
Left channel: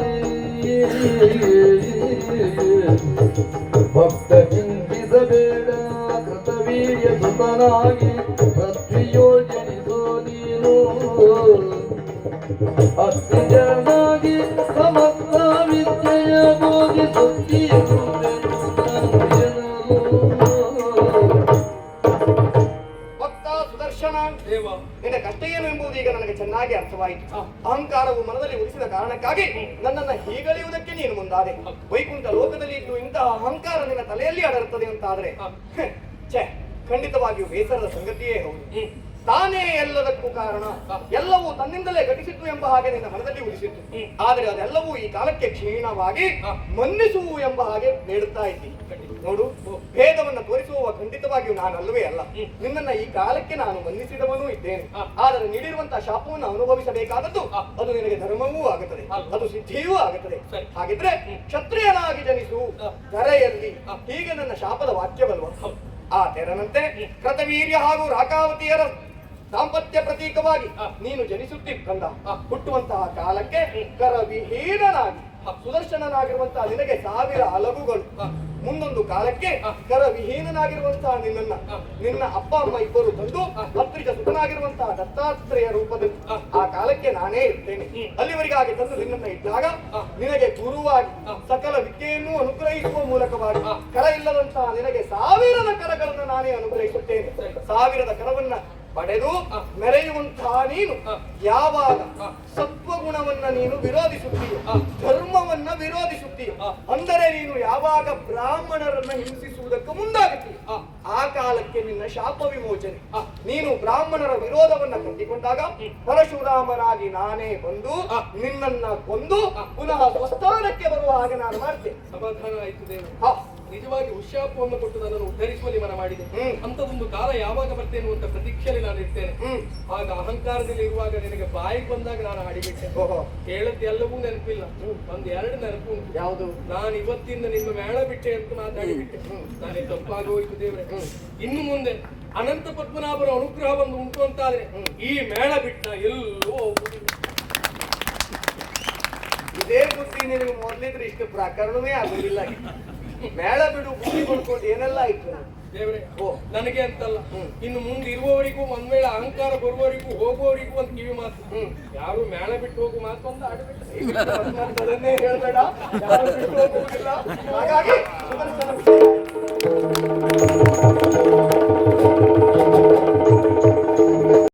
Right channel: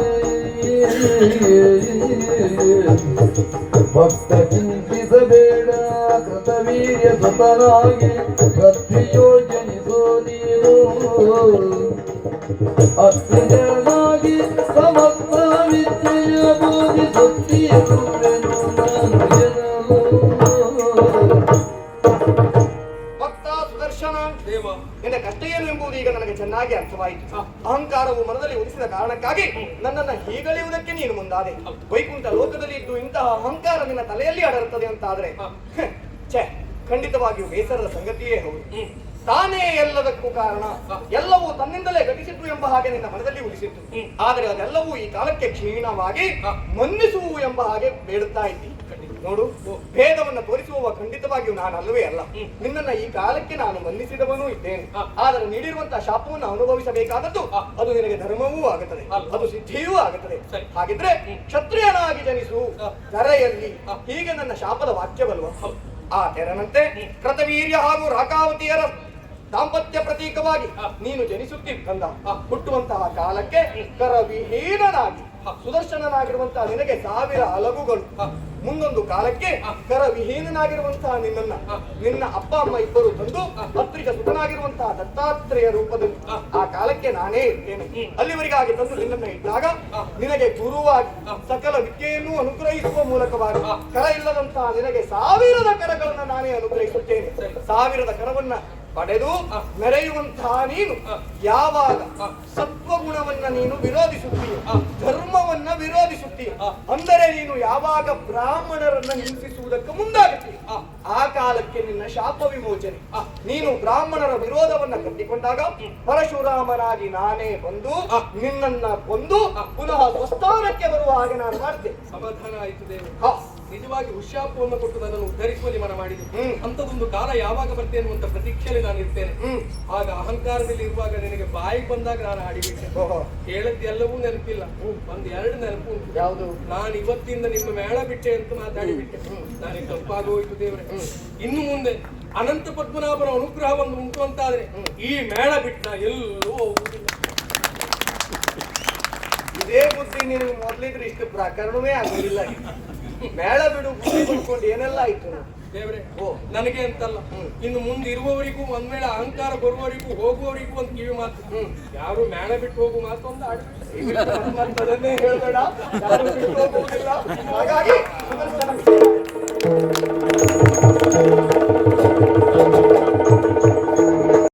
ಭಕ್ತ ಚಿಂತಿಸಬೇಡ ಕೃತವೀರ್ಯ ಸುತನಾಗಿ, ಪೃಥ್ವಿಯೋಜನಿಸೋ ನೀನು ಅತ್ಯಜನಾಗಿ ಸಮಸ್ತ ವಿದ್ಯೆಯ ಬೋಧಿಸುತ್ತೀರುವೆನು ನಾನು ಜನರು. ಭಕ್ತ ಸುದರ್ಶನ ದೇವ, ನಿನ್ನ ಕಷ್ಟ ಏನು ಎಂಬುದು ಈಗ ನನಗೆ ಚೆನ್ನಾಗಿ ಅರ್ಥವಾಯಿತು. ಅಹಂಕಾರವು ಮನದಲ್ಲಿ ಉಳಿಸಿದ ಕಾರಣಕ್ಕಾಗಿ ನನ್ನನ್ನ ಹೀಗಳೆಯುವುದಕ್ಕೆ ನೀನು ಮುಂದಾದೆ. ವೈಕುಂಠ ಲೋಕದಲ್ಲಿ ಇದ್ದು ಇಂತಹ ಅಹಂಕಾರ ನಿನ್ನ ತಲೆಯಲ್ಲಿ ಅಡರುತ್ತದೆ ಅಂತಾದ್ರೆ ಛೆ, ಖಂಡಿತವಾಗಿಯೂ ಬೇಸರದ ಸಂಗತಿಯೇ ಹೌದು. ತಾನೇ ಎಲ್ಲದಕ್ಕೂ ಕಾರಣ, ಎಲ್ಲವೂ ತನ್ನಿಂದಲೇ ಘಟಿಸಿತು ಎಂಬ ಹಾಗೆ ನಿನ್ನ ಮನದಲ್ಲಿ ಉಳಿಸಿತ್ತು. ಆದರೆ ಅದೆಲ್ಲವೂ ಈ ಕಾಲಕ್ಕೆ ಕ್ಷೀಣವಾಗಿ ಮನ್ನಿಸುವು ಎಂಬ ಹಾಗೆ ಬೇಡುತ್ತಾ ಇದ್ದಿ. ನೋಡು, ಭೇದವನ್ನು ತೋರಿಸುವ ಖಂಡಿತವಾಗಿಯೂ ನಾನಲ್ಲವೇ ಅಲ್ಲ. ನಿನ್ನನ್ನ ಈ ಕಾಲಕ್ಕೆ ನಾನು ಮನ್ನಿಸಿದವನೂ ಇದ್ದೇನೆ. ಆದರೆ ನೀಡಿರುವಂತಹ ಶಾಪವನ್ನು ಅನುಭವಿಸಬೇಕಾದದ್ದು ಅದು ನಿನಗೆ ಧರ್ಮವೂ ಆಗುತ್ತದೆ, ಅದು ಸಿದ್ಧಿಯೂ ಆಗುತ್ತದೆ. ಹಾಗಿದ್ರೆ ಕ್ಷತ್ರಿಯನಾಗಿ ಜನಿಸು ಕರೆಯಲ್ಲಿ, ಹೀಗೆ ನನ್ನ ಶಾಪದ ವಾಕ್ಯವಲ್ವ. ಆ ತೆರನಂತೆ ಕೃತವೀರ್ಯ ಹಾಗೂ ರಾಕಾವತಿಯರ ದಾಂಪತ್ಯ ಪ್ರತೀಕವಾಗಿ ನೀನು ಜನಿಸುತ್ತಿದ್ದಲ್ಲ, ಹುಟ್ಟುವಂತಹ ಕಾಲಕ್ಕೆ ಕರವಿಹೀನನಾಗಿ ಸುದರ್ಶನನಾಗಿರುವಂತಹ ನಿನಗೆ 1000 ಅಲಗುಗಳು, ಮುಂದೊಂದು ಕಾಲಕ್ಕೆ ಕರವಿಹೀನನಾಗಿರುವಂತಹ ನಿನ್ನ ಅಪ್ಪ ಅಮ್ಮ ಇಬ್ಬರು ತಂದು ಅತ್ರಿಜ ಸುತನಾಗಿರುವಂತಹ ದತ್ತಾತ್ರೇಯ ರೂಪದಲ್ಲಿ ಆ ಕಾಲಕ್ಕೆ ನಾನೇ ಇರ್ತೇನೆ. ಅಲ್ಲಿವರೆಗಾಗಿ ತಂದು ನಿನ್ನನ್ನು ಇದ್ದಾಗ ನಿನಗೆ ಗುರುವಾಗಿ ಸಕಲ ವಿದ್ಯೆಯನ್ನು ಅನುಗ್ರಹಿಸುವ ಮೂಲಕವಾಗಿ ಕರ ಇಲ್ಲದಂತಹ ನಿನಗೆ 1000 ಕರಗಳನ್ನು ನಾನೇ ಅನುಗ್ರಹಿಸುತ್ತೇನೆ. 1000 ಕರವನ್ನ ಪಡೆದು ಮೆರೆಯುವಂತಹ ನೀನು ಯಾವಾಗ ಸತ್ವಗುಣವನ್ನ ನೀನು ವಿರೋಧಿಸುತ್ತೀಯ, ಧರ್ಮವನ್ನ ವಿರೋಧಿಸುತ್ತೀಯ, ಅಂದರೆ ನೀನು ಯಾವಾಗ ಬ್ರಾಹ್ಮಣರನ್ನ ಹಿಂಸಿಸುವುದಕ್ಕೆ ಮುಂದಾಗುತ್ತೀಯ, ಆ ಕಾಲಕ್ಕೆ ನಿನ್ನ ಶಾಪ ವಿಮೋಚನೆ. ನೀನು ಬ್ರಾಹ್ಮಣರ ವಿರೋಧವನ್ನ ಕಟ್ಟಿಕೊಂಡಾಗ ಪರಶುರಾಮನಾಗಿ ನಾನೇ ಬಂದು ನಿನ್ನನ್ನ ಕೊಂದು ಪುನಃ ಸ್ವಸ್ಥಾನಕ್ಕೆ ಬರುವ ಹಾಗೆ ನಾನು ಮಾಡ್ತೇನೆ. ಸಮಾಧಾನ ಆಯಿತು ದೇವ. ನಿಜವಾಗಿ ಉಶಾಪವನ್ನು ಕೊಟ್ಟು ನನ್ನನ್ನು ಉದ್ಧರಿಸುವಲ್ಲಿ ಮನ ಮಾಡಿದೆ. ಅಂತದೊಂದು ಕಾಲ ಯಾವಾಗ ಬರ್ತೇನೆ ಅಂತ ಪ್ರತೀಕ್ಷೆಯಲ್ಲಿ ನಾನು ಇರ್ತೇನೆ. ಆಗ ಅಹಂಕಾರದಲ್ಲಿ ಇರುವಾಗ ನಿನಗೆ ಬಾಯಿಗೆ ಬಂದಾಗ ನಾನು ಆಡಿಬಿಟ್ಟೆ. ಹೇಳದ್ದೆಲ್ಲವೂ ನೆನಪಿಲ್ಲ, 1-2 ನೆನಪು ಉಂಟು. ಯಾವುದು? ನಾನು ಇವತ್ತಿಂದ ನಿಮ್ಮ ಮೇಳ ಬಿಟ್ಟೆ ಅಂತ ಮಾತಾಡಿಬಿಟ್ಟೆ. ನನಗೆ ತಪ್ಪಾಗೋಯ್ತು ದೇವರೇ. ಇನ್ನು ಮುಂದೆ ಅನಂತ ಪದ್ಮನಾಭನ ಅನುಗ್ರಹ ಒಂದು ಉಂಟು ಅಂತಾದ್ರೆ ಈ ಮೇಳ ಬಿಟ್ಟ ಎಲ್ಲೋ ಇದೇ ಬುದ್ಧಿ ನಿನಗೆ ಮೊದಲಿದ್ರೆ ಇಷ್ಟು ಪ್ರಕರಣವೇ ಆಗಲಿಲ್ಲ. ಮೇಳ ಬಿಡು ಬುದ್ಧಿ ಮಾಡ್ಕೊಂಡು ಏನೆಲ್ಲ ಆಯ್ತು ದೇವ್ರೆ. ನನಗೆ ಅಂತಲ್ಲ, ಇನ್ನು ಮುಂದೆ ಇರುವವರಿಗೂ ಒಂದ್ ವೇಳೆ ಅಹಂಕಾರ ಬರುವವರಿಗೂ ಹೋಗುವವರಿಗೂ ಒಂದು ಕಿವಿ ಮಾತು. ಯಾರು ಮೇಳ ಬಿಟ್ಟು ಹೋಗು ಮಾತು ಅಂತ ಆಡ್ಬಿಟ್ಟು ಹೇಳ್ಬೇಡ, ಯಾರು ಬಿಟ್ಟು ಹೋಗುವುದಿಲ್ಲ. ಹಾಗಾಗಿ